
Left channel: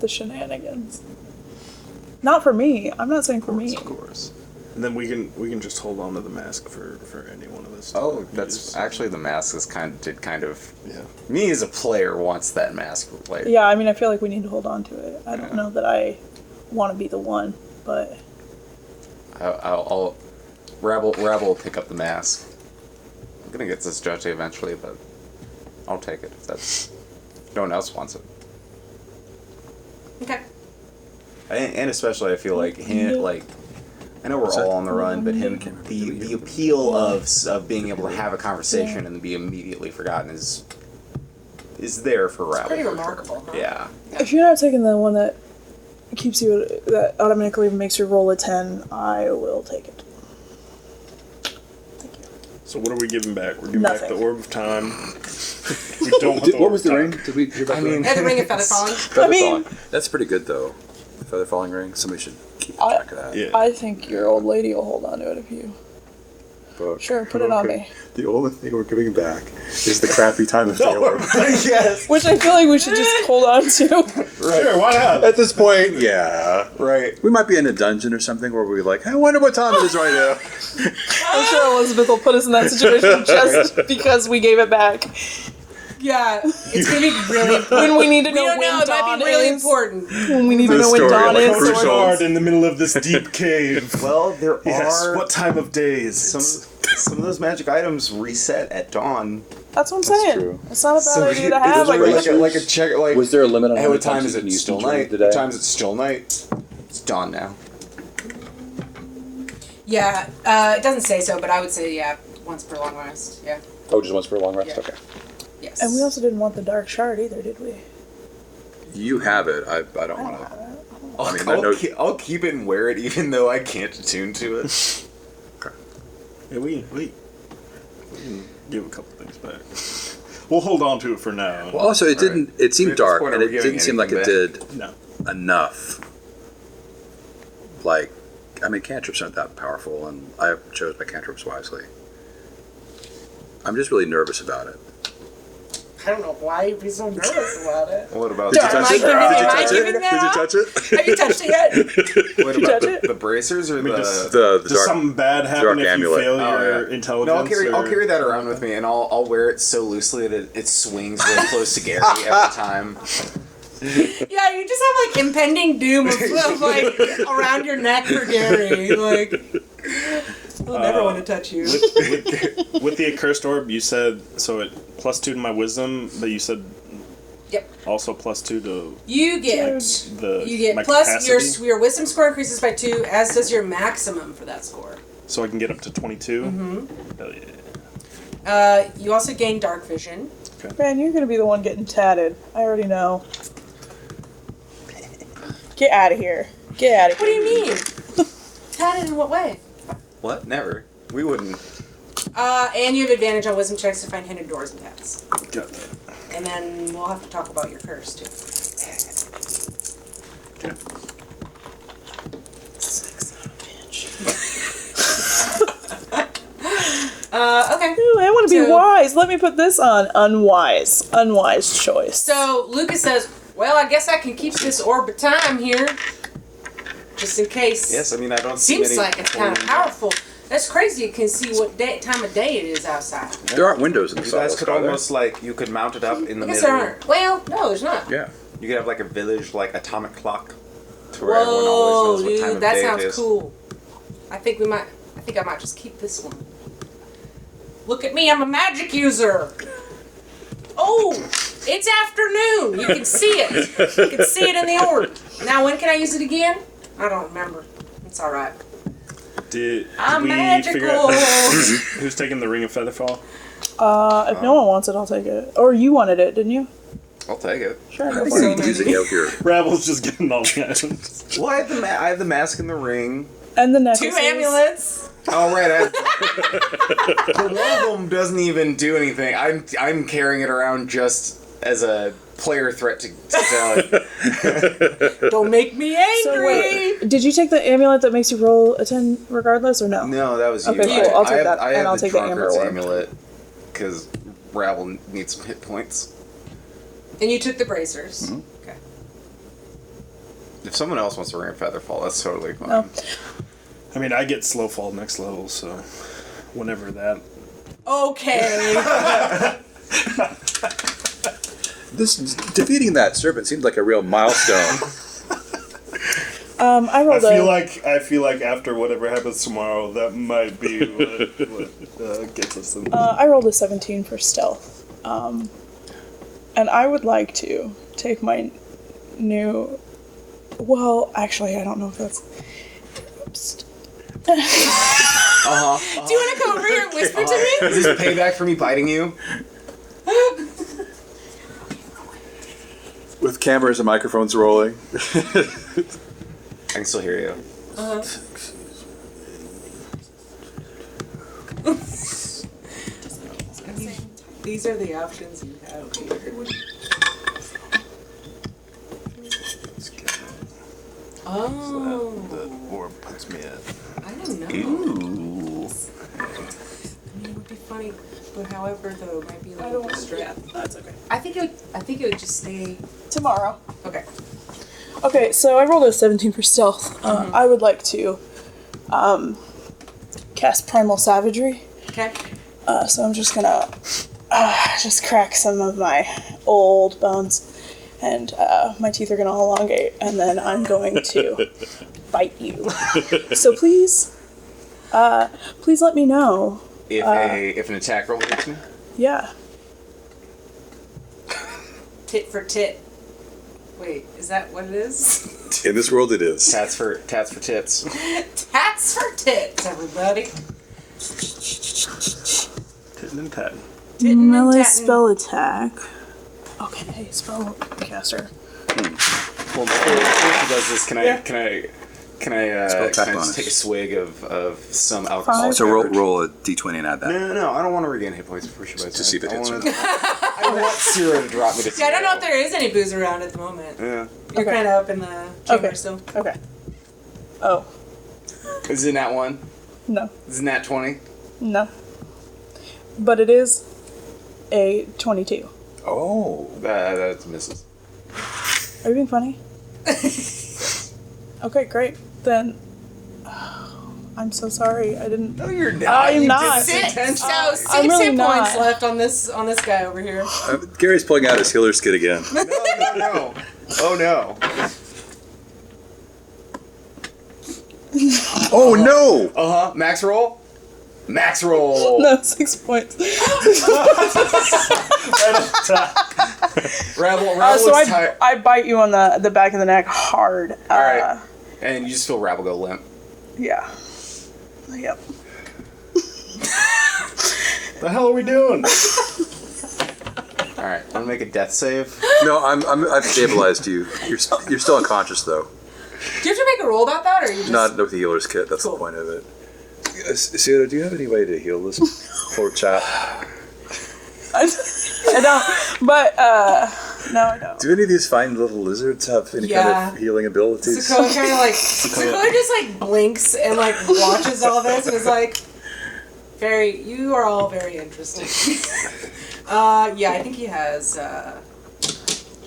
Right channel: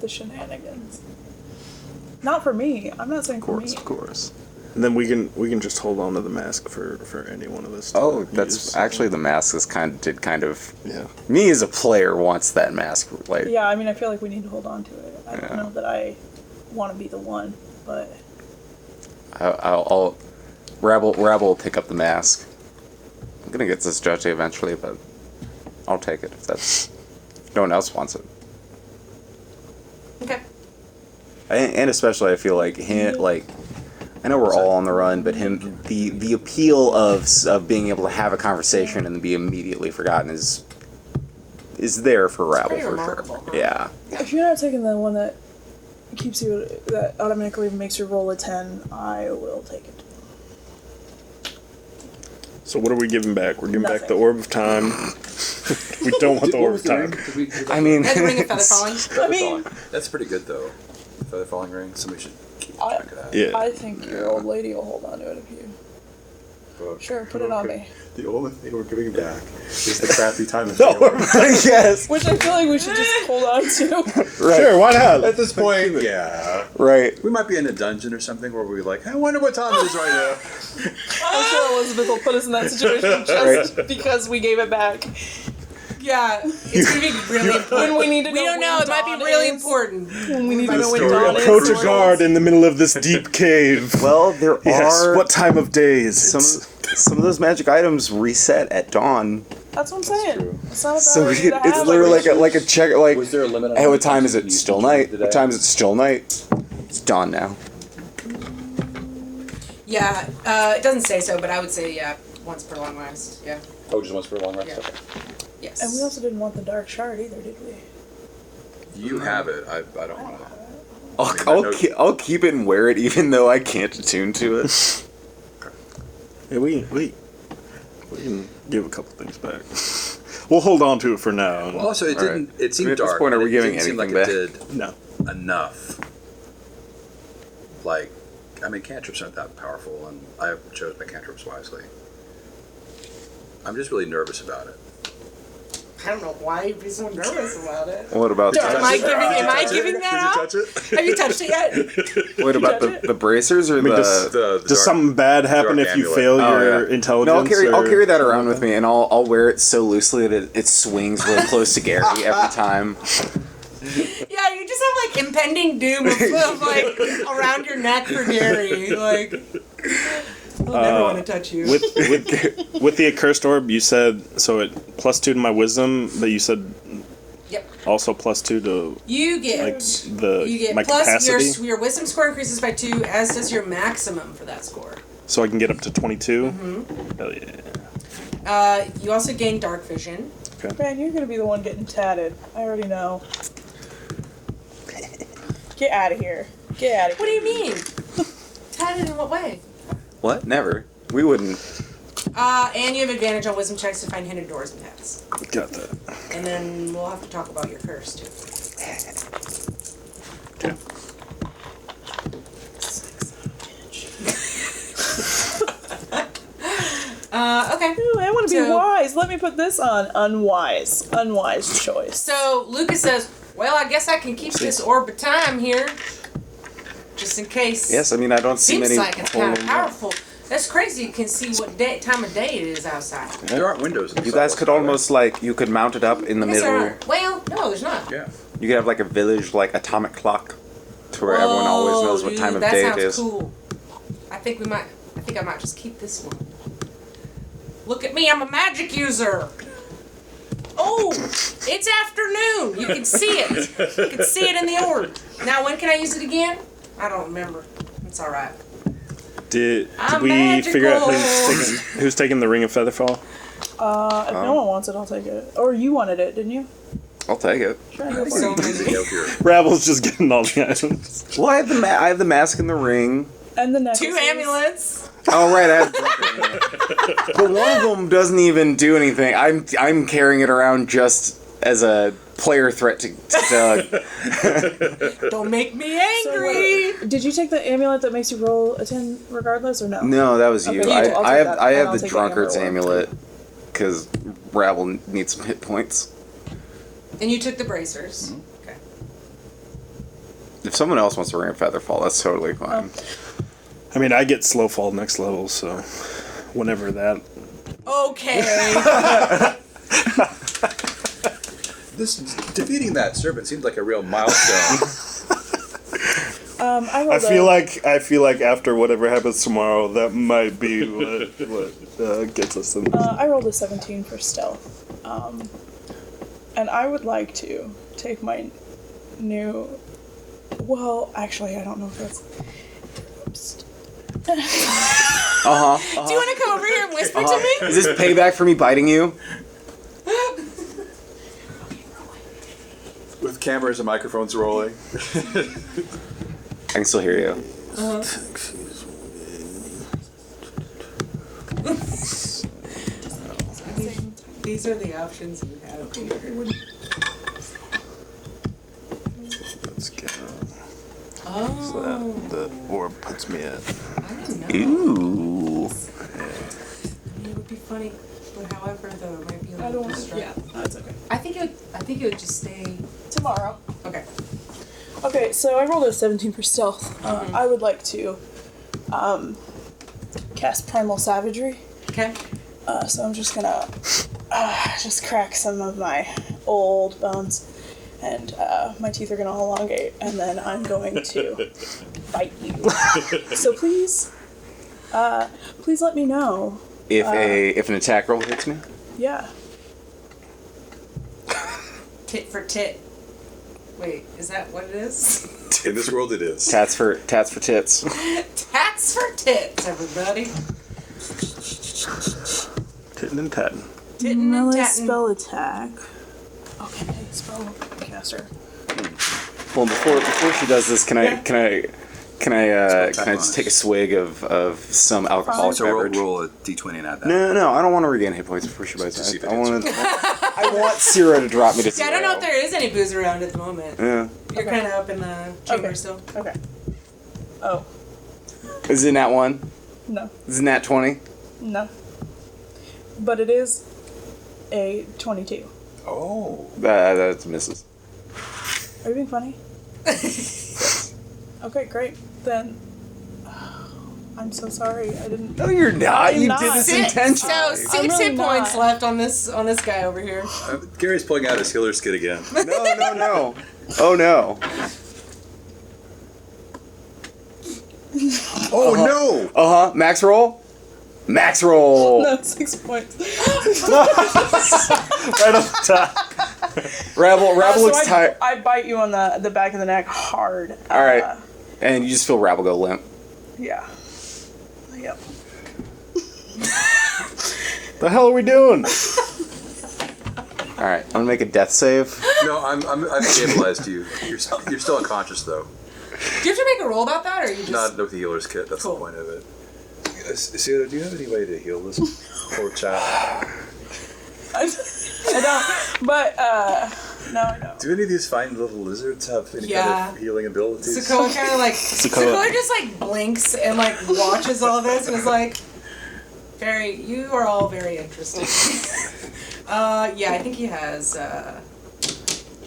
The shenanigans. Not for me. I'm not saying for me. of course. And then we can just hold on to the mask for any one of us. to Oh, that's use. actually the mask is kind of. Yeah. Me as a player wants that mask. Like, Yeah, I mean, I feel like we need to hold on to it. I Yeah. don't know that I want to be the one, but I'll Rabble will pick up the mask. I'm gonna get this judge eventually, but I'll take it if that's. No one else wants it. Okay. And especially, I feel like him, like, I know we're all on the run, but the appeal of being able to have a conversation and be immediately forgotten is there for Rabble. Pretty for remarkable, sure. huh? Yeah. Yeah. if you're not taking the one that keeps you, that automatically makes you roll a 10, I will take it. So what are we giving back? We're giving back Nothing. the Orb of Time. We don't want the What Orb was of the Time. ring? Did I mean, Yeah, the Ring of Feather Falling. feather I mean- falling. That's pretty good though. Feather falling ring. Somebody should keep I- track of that. Yeah. I think your old lady will hold on to it if you. But- Sure, put it on me. The only thing we're giving back is the crappy time of day. yes. Which I feel like we should just hold on to. Sure, why not? At this point, yeah. Right. We might be in a dungeon or something where we're like, hey, I wonder what time it is right now. I'm sure Elizabeth will put us in that situation just because we gave it back. Yeah, it's going to be really important. we need to We know don't know. when It might be dawn really is. important. When we need to know when dawn is. Approach a or- guard in the middle of this deep cave. Well, there Yes. are What time of day is it? some of those magic items reset at dawn. That's what I'm saying. true. It's not a bad So idea to have. it's literally Like, like a check. Like, Was there a limit on hey, how what many time is times it? you Still used night. today? What time is it? Still night. It's dawn now. Yeah, it doesn't say so, but I would say, yeah, once per long rest. Yeah. Oh, just once per long rest? Yeah. Okay. Yes. and we also didn't want the dark shard either, did we? You have it. I don't want to. I'll keep it and wear it, even though I can't attune to it. Yeah, we can give a couple things back. We'll hold on to it for now. Well, also, it didn't. It seemed At this dark, point, are and we it giving didn't seem like it anything did No. enough. Like, I mean, cantrips aren't that powerful, and I chose my cantrips wisely. I'm just really nervous about it. I don't know why you'd be so nervous about it. What about Am I giving that off? Did you touch it? Have you touched it yet? what about touch the bracers or I mean, the? Does something bad happen if you amulet. fail Oh, your yeah. intelligence? No, I'll or- carry that around with me, and I'll wear it so loosely that it swings real close to Gary every time. Yeah, you just have like impending doom of like around your neck for Gary. Like he'll never want to touch you. With the accursed orb, you said so. It +2 to my wisdom. That you said Yep. also +2 to You get my plus capacity? your wisdom score increases by 2, as does your maximum for that score. so I can get up to 22. Mm-hmm. Hell yeah. You also gain dark vision. Man, you're gonna be the one getting tatted. I already know. Get out of here. Get out of What here. do you mean? Tatted in what way? What? Never. We wouldn't. And you have advantage on wisdom checks to find hidden doors and paths. Got that. And then we'll have to talk about your curse too. Okay. Ooh, I want to So- be wise. Let me put this on. Unwise. Unwise choice. So Lucas says, "Well, I guess I can keep this orb of time here, just in case." Yes, I mean I don't. see Seems many like it's kind of portals. powerful. That's crazy. You can see what time of day it is outside. There aren't windows in the You guys sidewalk, could are there? almost like you could mount it up in the I guess middle. there aren't. Well, no, there's not. Yeah. You could have like a village like atomic clock. To where everyone Whoa, always knows what time dude, of that day sounds it is. cool. I think I might just keep this one. Look at me, I'm a magic user. Oh, it's afternoon. You can see it. You can see it in the orb. Now, when can I use it again? I don't remember. It's all right. I'm we figure out magical. who's taking the Ring of Featherfall? If no one wants it, I'll take it. Or you wanted it, didn't you? I'll take it. Sure. You have so many. Ravel's just getting all the items. Well, I have the mask and the ring. And the necklaces. 2 amulets. Oh right, but one of them doesn't even do anything. I'm carrying it around just as a player threat to sell it. Don't make me angry. Did you take the amulet that makes you roll a 10 regardless, or no? No, that was you. Okay, You took it. I take have, that, I and I'll have the take the drunkard's amber orb. amulet because Rabble needs some hit points. And you took the bracers. Mm-hmm. Okay. If someone else wants to ring a featherfall, that's totally fine. I mean, I get slow fall next level, so whenever that. Okay. Defeating that serpent seemed like a real milestone. I I rolled feel like after whatever happens tomorrow, that might be what gets us in. I rolled a 17 for stealth. And I would like to take my new... Well, actually, I don't know if that's... Do you want to come over here and whisper to me? Is this payback for me biting you? With cameras and microphones rolling. I can still hear you. I mean, these are the options you have here. Oh, The orb puts me at. I don't know. I mean, it would be funny, but however, though, it might be a I little don't want to... distracting. Yeah, that's okay. I think it would just stay. Tomorrow. Okay. Okay, so I rolled a 17 for stealth. I would like to cast Primal Savagery. Okay. So I'm just gonna just crack some of my old bones, and my teeth are gonna elongate, and then I'm going to bite you. So please let me know. If an attack roll hits me, Yeah. Tit for tit. Wait, is that what it is? In this world, it is. tats for tits. Tats for tits, everybody. Tittin' and tattin'. Tittin' and tattin'. attack. Okay, spell caster. Well, before she does this, can Yeah. I tap on just it. take a swig of some alcoholic So beverage? roll a d20 and add that. No, I don't want to regain hit points before she bites. To see if it I hits want I want Sierra to drop me to Yeah, I don't know if there is any booze around at the moment. Yeah. You're Okay. kind of up in the chamber Okay. still. Okay. Oh, Is it nat 1? no. Is it nat 20? No. But it is a 22. Oh. That misses. Are you being funny? Okay, great. Then I'm so sorry. I didn't. No, you're not. I'm You not. did Six really hit points not. left on this guy over here. Gary's pulling out his healer's kit again. No. Oh no. Oh no. Max roll. Max roll. No, 6 points. Rabble So looks tired. I bite you on the back of the neck hard. All right. And you just feel Rabble go limp. Yeah. Yep. The hell are we doing? All right. I'm gonna make a death save. No, I've stabilized you. You're still unconscious though. Do you have to make a roll about that, or you just? Not with the healer's kit. That's Cool. the point of it. Sierra, do you have any way to heal this poor chap? I don't, but no, I don't. Do any of these fine little lizards have any Yeah. kind of healing abilities? Sokoa kind of like Sokoa just like blinks and like watches all this and is like, you are all very interesting. Yeah, I think he has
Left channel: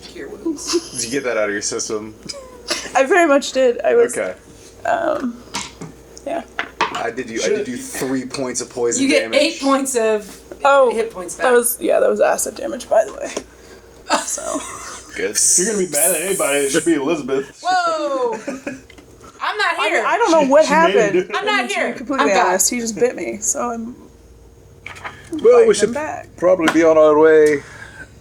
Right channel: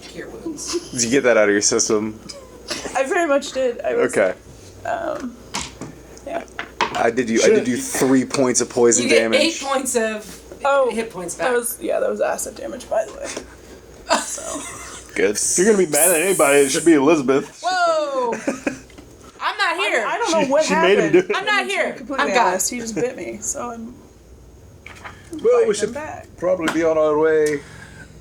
cure wounds. Did you get that out of your system? I very much did. I was. Okay. Yeah. I did you 3 points of poison You get damage. 8 points of Oh, hit points back. That was acid damage, by the way. Good. If you're gonna be bad at anybody, it should be Elizabeth. Whoa! I'm not here. I don't know what She made him happened. do it. I'm not here. Completely I'm God. honest, he just bit me, so I'm. Well, biting we him should back. probably be on our way.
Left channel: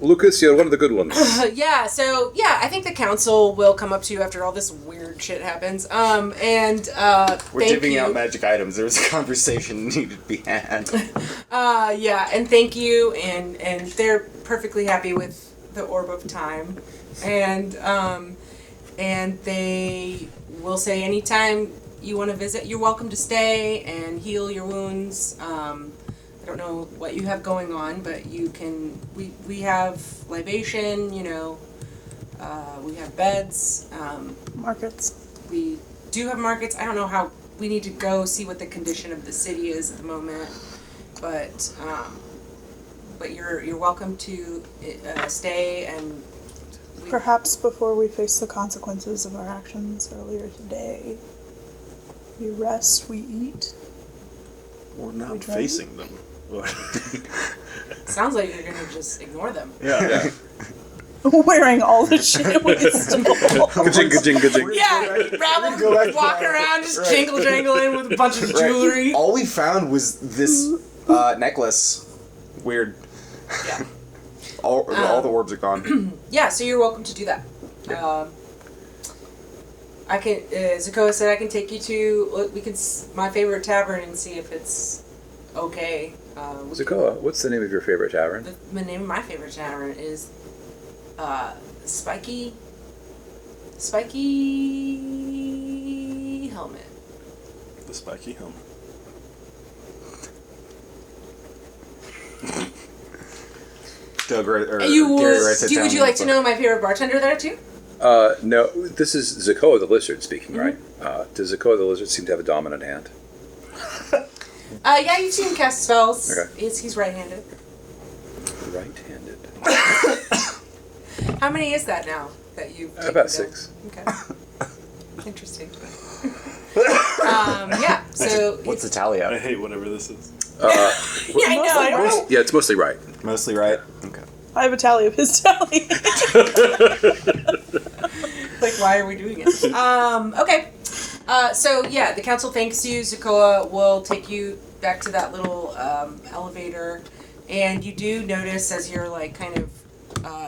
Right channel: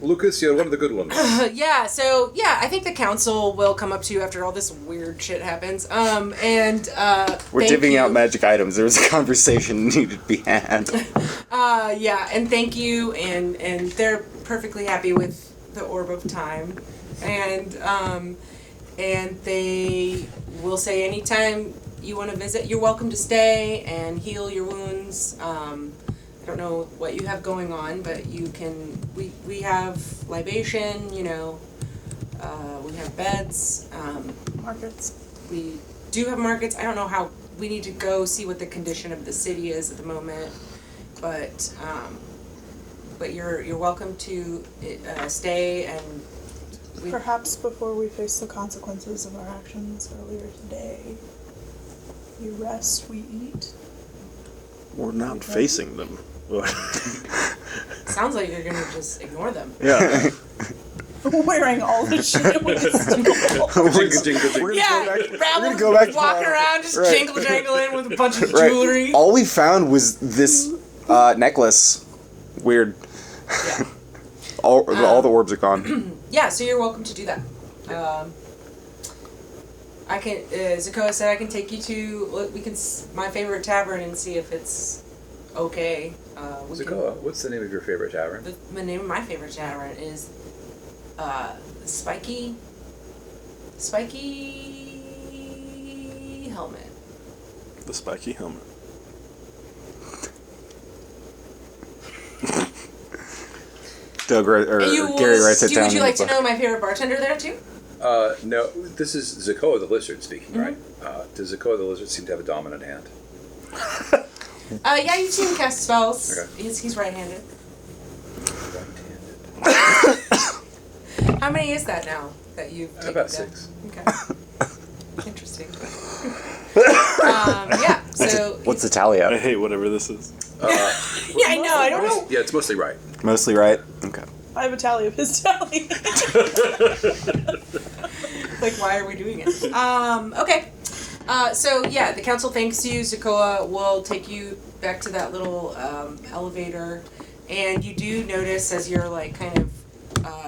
Lucas, you're one of the good ones. Yeah, I think the council will come up to you after all this weird shit happens. We're Thank divvying you. out magic items. There was a conversation needed to be had. Yeah, and thank you, and they're perfectly happy with the Orb of Time, and they will say anytime you want to visit, you're welcome to stay and heal your wounds. I don't know what you have going on, but you can. We have libation, we have beds. Markets. We do have markets. I don't know how. We need to go see what the condition of the city is at the moment, but you're welcome to stay, and we. Perhaps before we face the consequences of our actions earlier today, we rest, we eat. We're not facing them. Sounds like you're gonna just ignore them. Yeah. Wearing all the shit Yeah, Rabble walking around just jingle jangling with a bunch of jewelry. All we found was this necklace. Weird. Yeah. All the orbs are gone. Yeah, so you're welcome to do that. I can. Zakoa said I can take you to my favorite tavern and see if it's okay. Zakoa, what's the name of your favorite tavern? The name of my favorite tavern is Spiky Helmet. The spiky helmet. Doug, Gary writes it Would down you in like the to know my favorite bartender there too? No, this is Zakoa the lizard speaking, right? Does Zakoa the lizard seem to have a dominant hand? Yeah, you've seen him cast spells. Okay. He's right-handed. Right-handed. How many is that now that you've taken About down? 6. Okay. Interesting. Yeah, so What's the tally I up? hate whatever this is. yeah, I know. I don't know. Yeah, it's mostly right. Mostly right. Okay. I have a tally of his tally. Like, why are we doing it? Okay. So yeah, the council thanks you. Zakoa will take you back to that little elevator, and you do notice as you're like kind of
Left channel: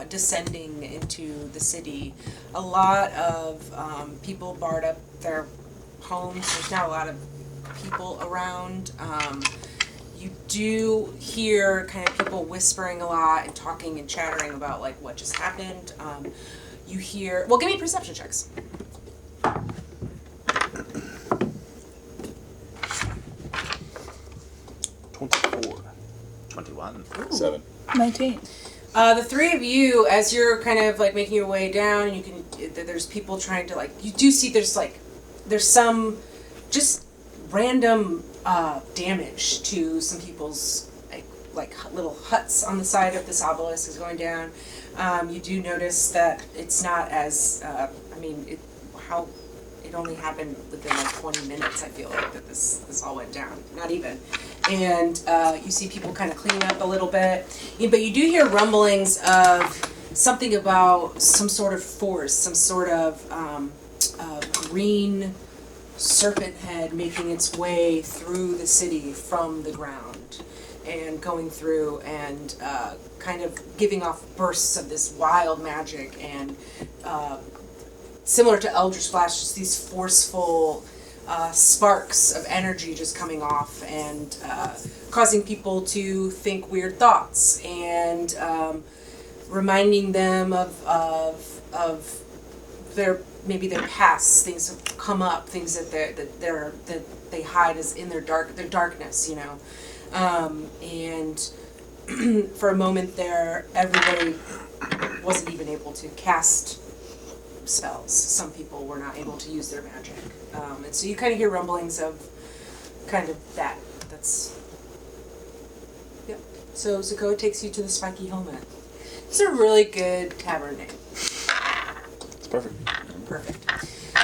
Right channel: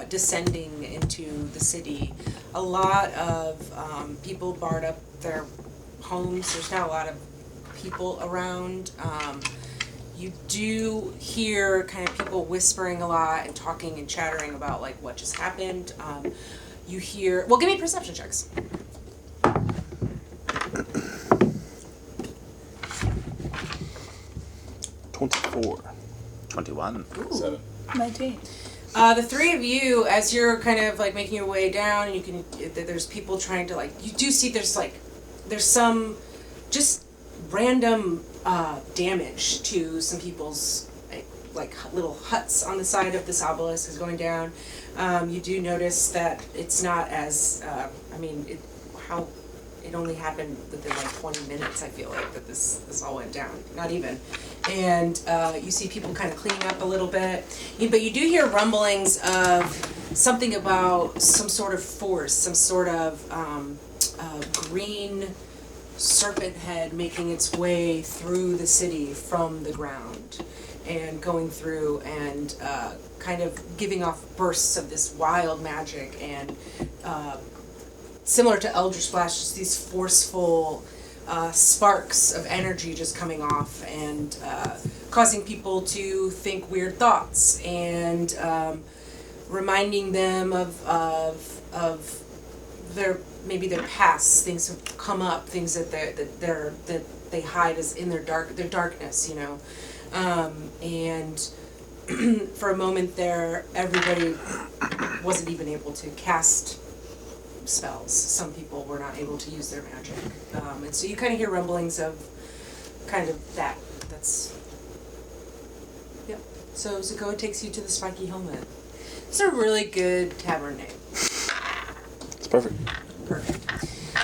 descending into the city, a lot of people barred up their homes. There's not a lot of people around. You do hear kind of people whispering a lot and talking and chattering about like what just happened. You hear. Well, give me perception checks. 24. 21. Ooh. 19. The three of you, as you're kind of like making your way down, and you can, there's people trying to like, you do see there's some just random damage to some people's like like little huts on the side of this obelisk is going down. You do notice that it's not as it only happened within like 20 minutes, I feel like, that this all went down. Not even. And you see people kind of cleaning up a little bit. But you do hear rumblings of something about some sort of force, some sort of green serpent head making its way through the city from the ground and going through and kind of giving off bursts of this wild magic and similar to Eldritch Splash, just these forceful sparks of energy just coming off and causing people to think weird thoughts and reminding them of their their past, things have come up, things that they hide as in their darkness, you know, and for a moment there, everybody wasn't even able to cast spells. Some people were not able to use their magic, and so you kind of hear rumblings of kind of that. That's yeah. So Zakoa takes you to the Spiky Helmet. It's a really good tavern name. It's perfect. Perfect.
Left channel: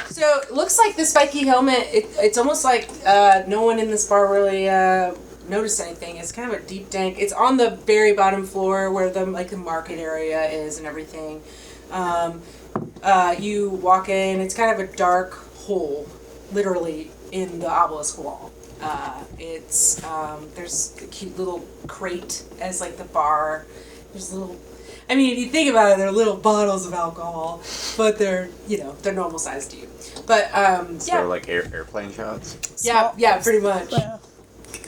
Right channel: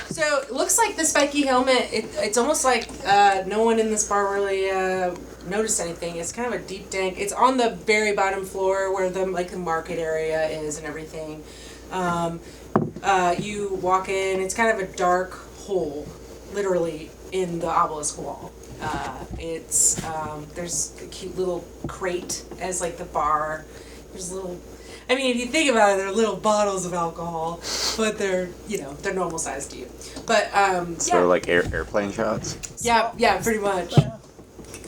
So it looks like the Spiky Helmet, it's almost like no one in this bar really noticed anything. It's kind of a deep dank. It's on the very bottom floor where the market area is and everything. You walk in, it's kind of a dark hole, literally, in the obelisk wall. There's a cute little crate as like the bar. There's little, I mean, if you think about it, they're little bottles of alcohol, but they're normal size to you. But, yeah. So like airplane shots? Yeah, pretty much.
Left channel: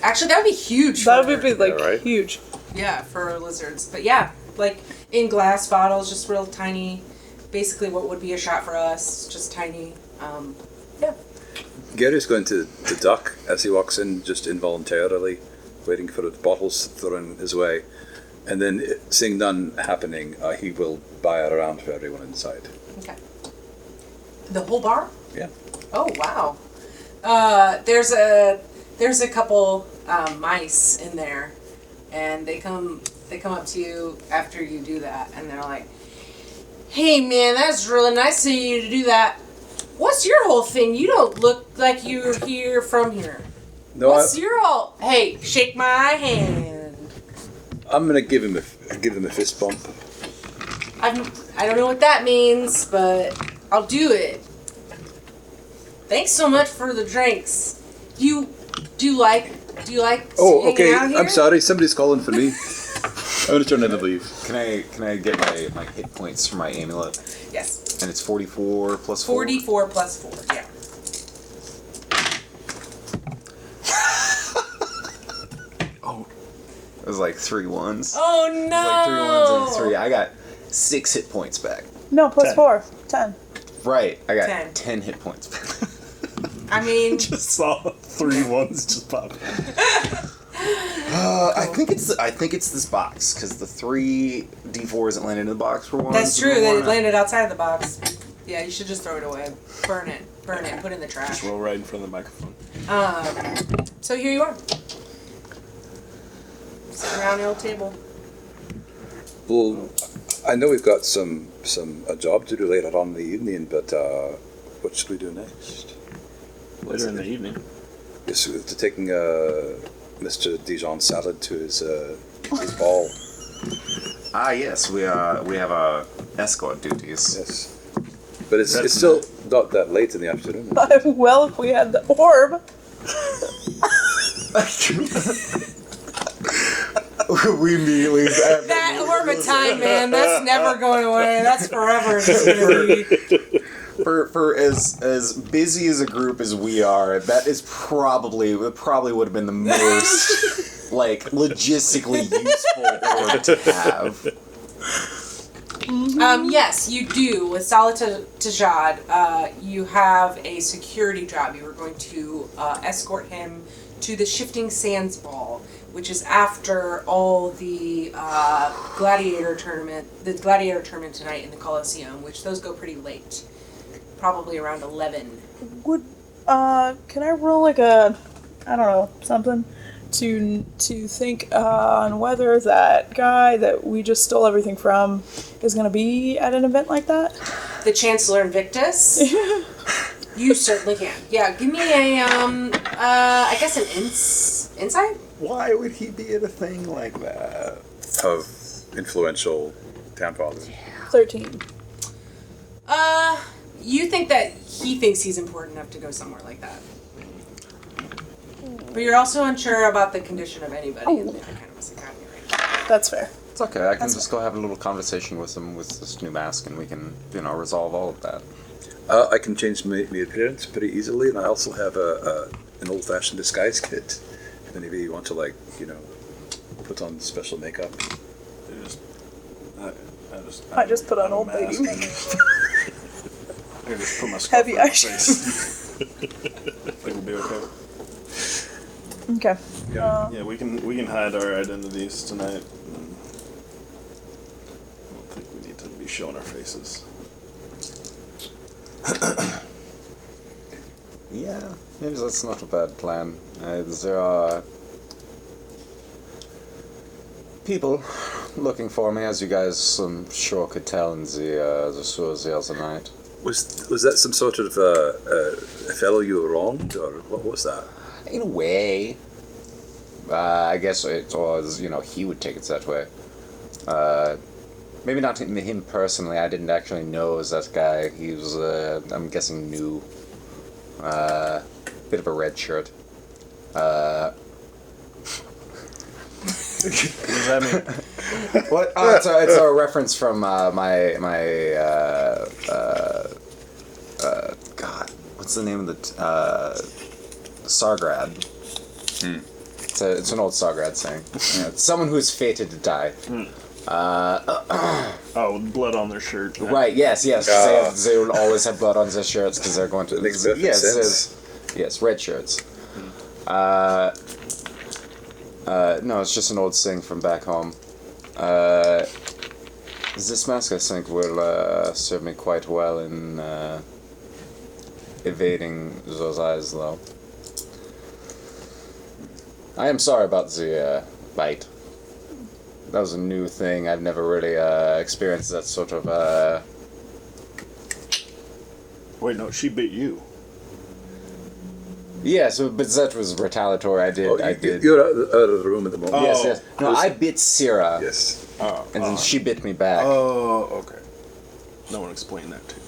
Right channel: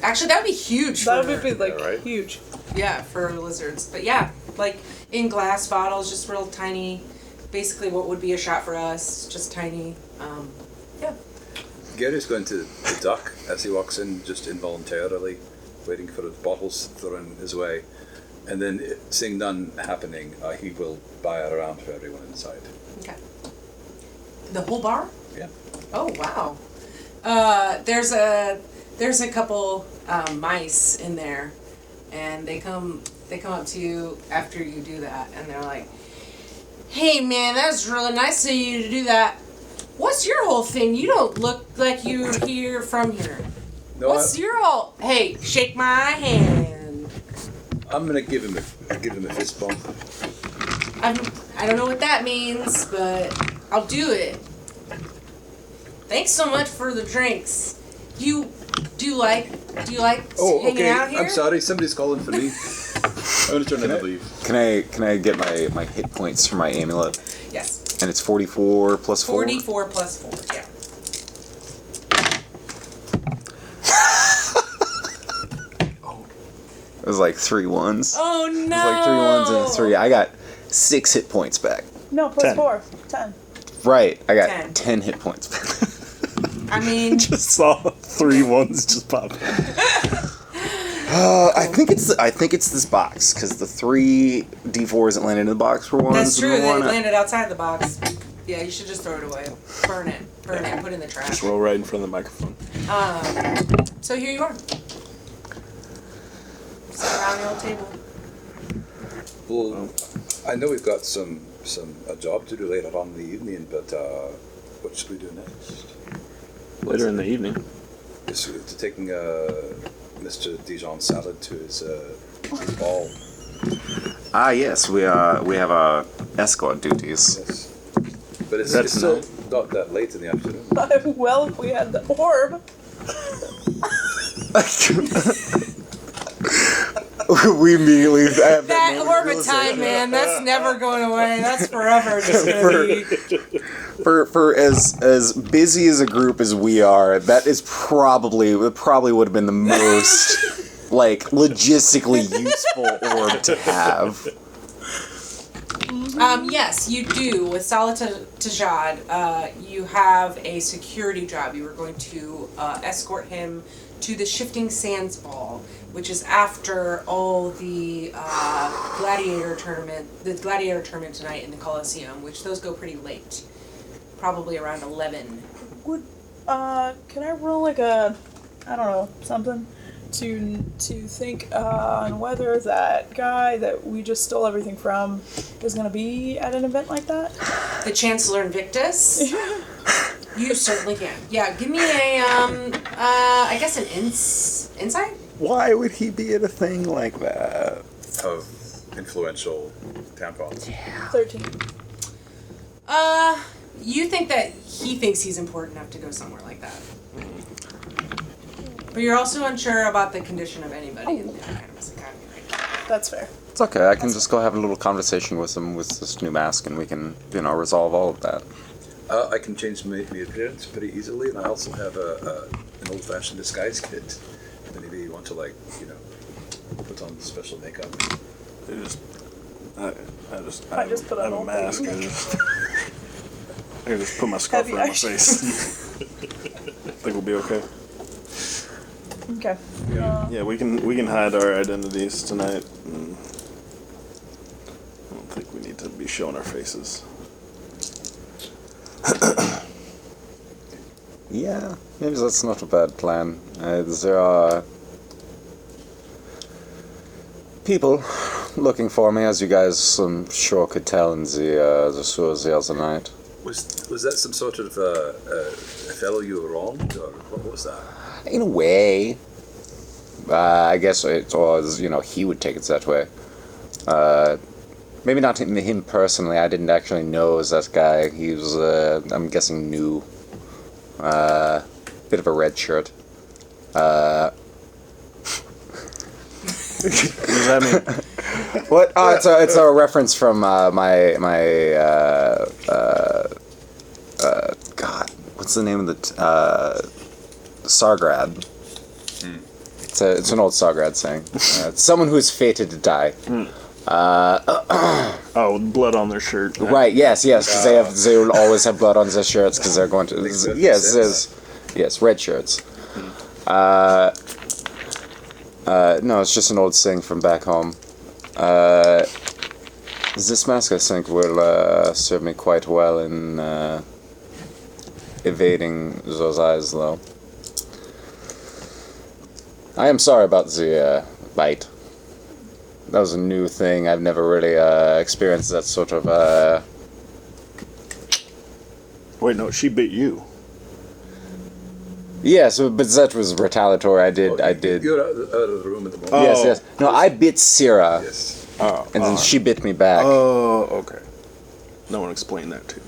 Actually, that would be huge for... That would be, like, right? huge. Yeah, for lizards. But yeah, like in glass bottles, just real tiny. Basically what would be a shot for us, just tiny. Yeah. Gary's going to the dock as he walks in, just involuntarily, waiting for the bottles thrown his way. And then, seeing none happening, he will buy it around for everyone inside. Okay. The whole bar? Yeah. Oh, wow. There's a couple mice in there, and they come up to you after you do that, and they're like, "Hey, man, that's really nice of you to do that. What's your whole thing? You don't look like you're here from here. No, What's your whole... Hey, shake my hand." I'm gonna give him a fist bump. I don't know what that means, but I'll do it. Thanks so much for the drinks. Do you like hanging out here? I'm sorry, somebody's calling for me. I'm gonna turn in to leave. Can I get my hit points for my amulet? Yes. And it's 44 plus 4? 44 plus 4, yeah. It was like 3 ones. Oh, It was like 3 no! ones and 3. I got 6 hit points back. No, plus 10. 4. 10. Right, I got 10. 10 hit points back. I mean... Just saw 3 ones just pop. I think it's this box because the 3 D4s that landed in the box were 1. That's true, that it landed outside of the box. Yeah, you should just throw it away. Burn it, put it in the trash. Roll right in front of the microphone. So here you are. Sitting around the old table. Well, I know we've got a job to do later on in the evening, but what should we do next? Later in the evening. Is to taking Mr. Dijon Salad to his ball. Yes, we have escort duties. Yes, but it's still not that late in the afternoon. Well, if we had the orb. We immediately That orb of time, man, that's never going away. That's forever just gonna be... For as busy as a group as we are, that is probably would have been the most like logistically useful orb to have. Yes, you do. With Salatajad, you have a security job. You are going to escort him to the Shifting Sands Ball, which is after all the gladiator tournament tonight in the Coliseum, which those go pretty late. Probably around 11. Can I roll like a, I don't know, something? to think on whether that guy that we just stole everything from is going to be at an event like that? The Chancellor Invictus? You certainly can. Yeah, give me a, I guess an insight? Why would he be at a thing like that? Of influential town father. 13. You think that he thinks he's important enough to go somewhere like that. But you're also unsure about the condition of anybody in the Arcanimus Academy right now. That's fair. It's okay. I can just go have a little conversation with him with this new mask, and we can, resolve all of that. I can change my appearance pretty easily, and I also have an old-fashioned disguise kit. If any of you want to, put on special makeup. I just put on old mask. lady. I can just put my scarf Heavy on my action. face. Think we'll be okay. Okay. Yeah, we can hide our identities tonight. I don't think we need to be showing our faces. Yeah, maybe that's not a bad plan. There are people looking for me, as you guys, I'm sure, could tell in the sewers the other night. Was that some sort of a fellow you were wronged, or what was that? In a way, I guess it was, he would take it that way. Maybe not him personally. I didn't actually know that guy. He was, I'm guessing, new. Bit of a red shirt. What does that mean? What? Oh, it's a reference from God, what's the name of the Sargrad? It's an old Sargrad saying. It's someone who's fated to die. Oh, blood on their shirt. Right? Yes. Because they will always have blood on their shirts because they're going to. Makes perfect Yes, sense. yes, red shirts. No, it's just an old saying from back home. This mask, I think, will serve me quite well in evading those eyes, though. I am sorry about the bite. That was a new thing. I've never really experienced that sort of... Wait, no, she bit you. Yeah, but that was retaliatory. I did. You're out of the room at the moment. Yes. No, I bit Syrah, Yes. Oh, and then she bit me back. oh, okay. No one explained that to you.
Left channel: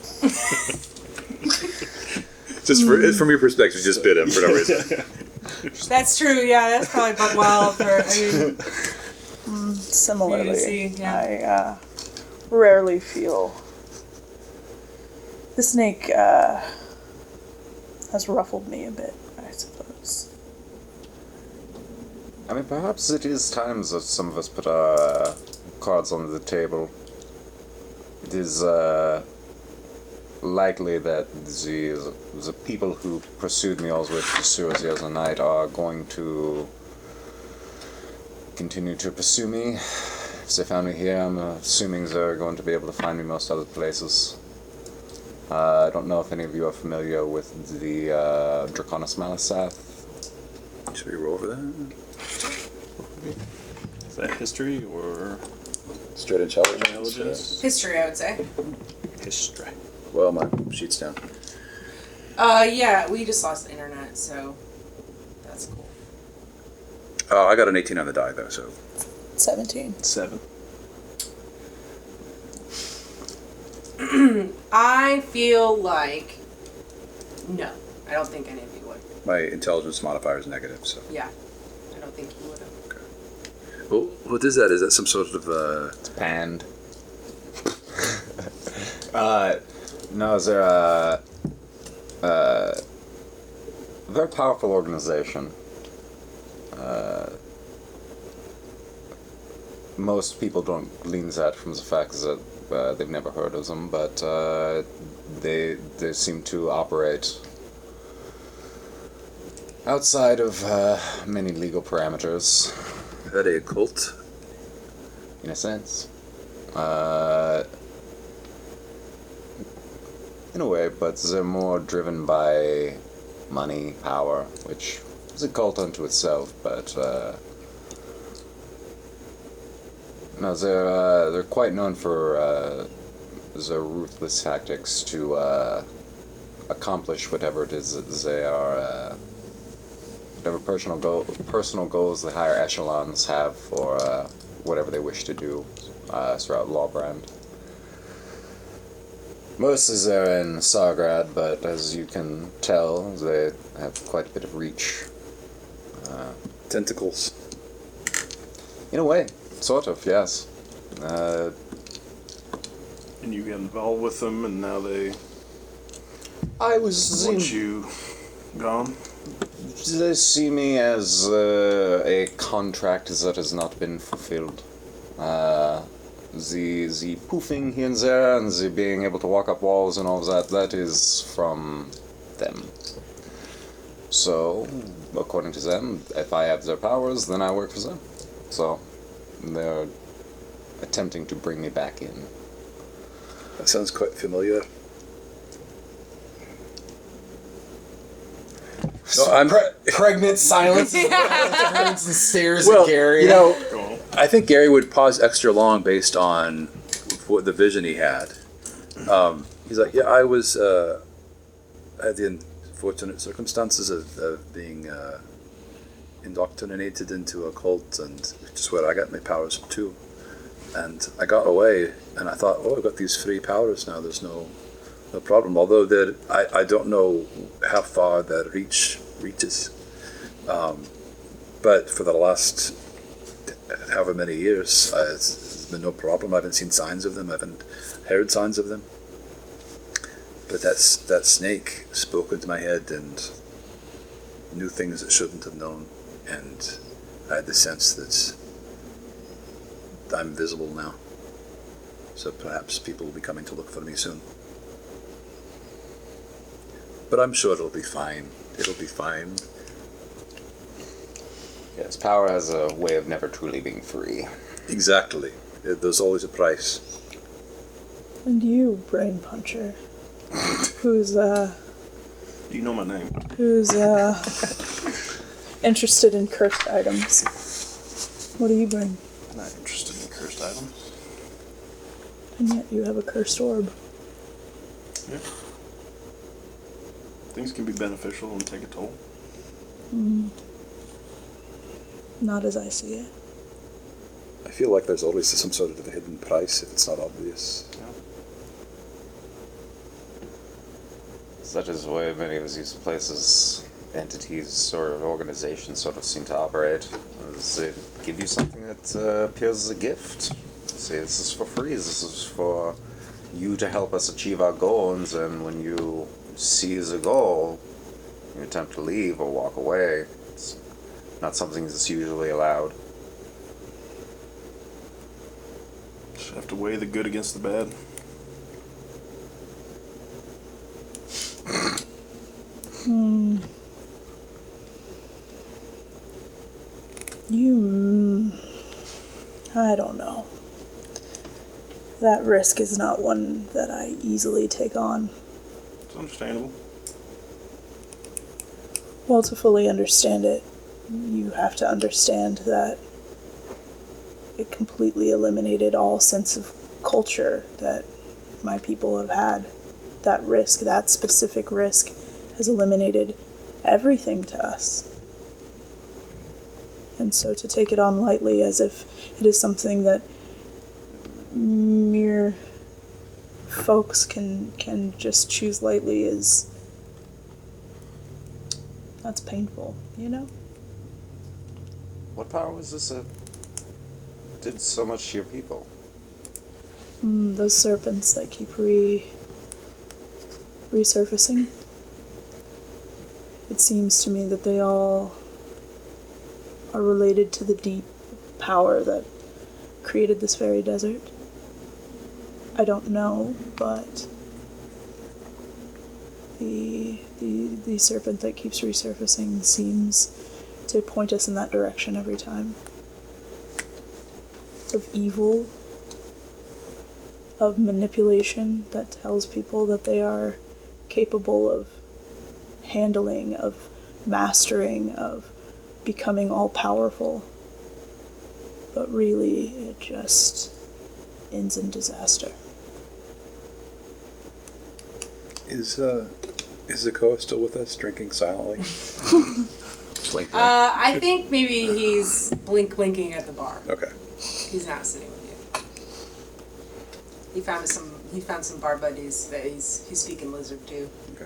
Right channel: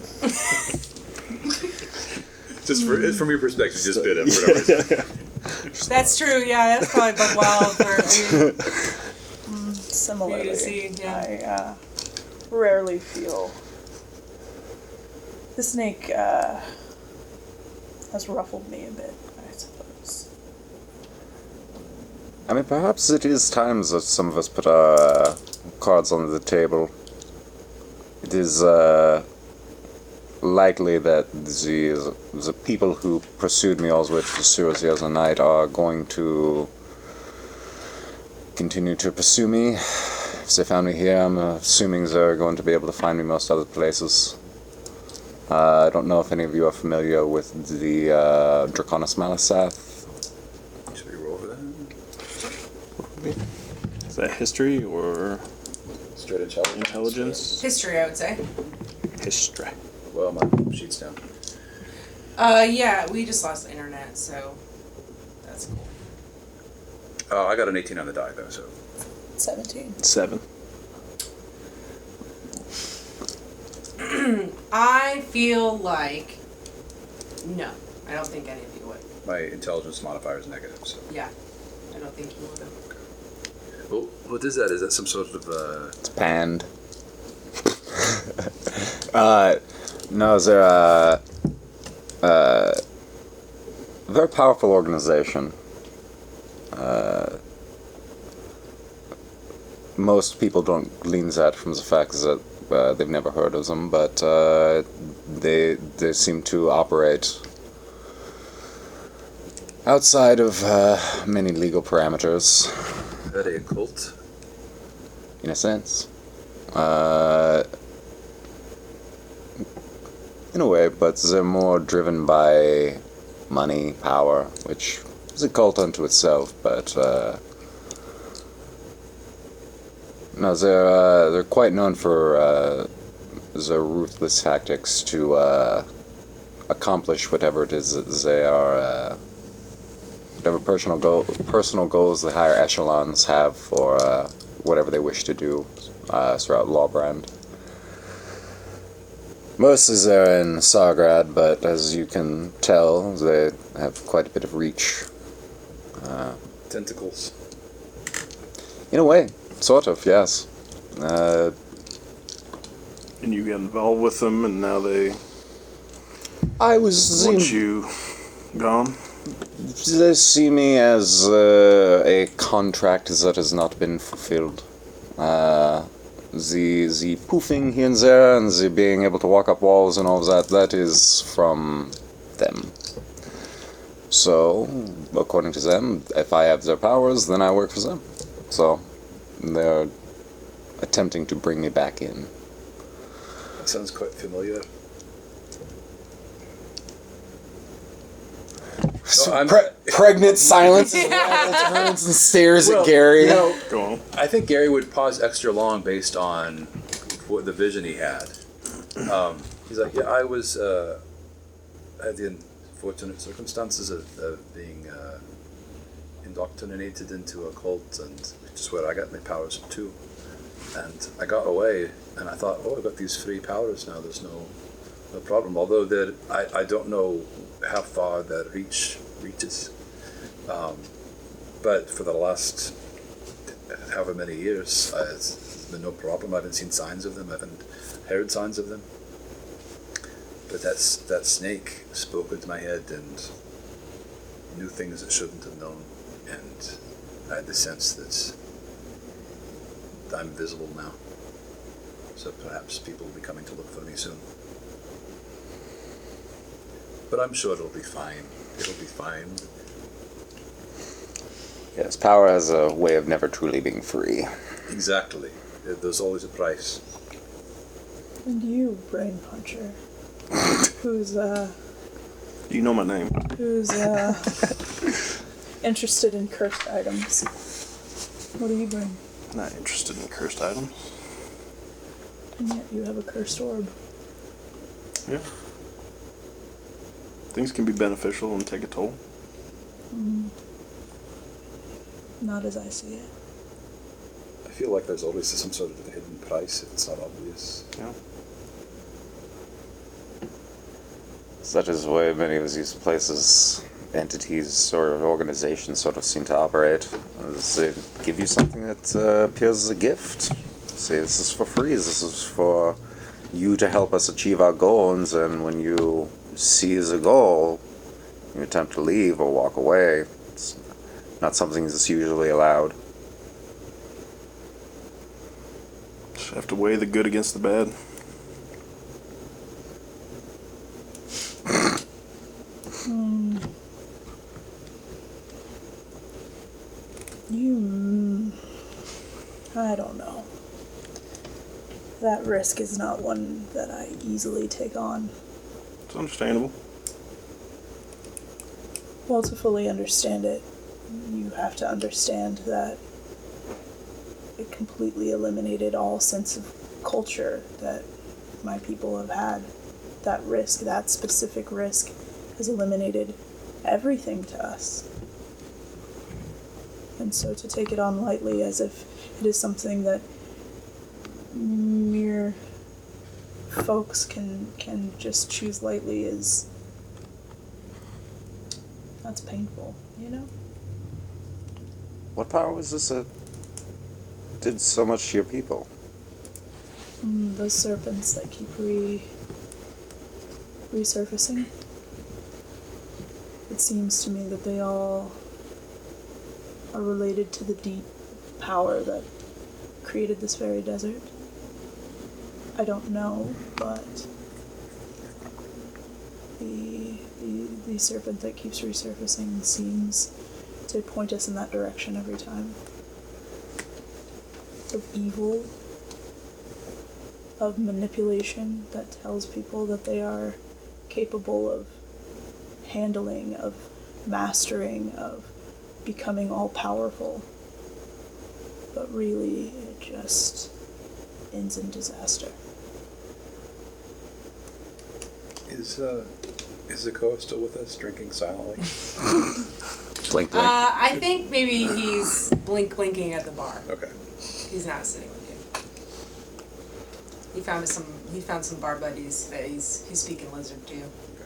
Just from your perspective, just bit him for no reason. That's true, yeah, that's probably buck wild for, Similarly, for you to see, yeah. I rarely feel the snake has ruffled me a bit, I suppose. I mean, perhaps it is time that some of us put our cards on the table. It is likely that the people who pursued me all the way to the sewers the other night are going to continue to pursue me. If they found me here, I'm assuming they're going to be able to find me most other places. I don't know if any of you are familiar with the Draconis Malisath. Should we roll over that? Is that history or Straight intelligence. intelligence? History, I would say. History. Well, my sheet's down. Yeah, we just lost the internet, so that's cool. I got an 18 on the die, though, so. 17. 7. I feel like, no, I don't think any of you would. My intelligence modifier is negative, so. Yeah, I don't think you would have. Well, what is that? Is that some sort of, It's panned. No, they're a very powerful organization. Most people don't glean that from the fact that they've never heard of them, but they seem to operate outside of many legal parameters, is that a cult? in a sense. In a way, but they're more driven by money, power, which is a cult unto itself, but no, they're quite known for their ruthless tactics to accomplish whatever it is that they are, whatever personal goals the higher echelons have for whatever they wish to do throughout Lawbrand. Mostly they're in Sargrad, but as you can tell, they have quite a bit of reach. Tentacles. In a way, sort of, yes. And you got involved with them, and now they I was want you gone. They see me as a contract that has not been fulfilled. The poofing here and there and the being able to walk up walls and all of that, that is from them. So, according to them, if I have their powers, then I work for them. So, they're attempting to bring me back in. That sounds quite familiar. No, I'm Pregnant silence. And stares at Gary. Go on. I think Gary would pause extra long based on what the vision he had. He's like, yeah, I had the unfortunate circumstances of being indoctrinated into a cult, and which is where I got my powers from too. And I got away, and I thought, oh, I've got these free powers now. There's no problem. Although I don't know how far that reaches. But for the last however many years, it's been no problem. I haven't seen signs of them. I haven't heard signs of them. But that snake spoke into my head and knew things it shouldn't have known. And I had the sense that I'm visible now. So perhaps people will be coming to look for me soon. But I'm sure it'll be fine. It'll be fine. Yes, power has a way of never truly being free. Exactly. There's always a price. And you, brain puncher, who's You know my name. interested in cursed items. What do you bring? Not interested in cursed items. And yet you have a cursed orb. Yeah. Things can be beneficial and take a toll. Not as I see it. I feel like there's always some sort of a hidden price if it's not obvious. Yeah. That is the way many of these places, entities, or organizations sort of seem to operate. They give you something that appears as a gift. Say, this is for free, this is for you to help us achieve our goals, and when you seize a goal, you attempt to leave or walk away. It's not something that's usually allowed. Just have to weigh the good against the bad. I don't know. That risk is not one that I easily take on. It's understandable. Well, to fully understand it, you have to understand that it completely eliminated all sense of culture that my people have had. That risk, that specific risk, has eliminated everything to us. And so to take it on lightly as if it is something that mere folks can just choose lightly that's painful, you know? What power was this that did so much to your people? Those serpents that keep resurfacing. It seems to me that they all are related to the deep power that created this very desert. I don't know, but the serpent that keeps resurfacing seems to point us in that direction every time. Of evil, of manipulation that tells people that they are capable of handling, of mastering, of becoming all powerful. But really, it just ends in disaster. Is Zakoa still with us, drinking silently? Blink, blink. I think maybe he's blinking at the bar. Okay. He's not sitting with you. He found some bar buddies that he's speaking lizard to. Okay.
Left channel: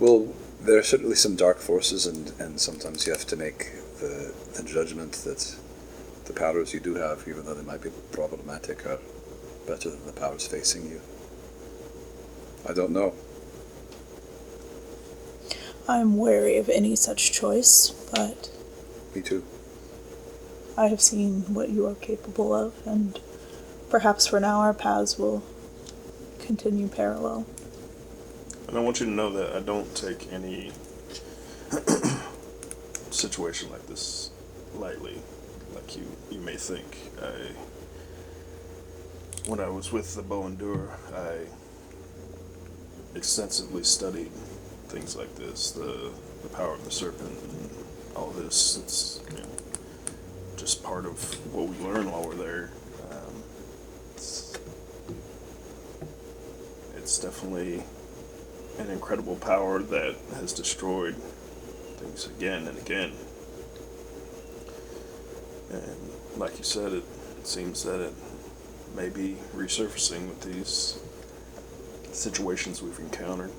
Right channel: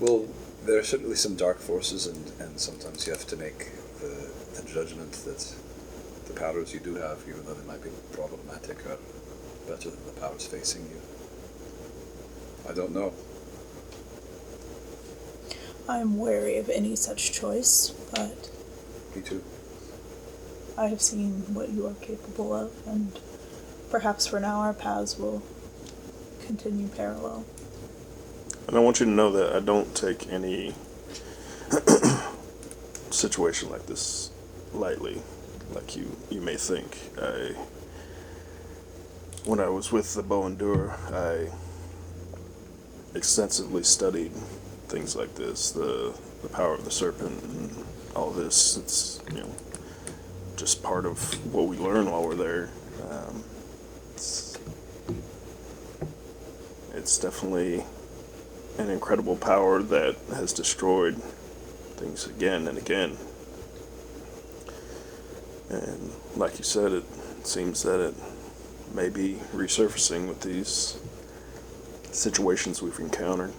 Well, there are certainly some dark forces, and sometimes you have to make the judgment that the powers you do have, even though they might be problematic, are better than the powers facing you. I don't know. I'm wary of any such choice, but Me too. I have seen what you are capable of, and perhaps for now our paths will continue parallel. And I want you to know that I don't take any situation like this lightly, like you may think. When I was with the Bow and Dur, I extensively studied things like this, the power of the Serpent, and all this. It's just part of what we learn while we're there. It's definitely an incredible power that has destroyed things again and again. And like you said, it seems that it may be resurfacing with these situations we've encountered.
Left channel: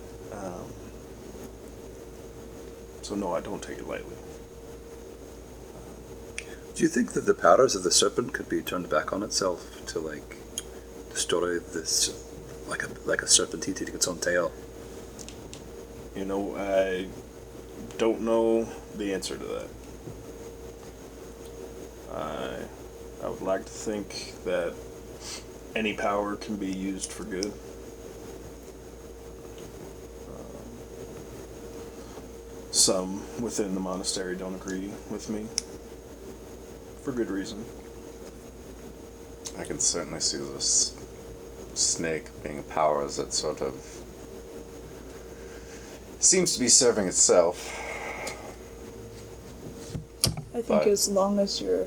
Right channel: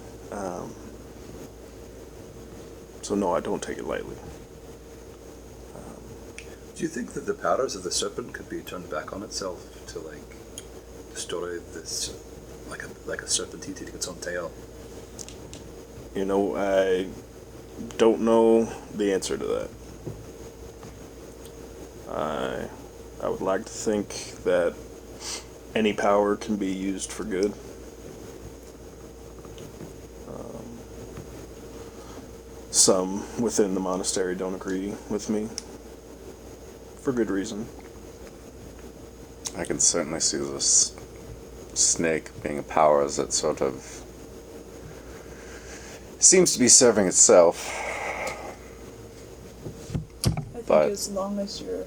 So no, I don't take it lightly. Do you think that the powers of the Serpent could be turned back on itself to destroy this, like a serpent eating its own tail? I don't know the answer to that. I would like to think that any power can be used for good. Some within the monastery don't agree with me, for good reason. I can certainly see this snake being a power that sort of seems to be serving itself. I think But- as long as your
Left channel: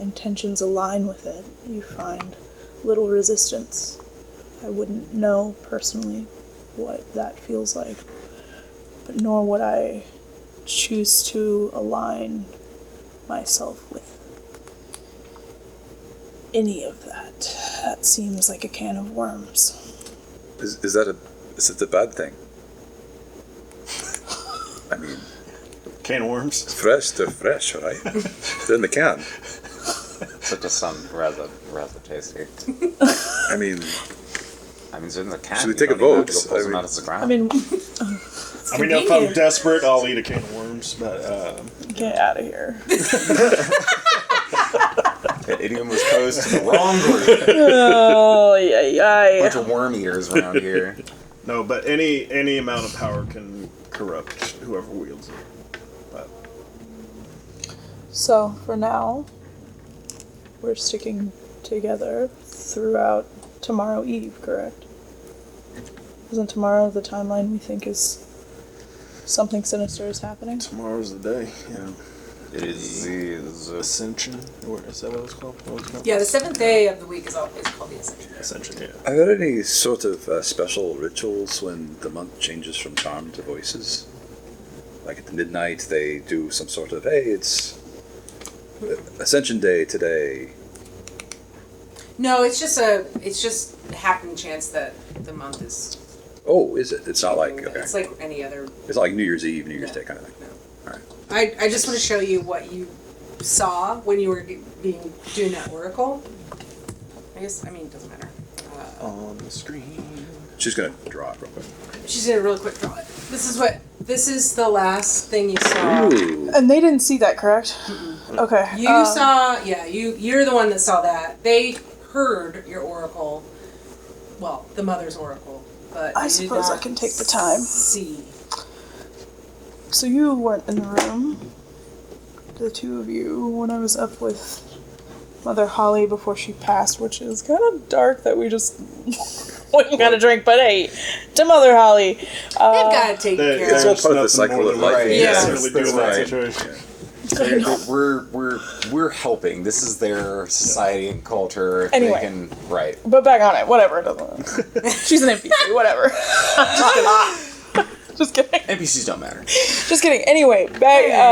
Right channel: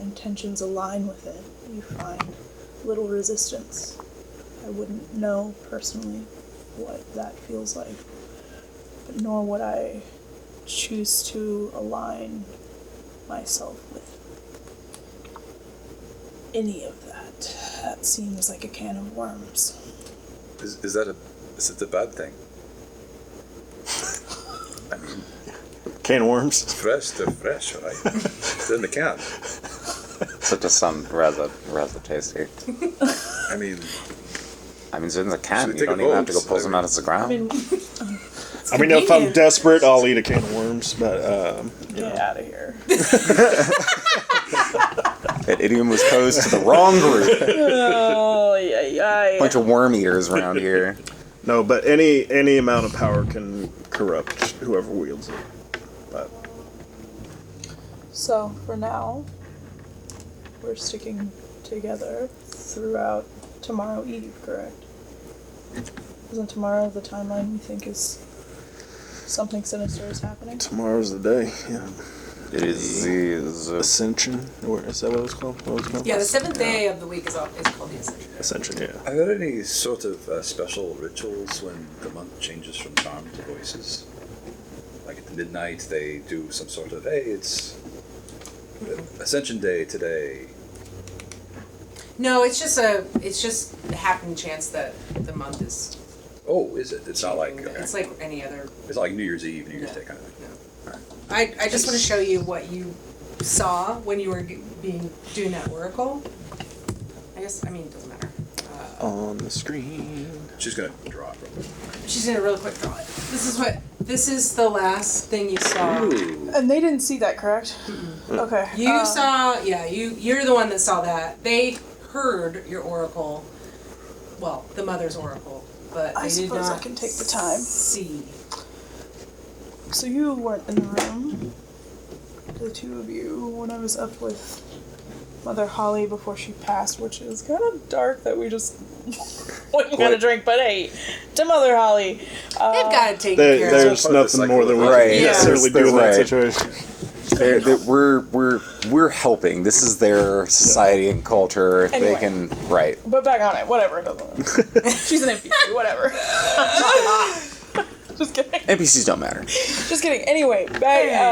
intentions align with it, you find little resistance. I wouldn't know personally what that feels like, but nor would I choose to align myself with any of that. That seems like a can of worms. Is it a bad thing? I mean, Can of worms? they're fresh, right? They're in the can. So it does sound rather tasty. I mean, it's in the can. Should we You take a don't even have to vote? go pull them out of the ground. I mean, It's I mean, if I'm convenient. desperate, I'll eat a can of worms, but get out of here. That idiom was posed to the wrong group. Oh, yeah. Bunch of worm eaters around here. no, but any amount of power can corrupt whoever wields it. But So, for now, we're sticking together throughout tomorrow Eve, correct? Isn't tomorrow the timeline we think is something sinister is happening? tomorrow's the day. Yeah. It is the Ascension, or is that what it's called? Yeah, the 7th day of the week is called the Ascension Day. Ascension. Yeah. are there any sort of special rituals when the month changes from charm to voices? Like at the midnight, they do some sort of, hey, it's Ascension Day today. No, it's just a happen chance that the month is Oh, is it? It's not changing. like, okay. It's like any other. It's like New Year's Eve, New Year's No, Day kind of thing. no. All right. I just want to show you what you saw when you were doing that oracle. I it doesn't matter. On the screen. She's gonna draw it real quick. She's gonna really quick draw it. This is the last thing you saw. Ooh. And they didn't see that, correct? Okay. You saw, you're the one that saw that. They heard your oracle, well, the mother's oracle, but I they did suppose not I can take the time. see. So you weren't in the room, the two of you, when I was up with Mother Holly before she passed, which is kind of dark that we just what you gotta drink, but hey, to Mother Holly. They've got it taken care of. There's Part of the nothing cycle more of than life. we Right. can Yeah. necessarily do in that Right. situation. We're helping. This is their society and culture. If Anyway. they can, right? But back on it, whatever. It doesn't. She's an NPC, whatever. Just kidding. NPCs don't matter. Just kidding. Anyway, back Hey.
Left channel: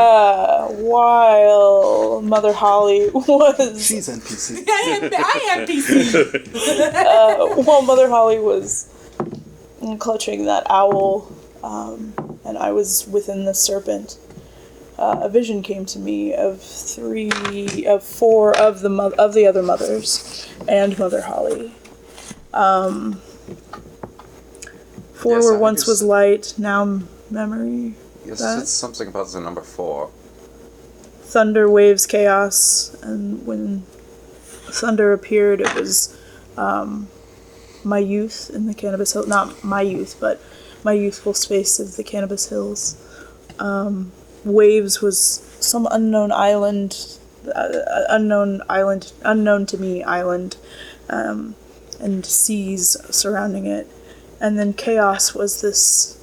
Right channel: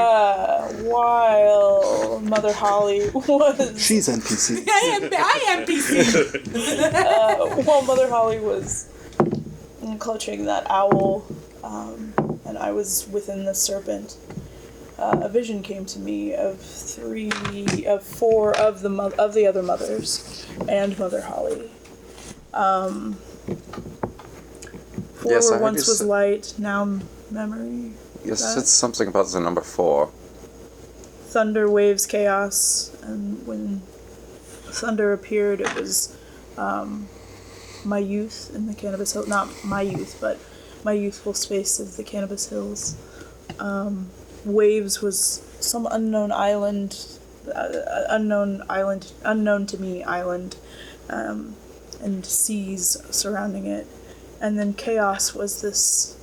while Mother Holly was She's NPC. I am PC. while Mother Holly was clutching that owl, and I was within the serpent, a vision came to me of four of the other mothers and Mother Holly. Four Yes, I were heard once you was say- light, now memory. Yes, That? it's something about the number 4. Thunder, waves, chaos, and when thunder appeared, it was my youth in the Cannabis Hills. Not my youth, but my youthful space of the Cannabis Hills. Waves was some unknown to me island, and seas surrounding it. And then chaos was this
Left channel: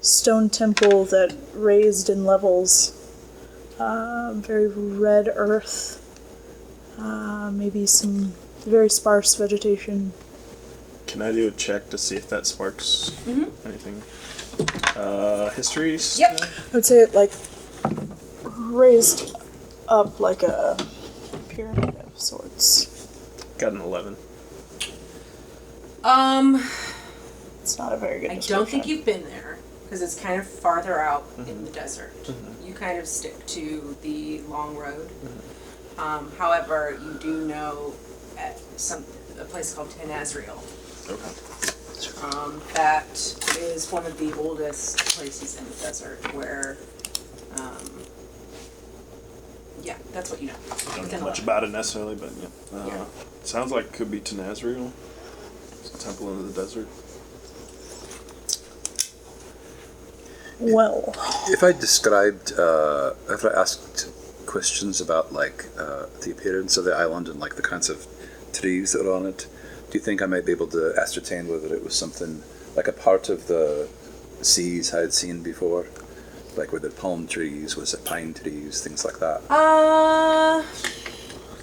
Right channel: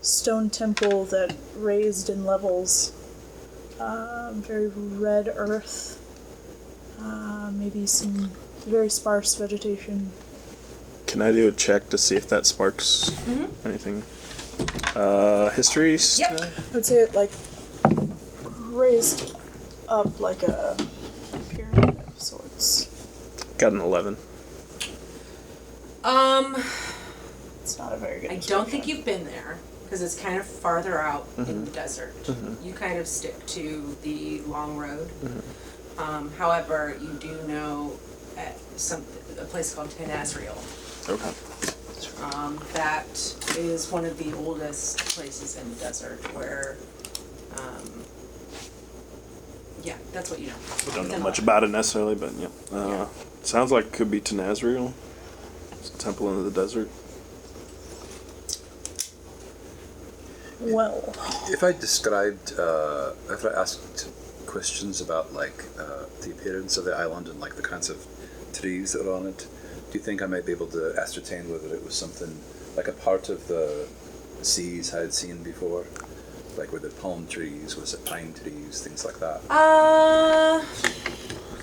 stone temple that raised in levels. Very red earth, maybe some very sparse vegetation. Can I do a check to see if that sparks anything? History? Yep. I'd say it like raised up like a pyramid of sorts. Got an 11. It's not a very good. I don't think you've been there because it's kind of farther out in the desert. You kind of stick to the long road. However, you do know a place called Tenazriel. Okay. That is one of the oldest places in the desert where, yeah, that's what you know. Don't Within know much 11. about it necessarily, but yeah. Yeah. Sounds like it could be Tenazriel. It's a temple in the desert. Well, If I described, if I asked questions about like the appearance of the island and like the kinds of trees that are on it, do you think I might be able to ascertain whether it was something like a part of the seas I had seen before? Like were there palm trees, was it pine trees, things like that?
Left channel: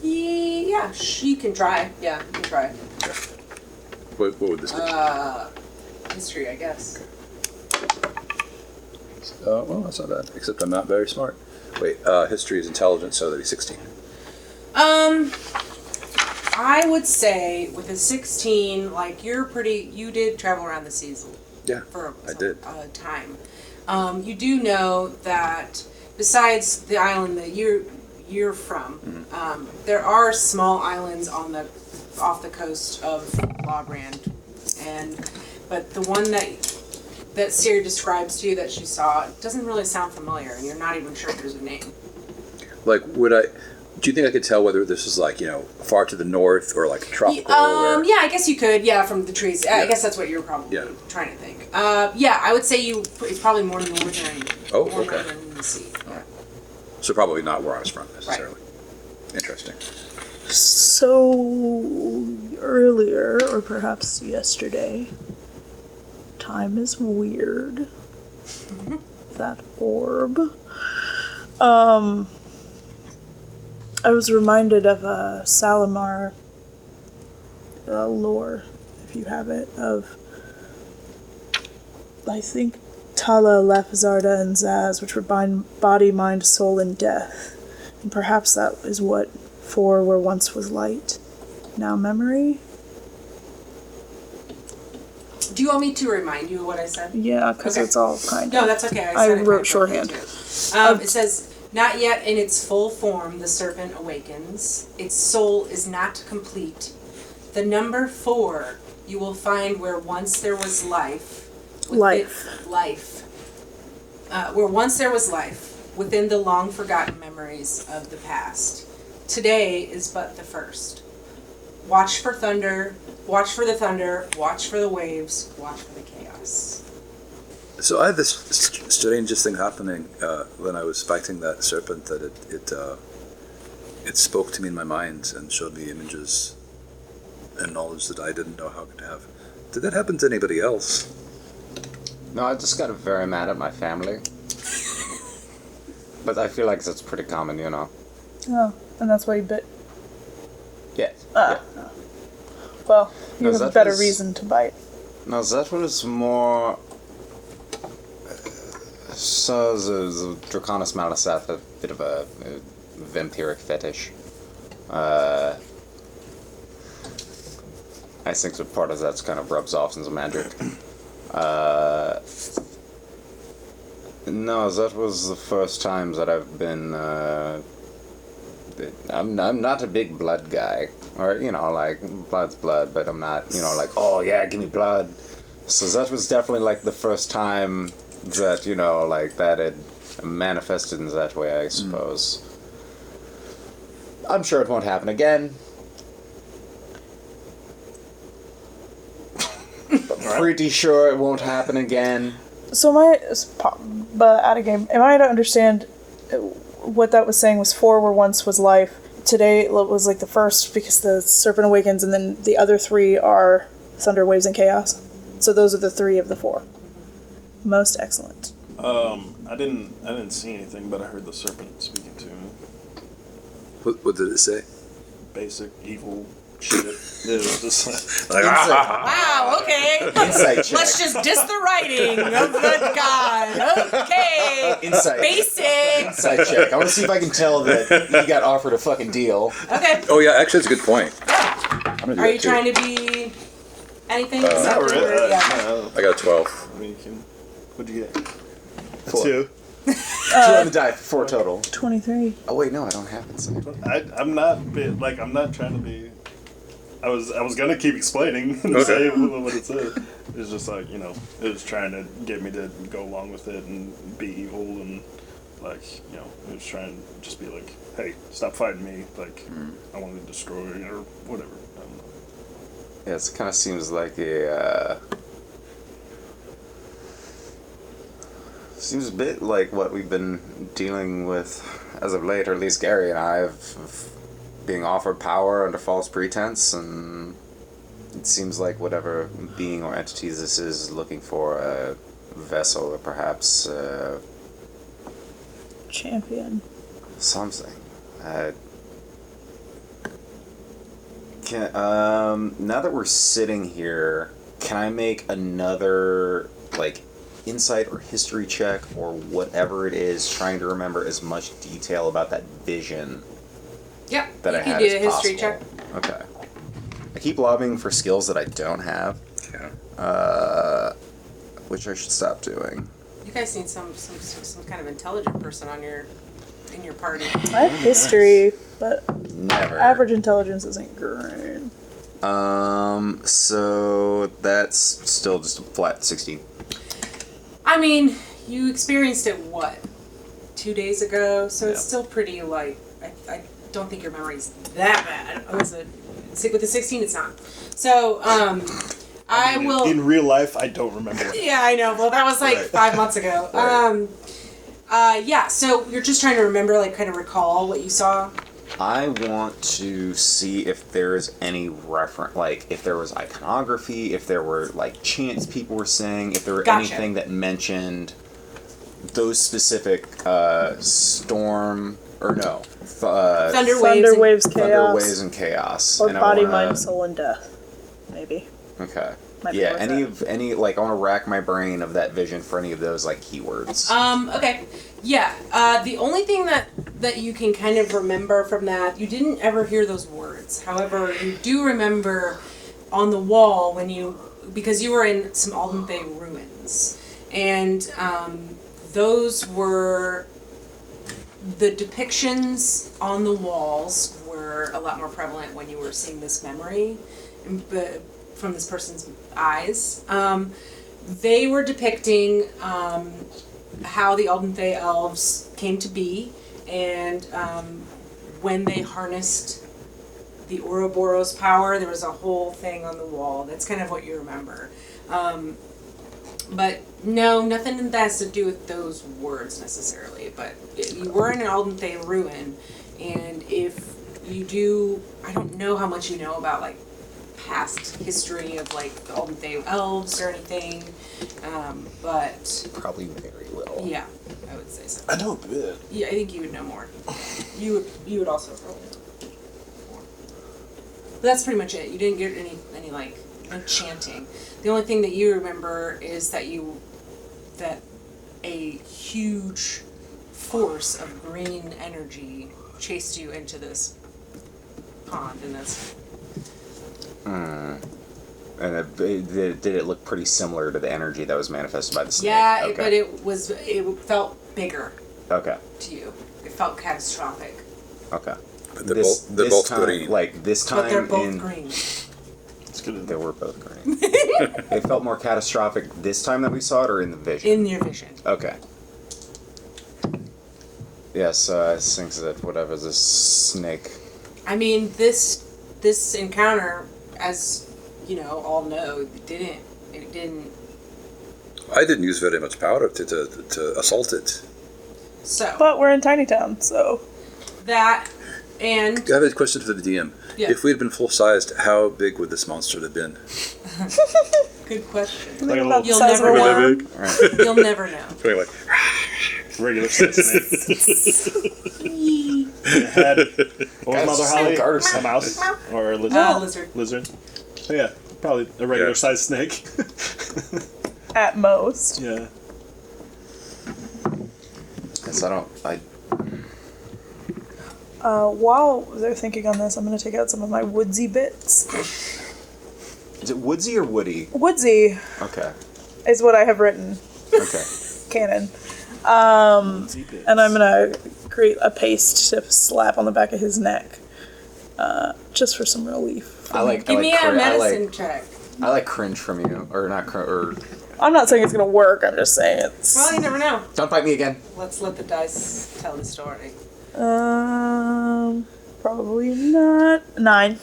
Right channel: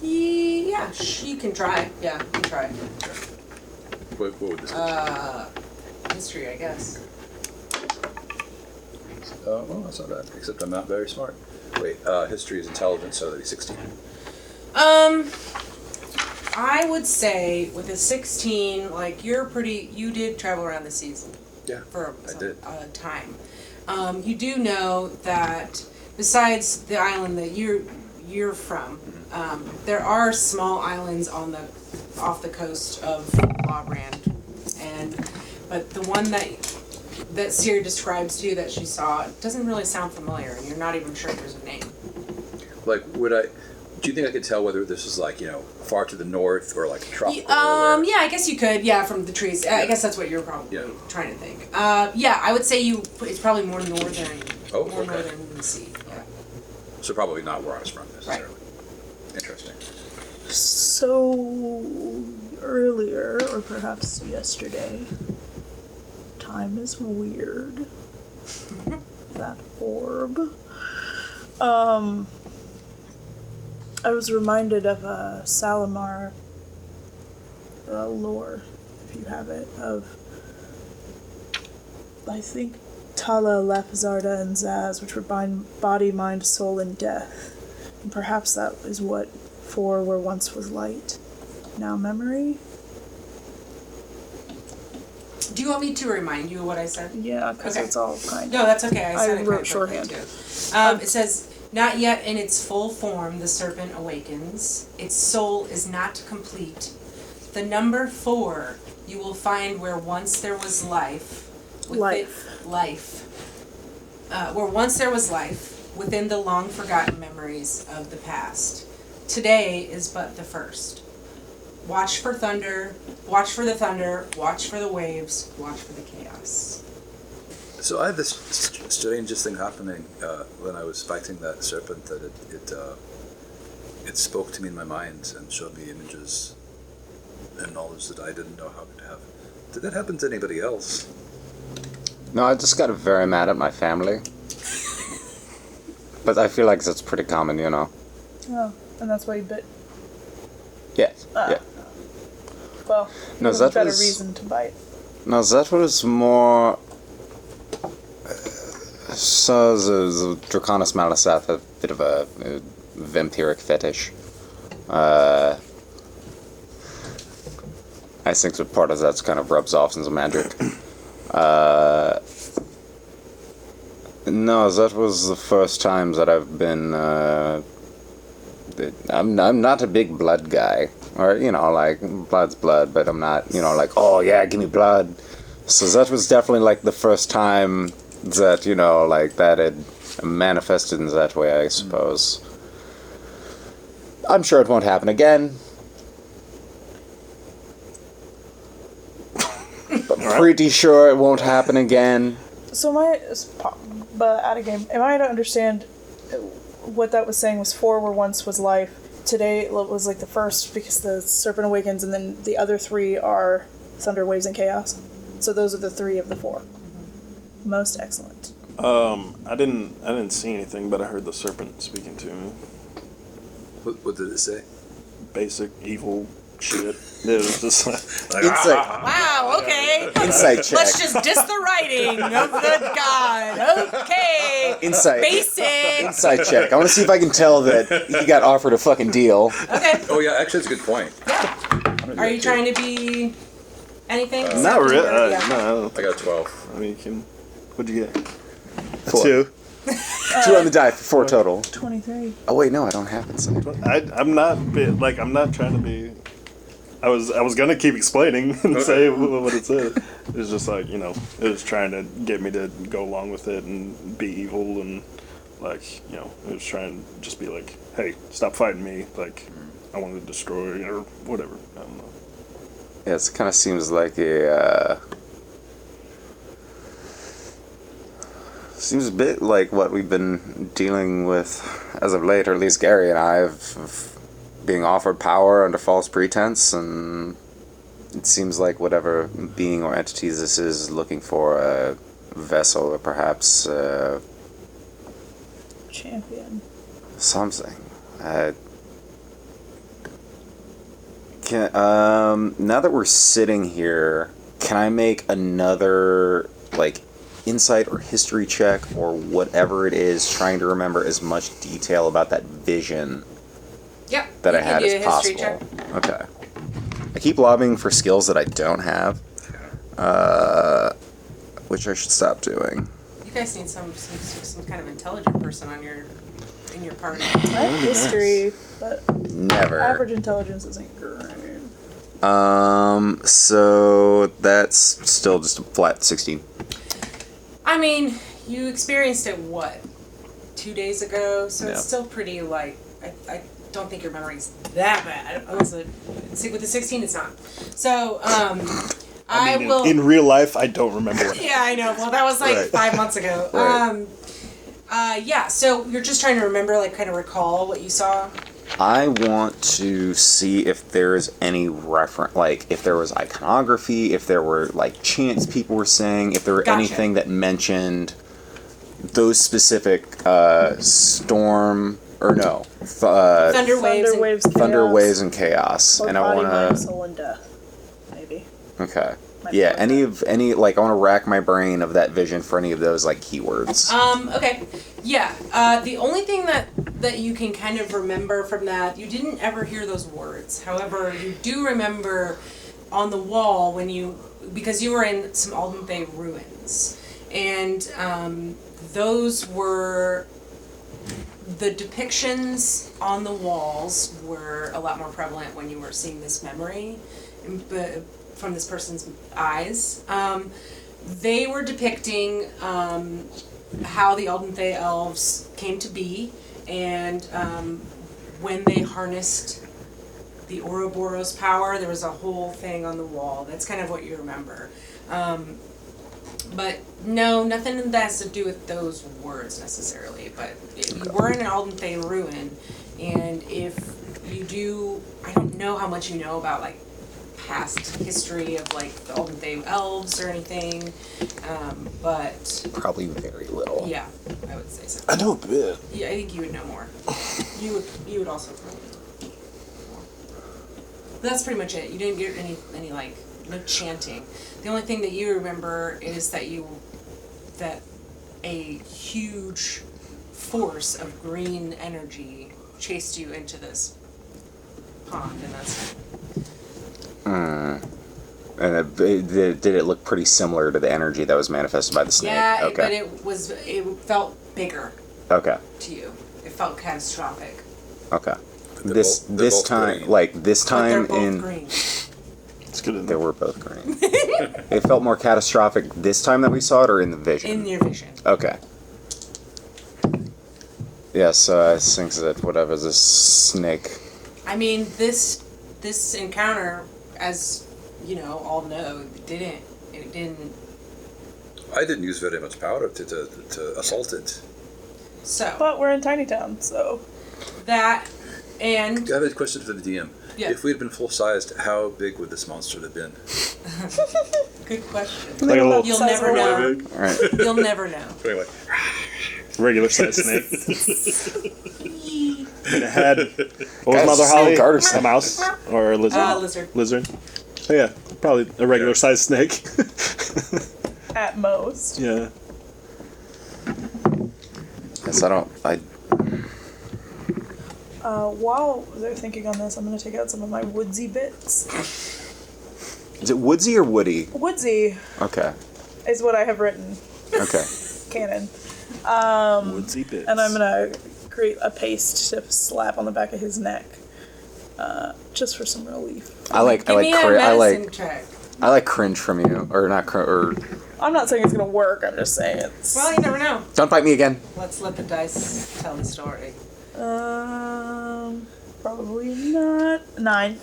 Yeah, you can try. Yeah, you can try. What would this History, I guess. well, that's not bad, except I'm not very smart. Wait, history is intelligence, so that'd be 16. I would say with a 16, like you did travel around the seas Yeah, for I some did. time. You do know that besides the island that you're from, there are small islands off the coast of Lawbrand, but the one that Seer describes to you that she saw doesn't really sound familiar, and you're not even sure there's a name. Like, do you think I could tell whether this was like, far to the north or like tropical? Yeah, I guess you could. Yeah, from the trees. I guess that's what you were probably Yeah. trying to think. Yeah, I would say it's probably more northern, Oh, more okay. northern than the sea. Yeah. So probably not where I was from necessarily. Right. Interesting. so earlier, or perhaps yesterday, time is weird. That orb. I was reminded of a Salamar lore, if you have it, of, I think, Tala, Lafazarda, and Zaz, which were body, mind, soul, and death. And perhaps that is what 4 where once was light, now memory? Do you want me to remind you of what I said? Yeah, because Okay. it's all kind No, that's okay. I said I it kind wrote of quickly shorthand. too. It says, "Not yet in its full form, the serpent awakens. Its soul is not complete. The number 4 you will find where once there was life. Where once there was life, within the long forgotten memories of the past. Today is but the first. Watch for thunder, watch for the thunder, watch for the waves, watch for the chaos." So I had this strangest thing happening when I was fighting that serpent, that it spoke to me in my mind and showed me images and knowledge that I didn't know how to have. Did that happen to anybody else? No, I just got very mad at my family. But I feel like that's pretty common, you know. Oh, and that's why you bit. Yeah. Yeah. Well, No, there's a that better was- reason to bite. No, that was more. So the Draconis Malasat, a bit of a vampiric fetish. I think that part of that kind of rubs off in the magic. No, that was the first time that I've been. I'm not a big blood guy, or like blood's blood, but I'm not like, oh yeah, give me blood. So that was definitely like the first time that like that had manifested in that way, I suppose. I'm sure it won't happen again. But pretty sure it won't happen again. So but out of game, am I to understand what that was saying was 4 where once was life? Today was like the first because the Serpent awakens, and then the other 3 are Thunder, Waves, and Chaos. So those are the 3 of the 4. Mm-hmm. Most excellent. I didn't see anything, but I heard the serpent speaking to me. What did it say? Basic evil shit. It was just like, Insight, Wow, okay. insight check. Let's just diss the writing of the god. Okay. Insight. Basic. Insight check. I want to see if I can tell that you got offered a fucking deal. Okay. Oh yeah, actually, that's a good point. Yeah. I'm gonna do Are that you too. trying to be anything deceptive? really. Or, yeah, okay. I don't. I got a 12. I mean, you can. What'd you get? 4. 2. 2 on the die, 4 total. 23. Oh wait, no, I don't have insight. I'm not I'm not trying to be. I was gonna keep explaining and say what it said. It was just like it was trying to get me to go along with it and be evil and it was trying to just be like, hey, stop fighting me. Like I want to destroy or whatever. I don't know. Yeah, it kind of seems like a. Seems a bit like what we've been dealing with as of late, or at least Gary and I, of being offered power under false pretense, and it seems like whatever being or entity this is looking for a vessel or perhaps Champion. something. Now that we're sitting here, can I make another insight or history check or whatever it is, trying to remember as much detail about that vision Yep. that You I can had do as a history check. possible? Okay. I keep lobbying for skills that I don't have, which I should stop doing. You guys need some kind of intelligent person in your party. I have history, but Never. average intelligence isn't great. So that's still just a flat 16. I mean, you experienced it 2 days ago, so it's Yeah. still pretty I don't think your memory's that bad. Unless with the 16, it's not. So I will. In real life, I don't remember. Yeah, I know. Well, that was Right. 5 months ago. Yeah. So you're just trying to remember, kind of recall what you saw. I want to see if there's any reference, if there was iconography, if there were chants people were saying, if there were Gotcha. anything that mentioned those specific storm or no Thunder waves and Waves, thunder Chaos, waves and chaos. or And Body, I Mind, want Soul, and Death. Maybe. okay. Might be Yeah, worth any it. of any I want to rack my brain of that vision for any of those keywords. Okay. Yeah. The only thing that you can kind of remember from that, you didn't ever hear those words. However, you do remember on the wall because you were in some Aldenthay ruins, and those were the depictions on the walls were a lot more prevalent when you were seeing this memory, but from this person's eyes. They were depicting how the Aldenthay elves came to be, and when they harnessed the Auroboros power, there was a whole thing on the wall. That's kind of what you remember. But no, nothing that has to do with those words necessarily. But you were in an Aldenthay ruin, and if you do, I don't know how much you know about past history of like the Olden Thay elves or anything, but Probably very little. yeah, I would say so. I know a bit. Yeah, I think you would know more. Yeah. You would also probably know more. But that's pretty much it. You didn't get any like no chanting. The only thing that you remember is that a huge force of green energy chased you into this pond, and that's And did it look pretty similar to the energy that was manifested by the snake? yeah. Okay. But it felt bigger Okay. to you. It felt catastrophic. Okay. They're This both- they're both time, green. like this time, But they're both in- green. It's good enough. They were both green. It felt more catastrophic this time that we saw it, or in the vision. In your vision. Okay. Yeah, so I think that whatever this snake. I mean, this encounter, as you know, all know, it didn't. I didn't use very much power to assault it. So But we're in Tiny Town, so that and I have a question for the DM. Yeah. If we had been full sized, how big would this monster have been? good question. Like a little You'll never know. big, All right. You'll never know. like regular size snake. Yee. Had, what was Guys, Mother Holly? Carter A snake. mouse or a lizard? Lizard. Lizard. Oh, yeah, probably a regular Yeah. size snake. at most. Yeah. Guess I While they're thinking on this, I'm going to take out some of my Woodsy bits. Is it Woodsy or Woody? Woodsy Okay. is what I have written, Okay. canon. And I'm going to create a paste to slap on the back of his neck, just for some relief. Give me a medicine check. I like cringe from you, or not or I'm not saying it's going to work, I'm just saying it's... Well, you never know. don't bite me again. Let's let the dice tell the story. Probably not. 9.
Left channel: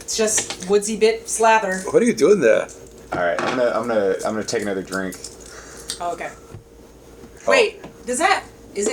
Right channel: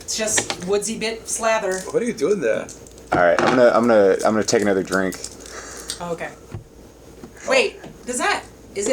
It's just woodsy bit slather. What are you doing there? All right, I'm gonna take another drink. Oh, okay. Wait, is it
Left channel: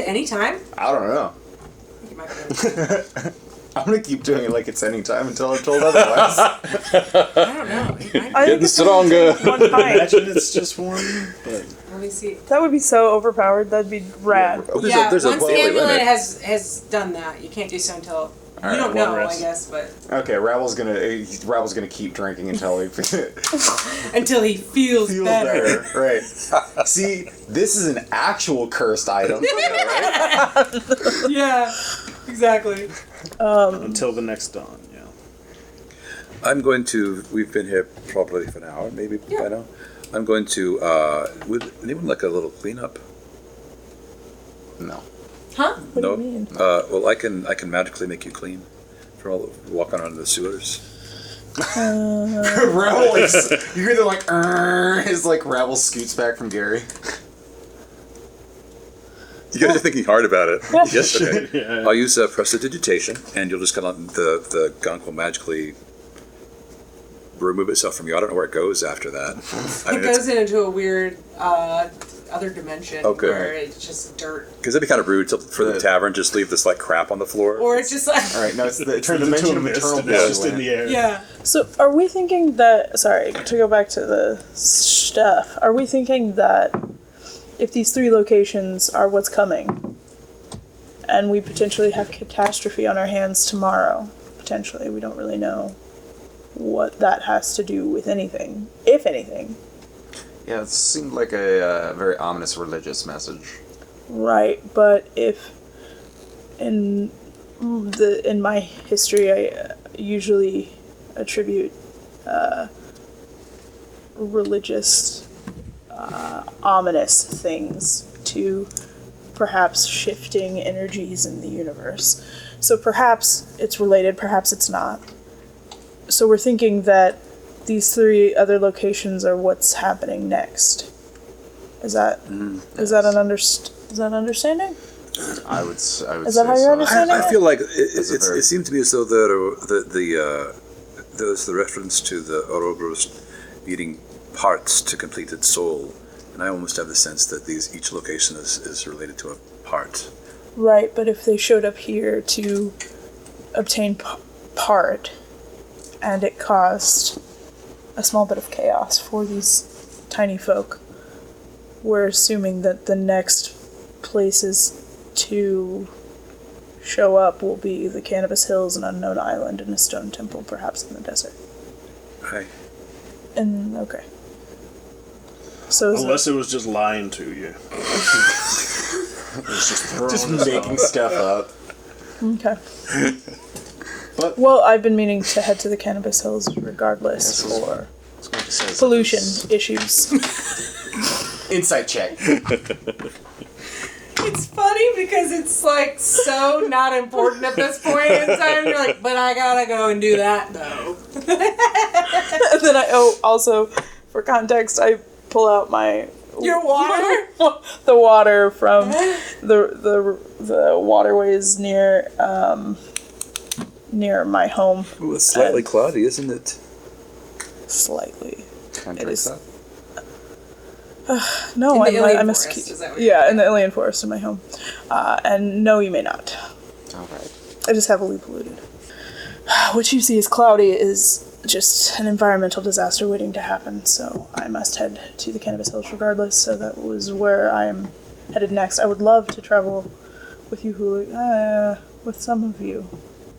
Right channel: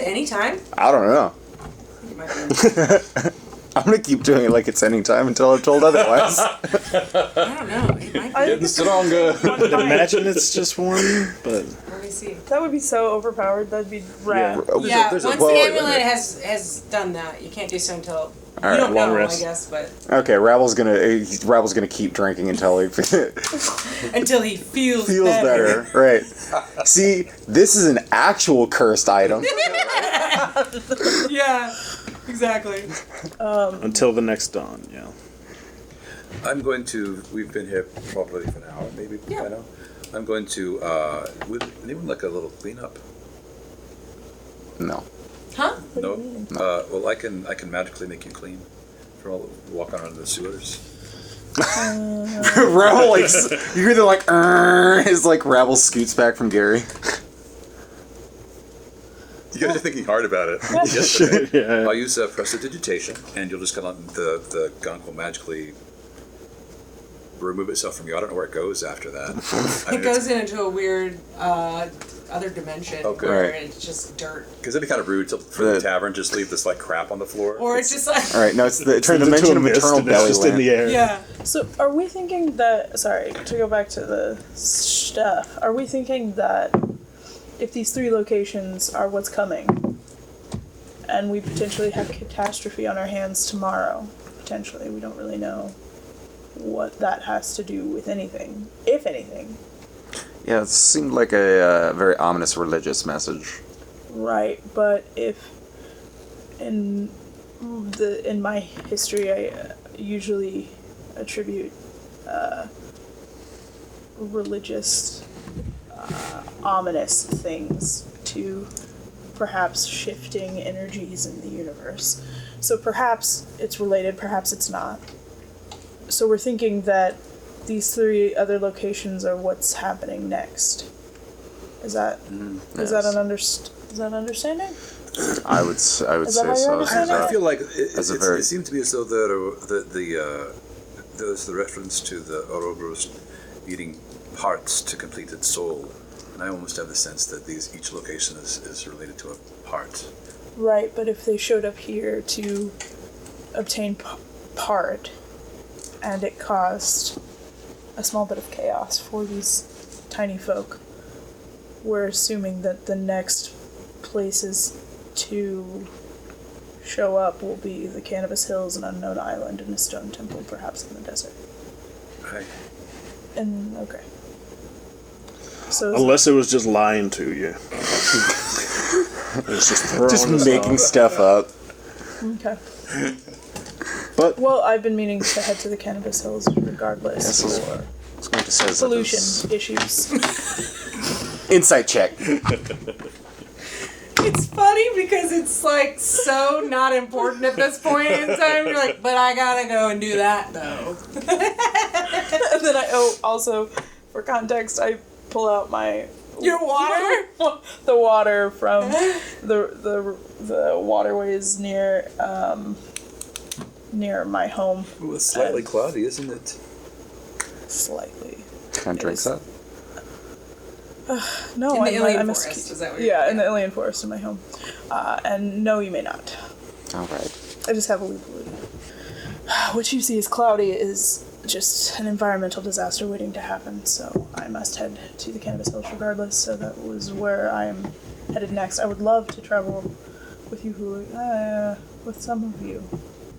any time? I don't know. I think it might be any time. I'm gonna keep doing it like it's any time until I'm told otherwise. I don't know. It might I be. think it's Stronger. one bite. Imagine it's just one, but Let me see. That would be so overpowered. That'd be rad. Yeah, there's a once the lower amulet limit. has done that, you can't do so until you right, don't long know, I rest. guess, but Okay, Ravel's gonna keep drinking until he until he feels, feels better. Right. See, this is an actual cursed item. Yeah, exactly. until the next dawn. Yeah. I'm going to. We've been here probably for an hour, maybe Yeah. by now. I'm going to. Would anyone like a little cleanup? No. Huh? No. Well, I can magically make you clean for all the walking around in the sewers. Ravel like you hear the like his like Ravel scoots back from Gary. You guys are thinking hard about it. Yesterday, Yeah. I'll use prestidigitation, and you'll just kind of the gunk will magically remove itself from you. I don't know where it goes after that. It goes into a weird other dimension Okay. where it's just dirt, Because that'd be kind of rude for the tavern. Just leave this like crap on the floor. or it's just like All right, no, it's the Turns into dimension a of mist eternal and it's just in the belly. air. yeah. So, are we thinking that... Sorry, to go back to the stuff. Are we thinking that if these 3 locations are what's coming, and we potentially have catastrophe on our hands tomorrow, potentially, we don't really know what that has to do with anything, if anything. Yeah, it seemed like a very ominous religious message. Right, but if in my history I usually attribute religious ominous things to perhaps shifting energies in the universe. So perhaps it's related, perhaps it's not. So we're thinking that these 3 other locations are what's happening next. Is that is that an understanding? I would say Is that how you're so. understanding I feel like very- it seemed to me as though there was the reference to the Auroboros needing parts to complete its soul, and I almost have the sense that each location is related to a part. Right, but if they showed up here to obtain part, and it caused a small bit of chaos for these tiny folk. We're assuming that the next places to show up will be the Cannabis Hills, an unknown island, and a stone temple, perhaps in the desert. Right. And okay. So Unless it was just lying to you. It was just throwing Just us making off. stuff up. okay. But Well, I've been meaning to head to the Cannabis Hills regardless Yes, for I was going to say something. pollution issues. Insight check. It's funny because it's like so not important at this point in time. You're like, but I gotta go and do that though. And then also, for context, I pull out my Your water? the water from the waterways near my home. Ooh, it's slightly cloudy, isn't it? Slightly. Can I drink is- that? No, In the I'm alien a forest, ski- is that what Yeah, in the alien forest in my home. And no, you may not. All right. I just heavily polluted. What you see as cloudy is just an environmental disaster waiting to happen, so I must head to the Cannabis Hills regardless, so that was where I am headed next. I would love to travel with you, with some of you.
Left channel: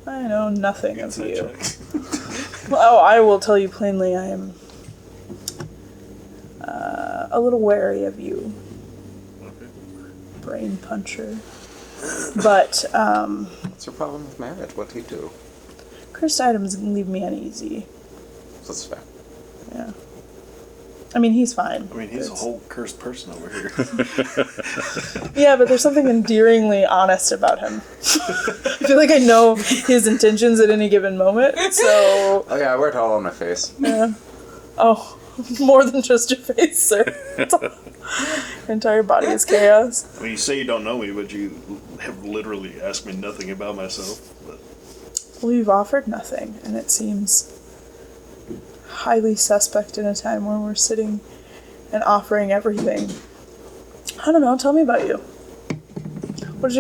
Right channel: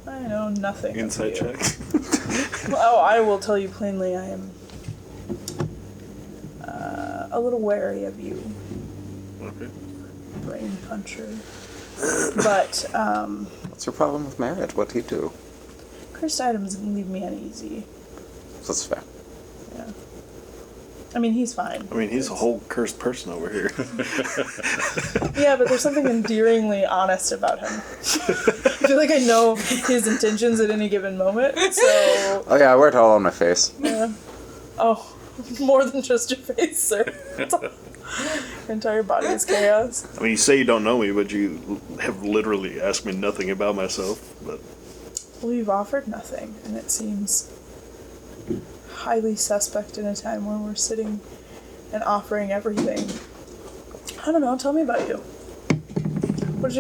I know nothing of insight you. check. Well, I will tell you plainly, I am a little wary of you, brain puncher. But, What's your problem with marriage? What do you do? cursed items leave me uneasy. That's fair. Yeah. I mean, he's fine. I mean, he's a whole cursed person over here. Yeah, but there's something endearingly honest about him. I feel like I know his intentions at any given moment, so... Oh yeah, I wear it all on my face. Yeah. Oh, more than just your face, sir. Your entire body is chaos. I mean, you say you don't know me, but you have literally asked me nothing about myself. But We've offered nothing, and it seems highly suspect in a time where we're sitting and offering everything. I don't know, tell me about you. What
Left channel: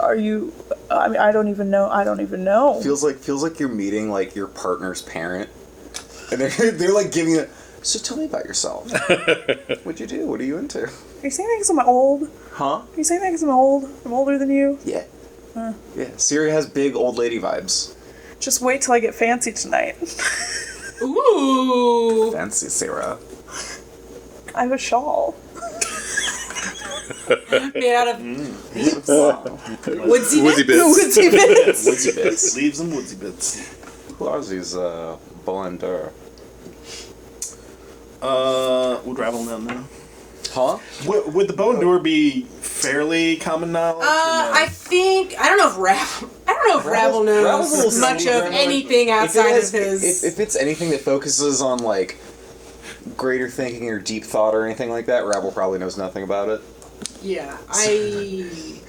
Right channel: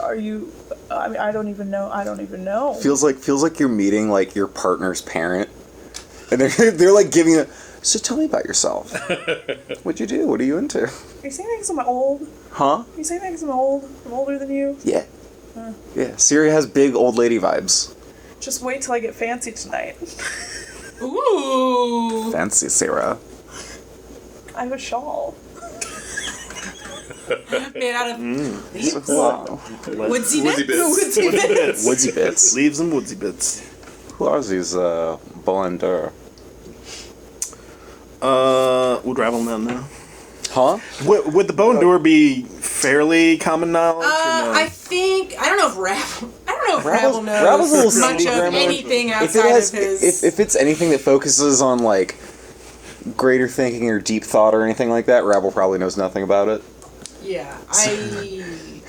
are you, I mean, I don't even know. Feels like you're meeting like your partner's parent, and they're like giving it. So tell me about yourself. What'd you do? What are you into? Are you saying that because I'm old? Huh? Are you saying that because I'm old? I'm older than you? Yeah. Yeah. Siri has big old lady vibes. Just wait till I get fancy tonight. Ooh. Fancy Sarah. I have a shawl. Made out of leaves? Wow. Woodsy bits? Woodsy bits. Woodsy bits. leaves and woodsy bits. Who are these Bonder? Would Ravelman know? Huh? Would the bone door be fairly common knowledge? I don't know if Ravel knows Ravel's much of anything outside of If his. it's anything that focuses on like greater thinking or deep thought or anything like that, Ravel probably knows nothing about it. Yeah, I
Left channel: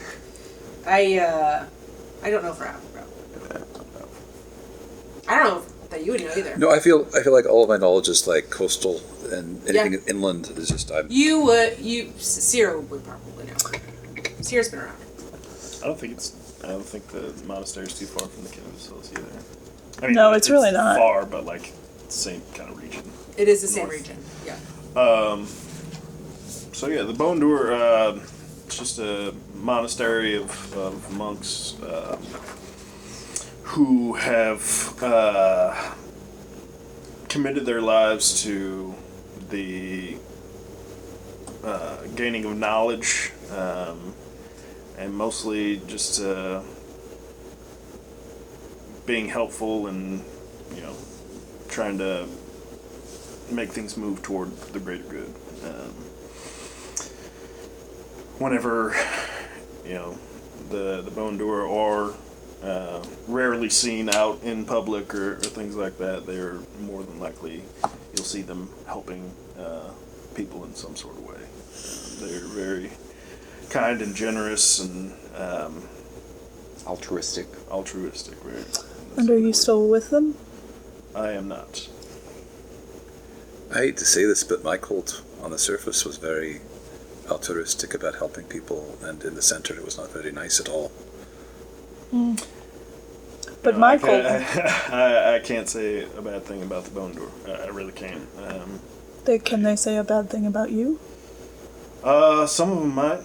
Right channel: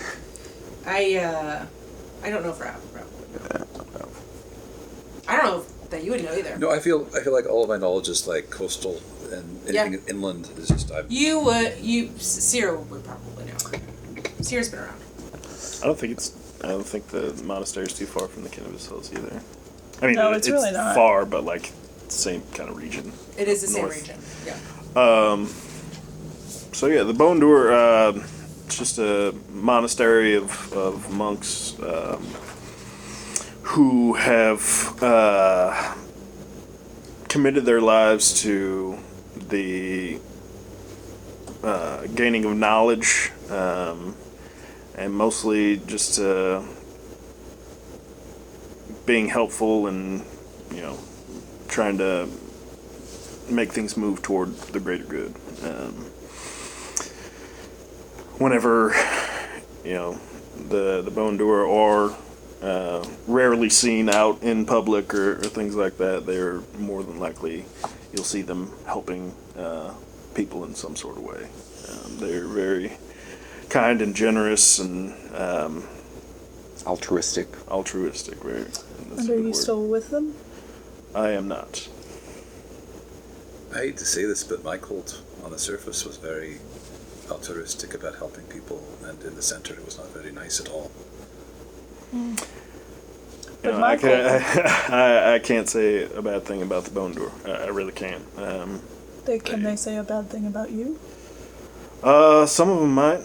don't know if Ravel would know. I don't know if that you would know either. No, I feel like all of my knowledge is like coastal and anything inland is just Cyril would probably know. Cyril's been around. I don't think the monastery is too far from the Cannabis Hills either. I mean, No, it's really not. far, but like same kind of region. It is the same region. Yeah. So yeah, the Bone Door, it's just a monastery of monks who have committed their lives to the gaining of knowledge, and mostly just being helpful and trying to make things move toward the greater good. Whenever the Bone Door are rarely seen out in public or things like that, they're more than likely you'll see them helping people in some sort of way. They're very kind and generous and Altruistic. very. And are you still with them? I am not. I hate to say this, but my cult on the surface was very altruistic about helping people, and in the center it was not very nice at all. But my I can't say a bad thing about the bone door. I really can't. Can they say a bad thing about you? Some of them might,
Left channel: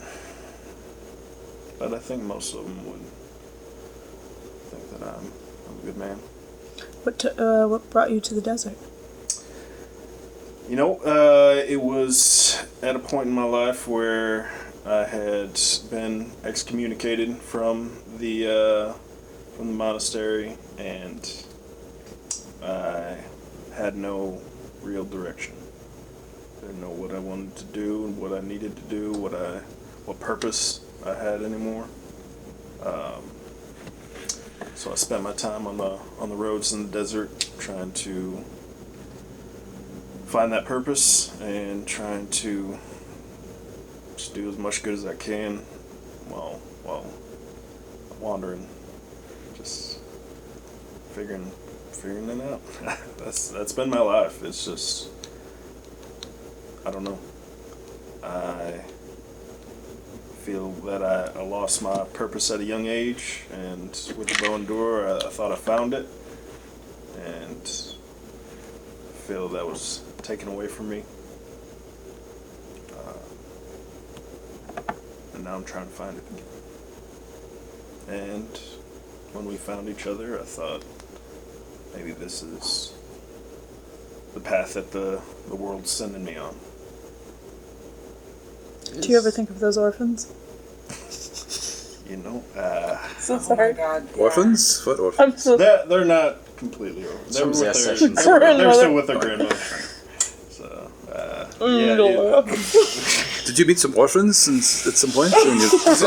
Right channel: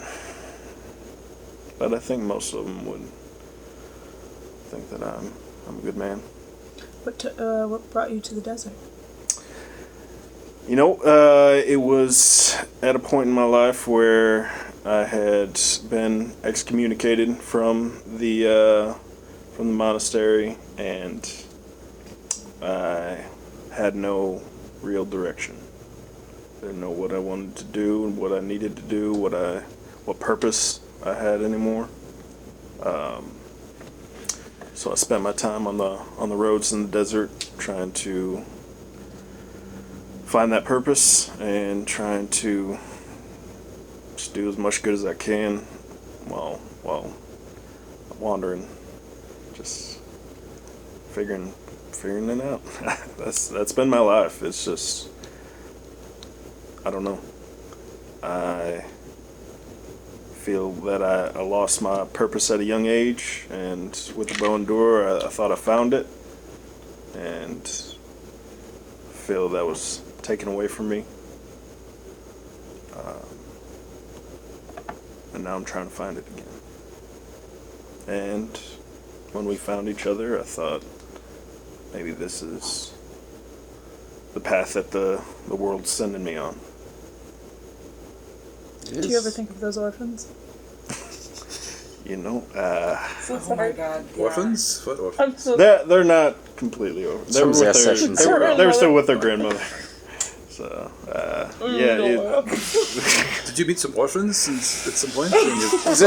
but I think most of them would think that I'm a good man. What brought you to the desert? You know, it was at a point in my life where I had been excommunicated from the monastery, and I had no real direction. I didn't know what I wanted to do, what I needed to do, what purpose I had anymore. So I spent my time on the roads in the desert trying to find that purpose and trying to just do as much good as I can while wandering, just figuring it out. That's been my life. It's just, I don't know. I feel that I lost my purpose at a young age, and with the bow and door, I thought I found it, and I feel that was taken away from me. And now I'm trying to find it again. And when we found each other, I thought maybe this is the path that the world's sending me on. Do you ever think of those orphans? You know, Oh my God! Yeah. Orphans? What orphans? I'm so they're not completely over. They're, Some with their, sessions. they're still with their grandmother. So, Did you meet some orphans at some point? Was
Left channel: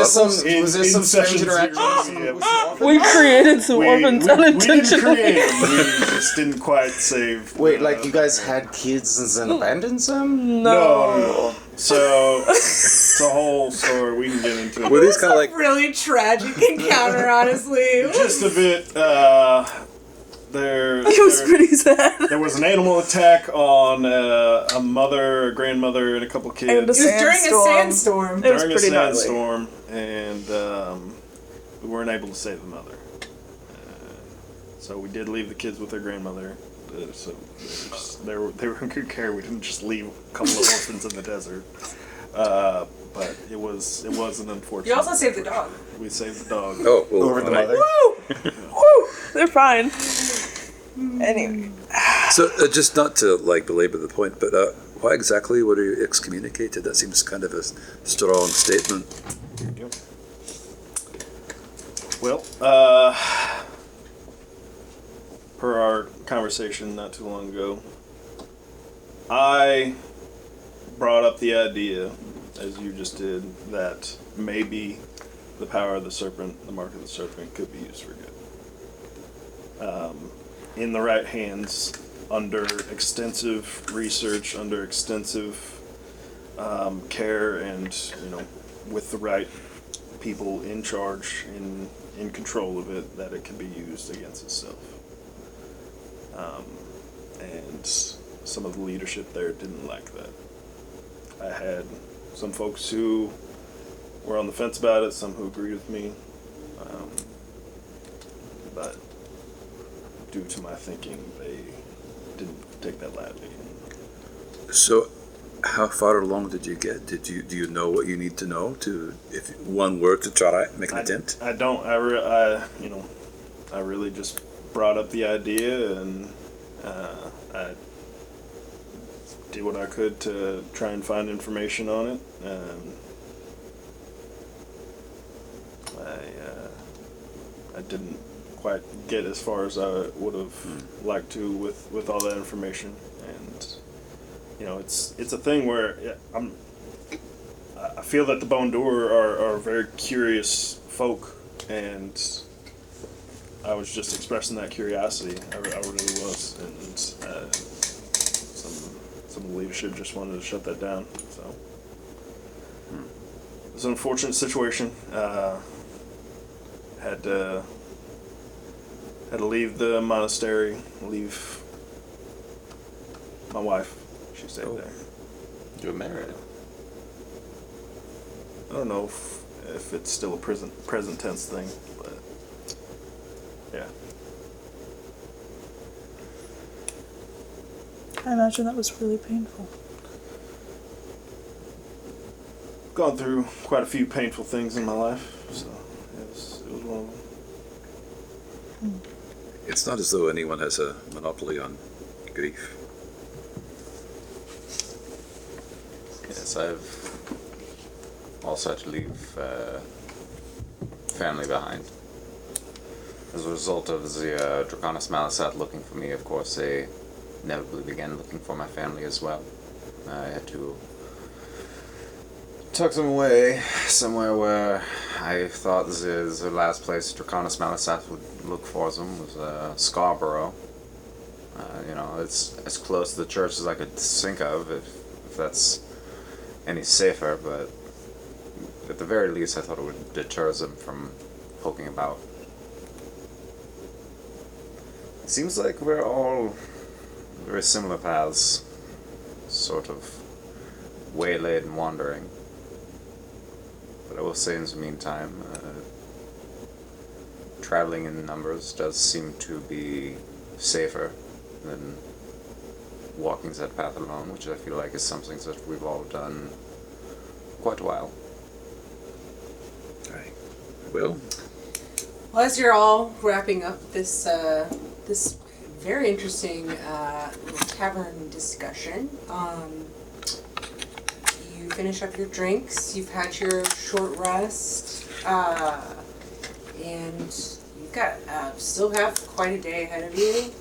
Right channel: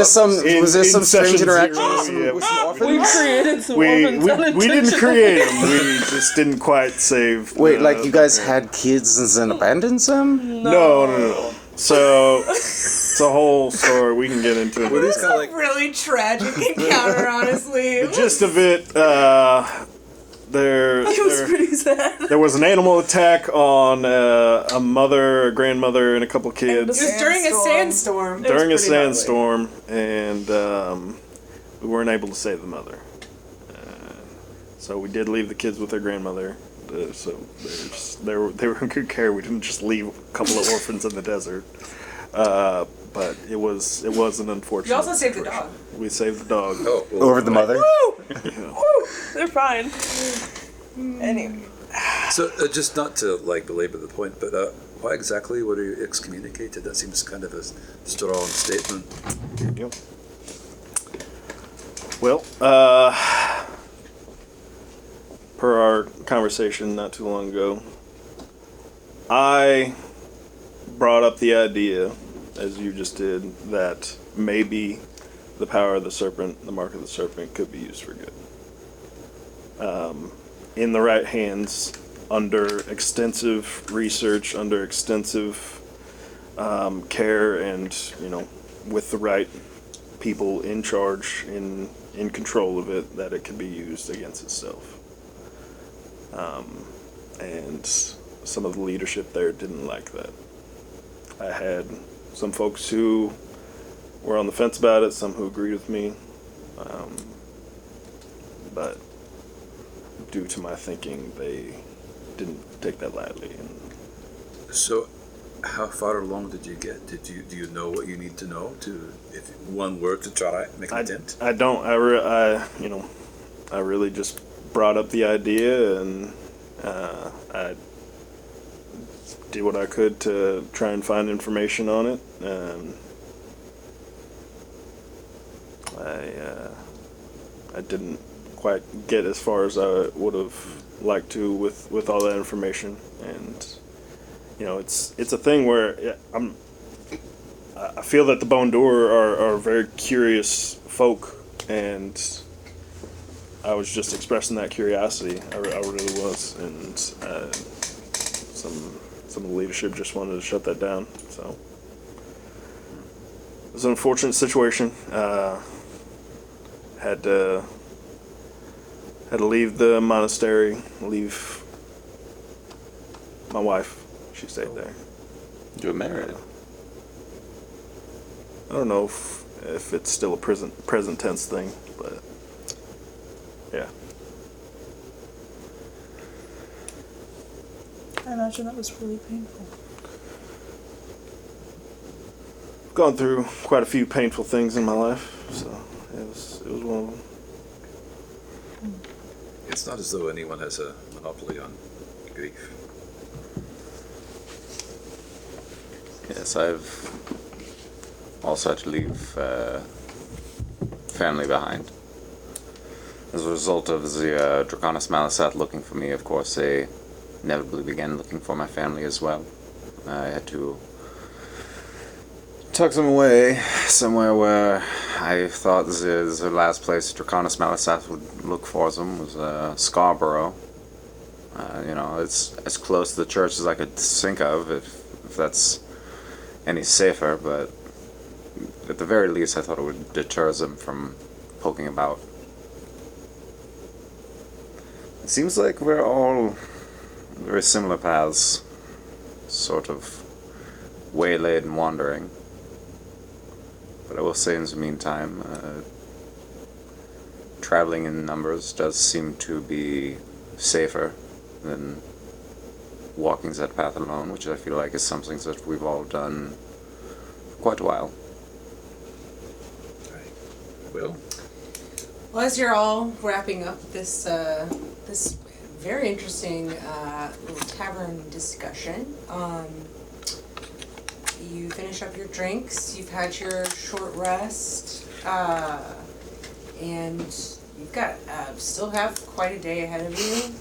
there some strange interaction? we created some orphans we didn't unintentionally. create it. We just didn't quite save. Wait, like you guys had kids and then abandoned them? No. So it's a whole story. We can get into it. It was a really tragic encounter, honestly. It Just a was. bit. There pretty sad. there was an animal attack on a mother, a grandmother, and a couple of kids It was during a sandstorm. during a pretty gnarly. sandstorm, and we weren't able to save the mother. So we did leave the kids with their grandmother. So they were in good care. We didn't just leave a couple of orphans in the desert. But it was an unfortunate. You also saved the dog. We saved the dog. Oh, well, Over the mother? They're fine. Anyway. So just not to belabor the point, but why exactly were you excommunicated? That seems kind of a strong statement. Yep. Well, per our conversation not too long ago, I brought up the idea, as you just did, that maybe the power of the serpent, the mark of the serpent, could be used for good. In the right hands, under extensive research, under extensive care, and with the right people in charge, in control of it, that it could be used against itself. And some of the leadership there didn't like that. I had some folks who were on the fence about it, some who agreed with me, but due to my thinking, they didn't take that lightly. So, how far along did you get? Do you know what you need to know if one were to try to make an attempt? I don't. I really just brought up the idea, and I did what I could to try and find information on it. I didn't quite get as far as I would have liked to with all that information, and it's a thing where I feel that the Bone Door are very curious folk, and I was just expressing that curiosity. I really was, and some of the leadership just wanted to shut that down. So it was an unfortunate situation. Had to leave the monastery, leave my wife. She stayed there. You were married. I don't know if it's still a present tense thing, but yeah. I imagine that was really painful. Gone through quite a few painful things in my life, so it was one of them. It's not as though anyone has a monopoly on grief. Yes, I've also had to leave family behind. As a result of the Draconis Malisat looking for me, of course, they inevitably began looking for my family as well. I had to tuck them away somewhere where I thought the last place Draconis Malisat would look for them was Scarborough. It's as close to the church as I could think of, if that's any safer, but at the very least I thought it would deter them from poking about. It seems like we're all very similar paths, sort of waylaid and wandering. But I will say in the meantime, traveling in numbers does seem to be safer than walking that path alone, which I feel like is something that we've all done for quite a while. Okay. Well, As you're all wrapping up this this very interesting little tavern discussion, you finish up your drinks. You've had your short rest, and you've got still have quite a day ahead of you.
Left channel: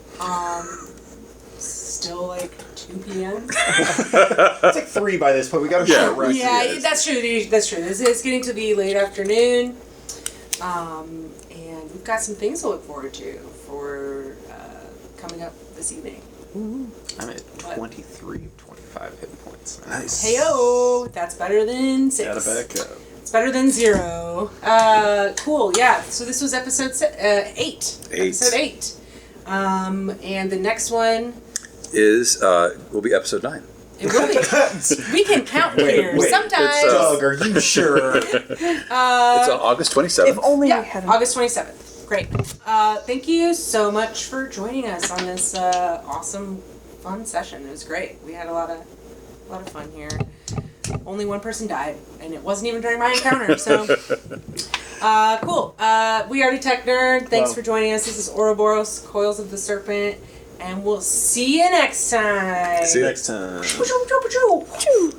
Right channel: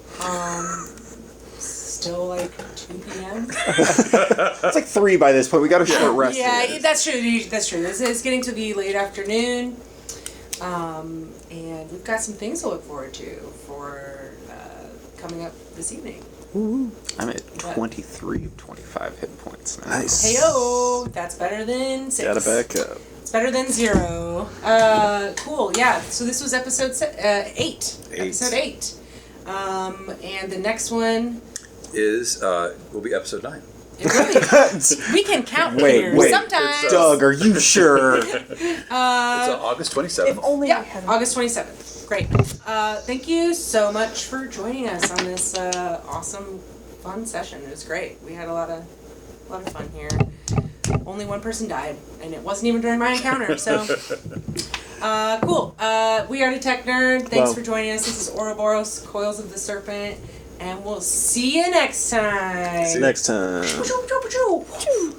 Still like 2 p.m. It's like 3 by this point. We gotta get rest. Yeah, that's true. That's true. It's getting to be late afternoon. And we've got some things to look forward to for coming up this evening. I'm at What? 23, 25 hit points now. Nice. Heyo, that's better than 6. Gotta back up. It's better than 0. Cool. Yeah. So this was episode 8. Episode 8. And the next one, will be episode 9. it will be. We can count here sometimes. Doug, are you sure? It's on August 27th. If only Yeah, I had August 27th. Great. Thank you so much for joining us on this awesome, fun session. It was great. We had a lot of fun here. Only one person died, and it wasn't even during my encounter. So, cool. We are Detect Nerd. Thanks for joining us. This is Auroboros, Coils of the Serpent, and we'll see you next time. See you next time. Choo, choo, choo, choo, choo.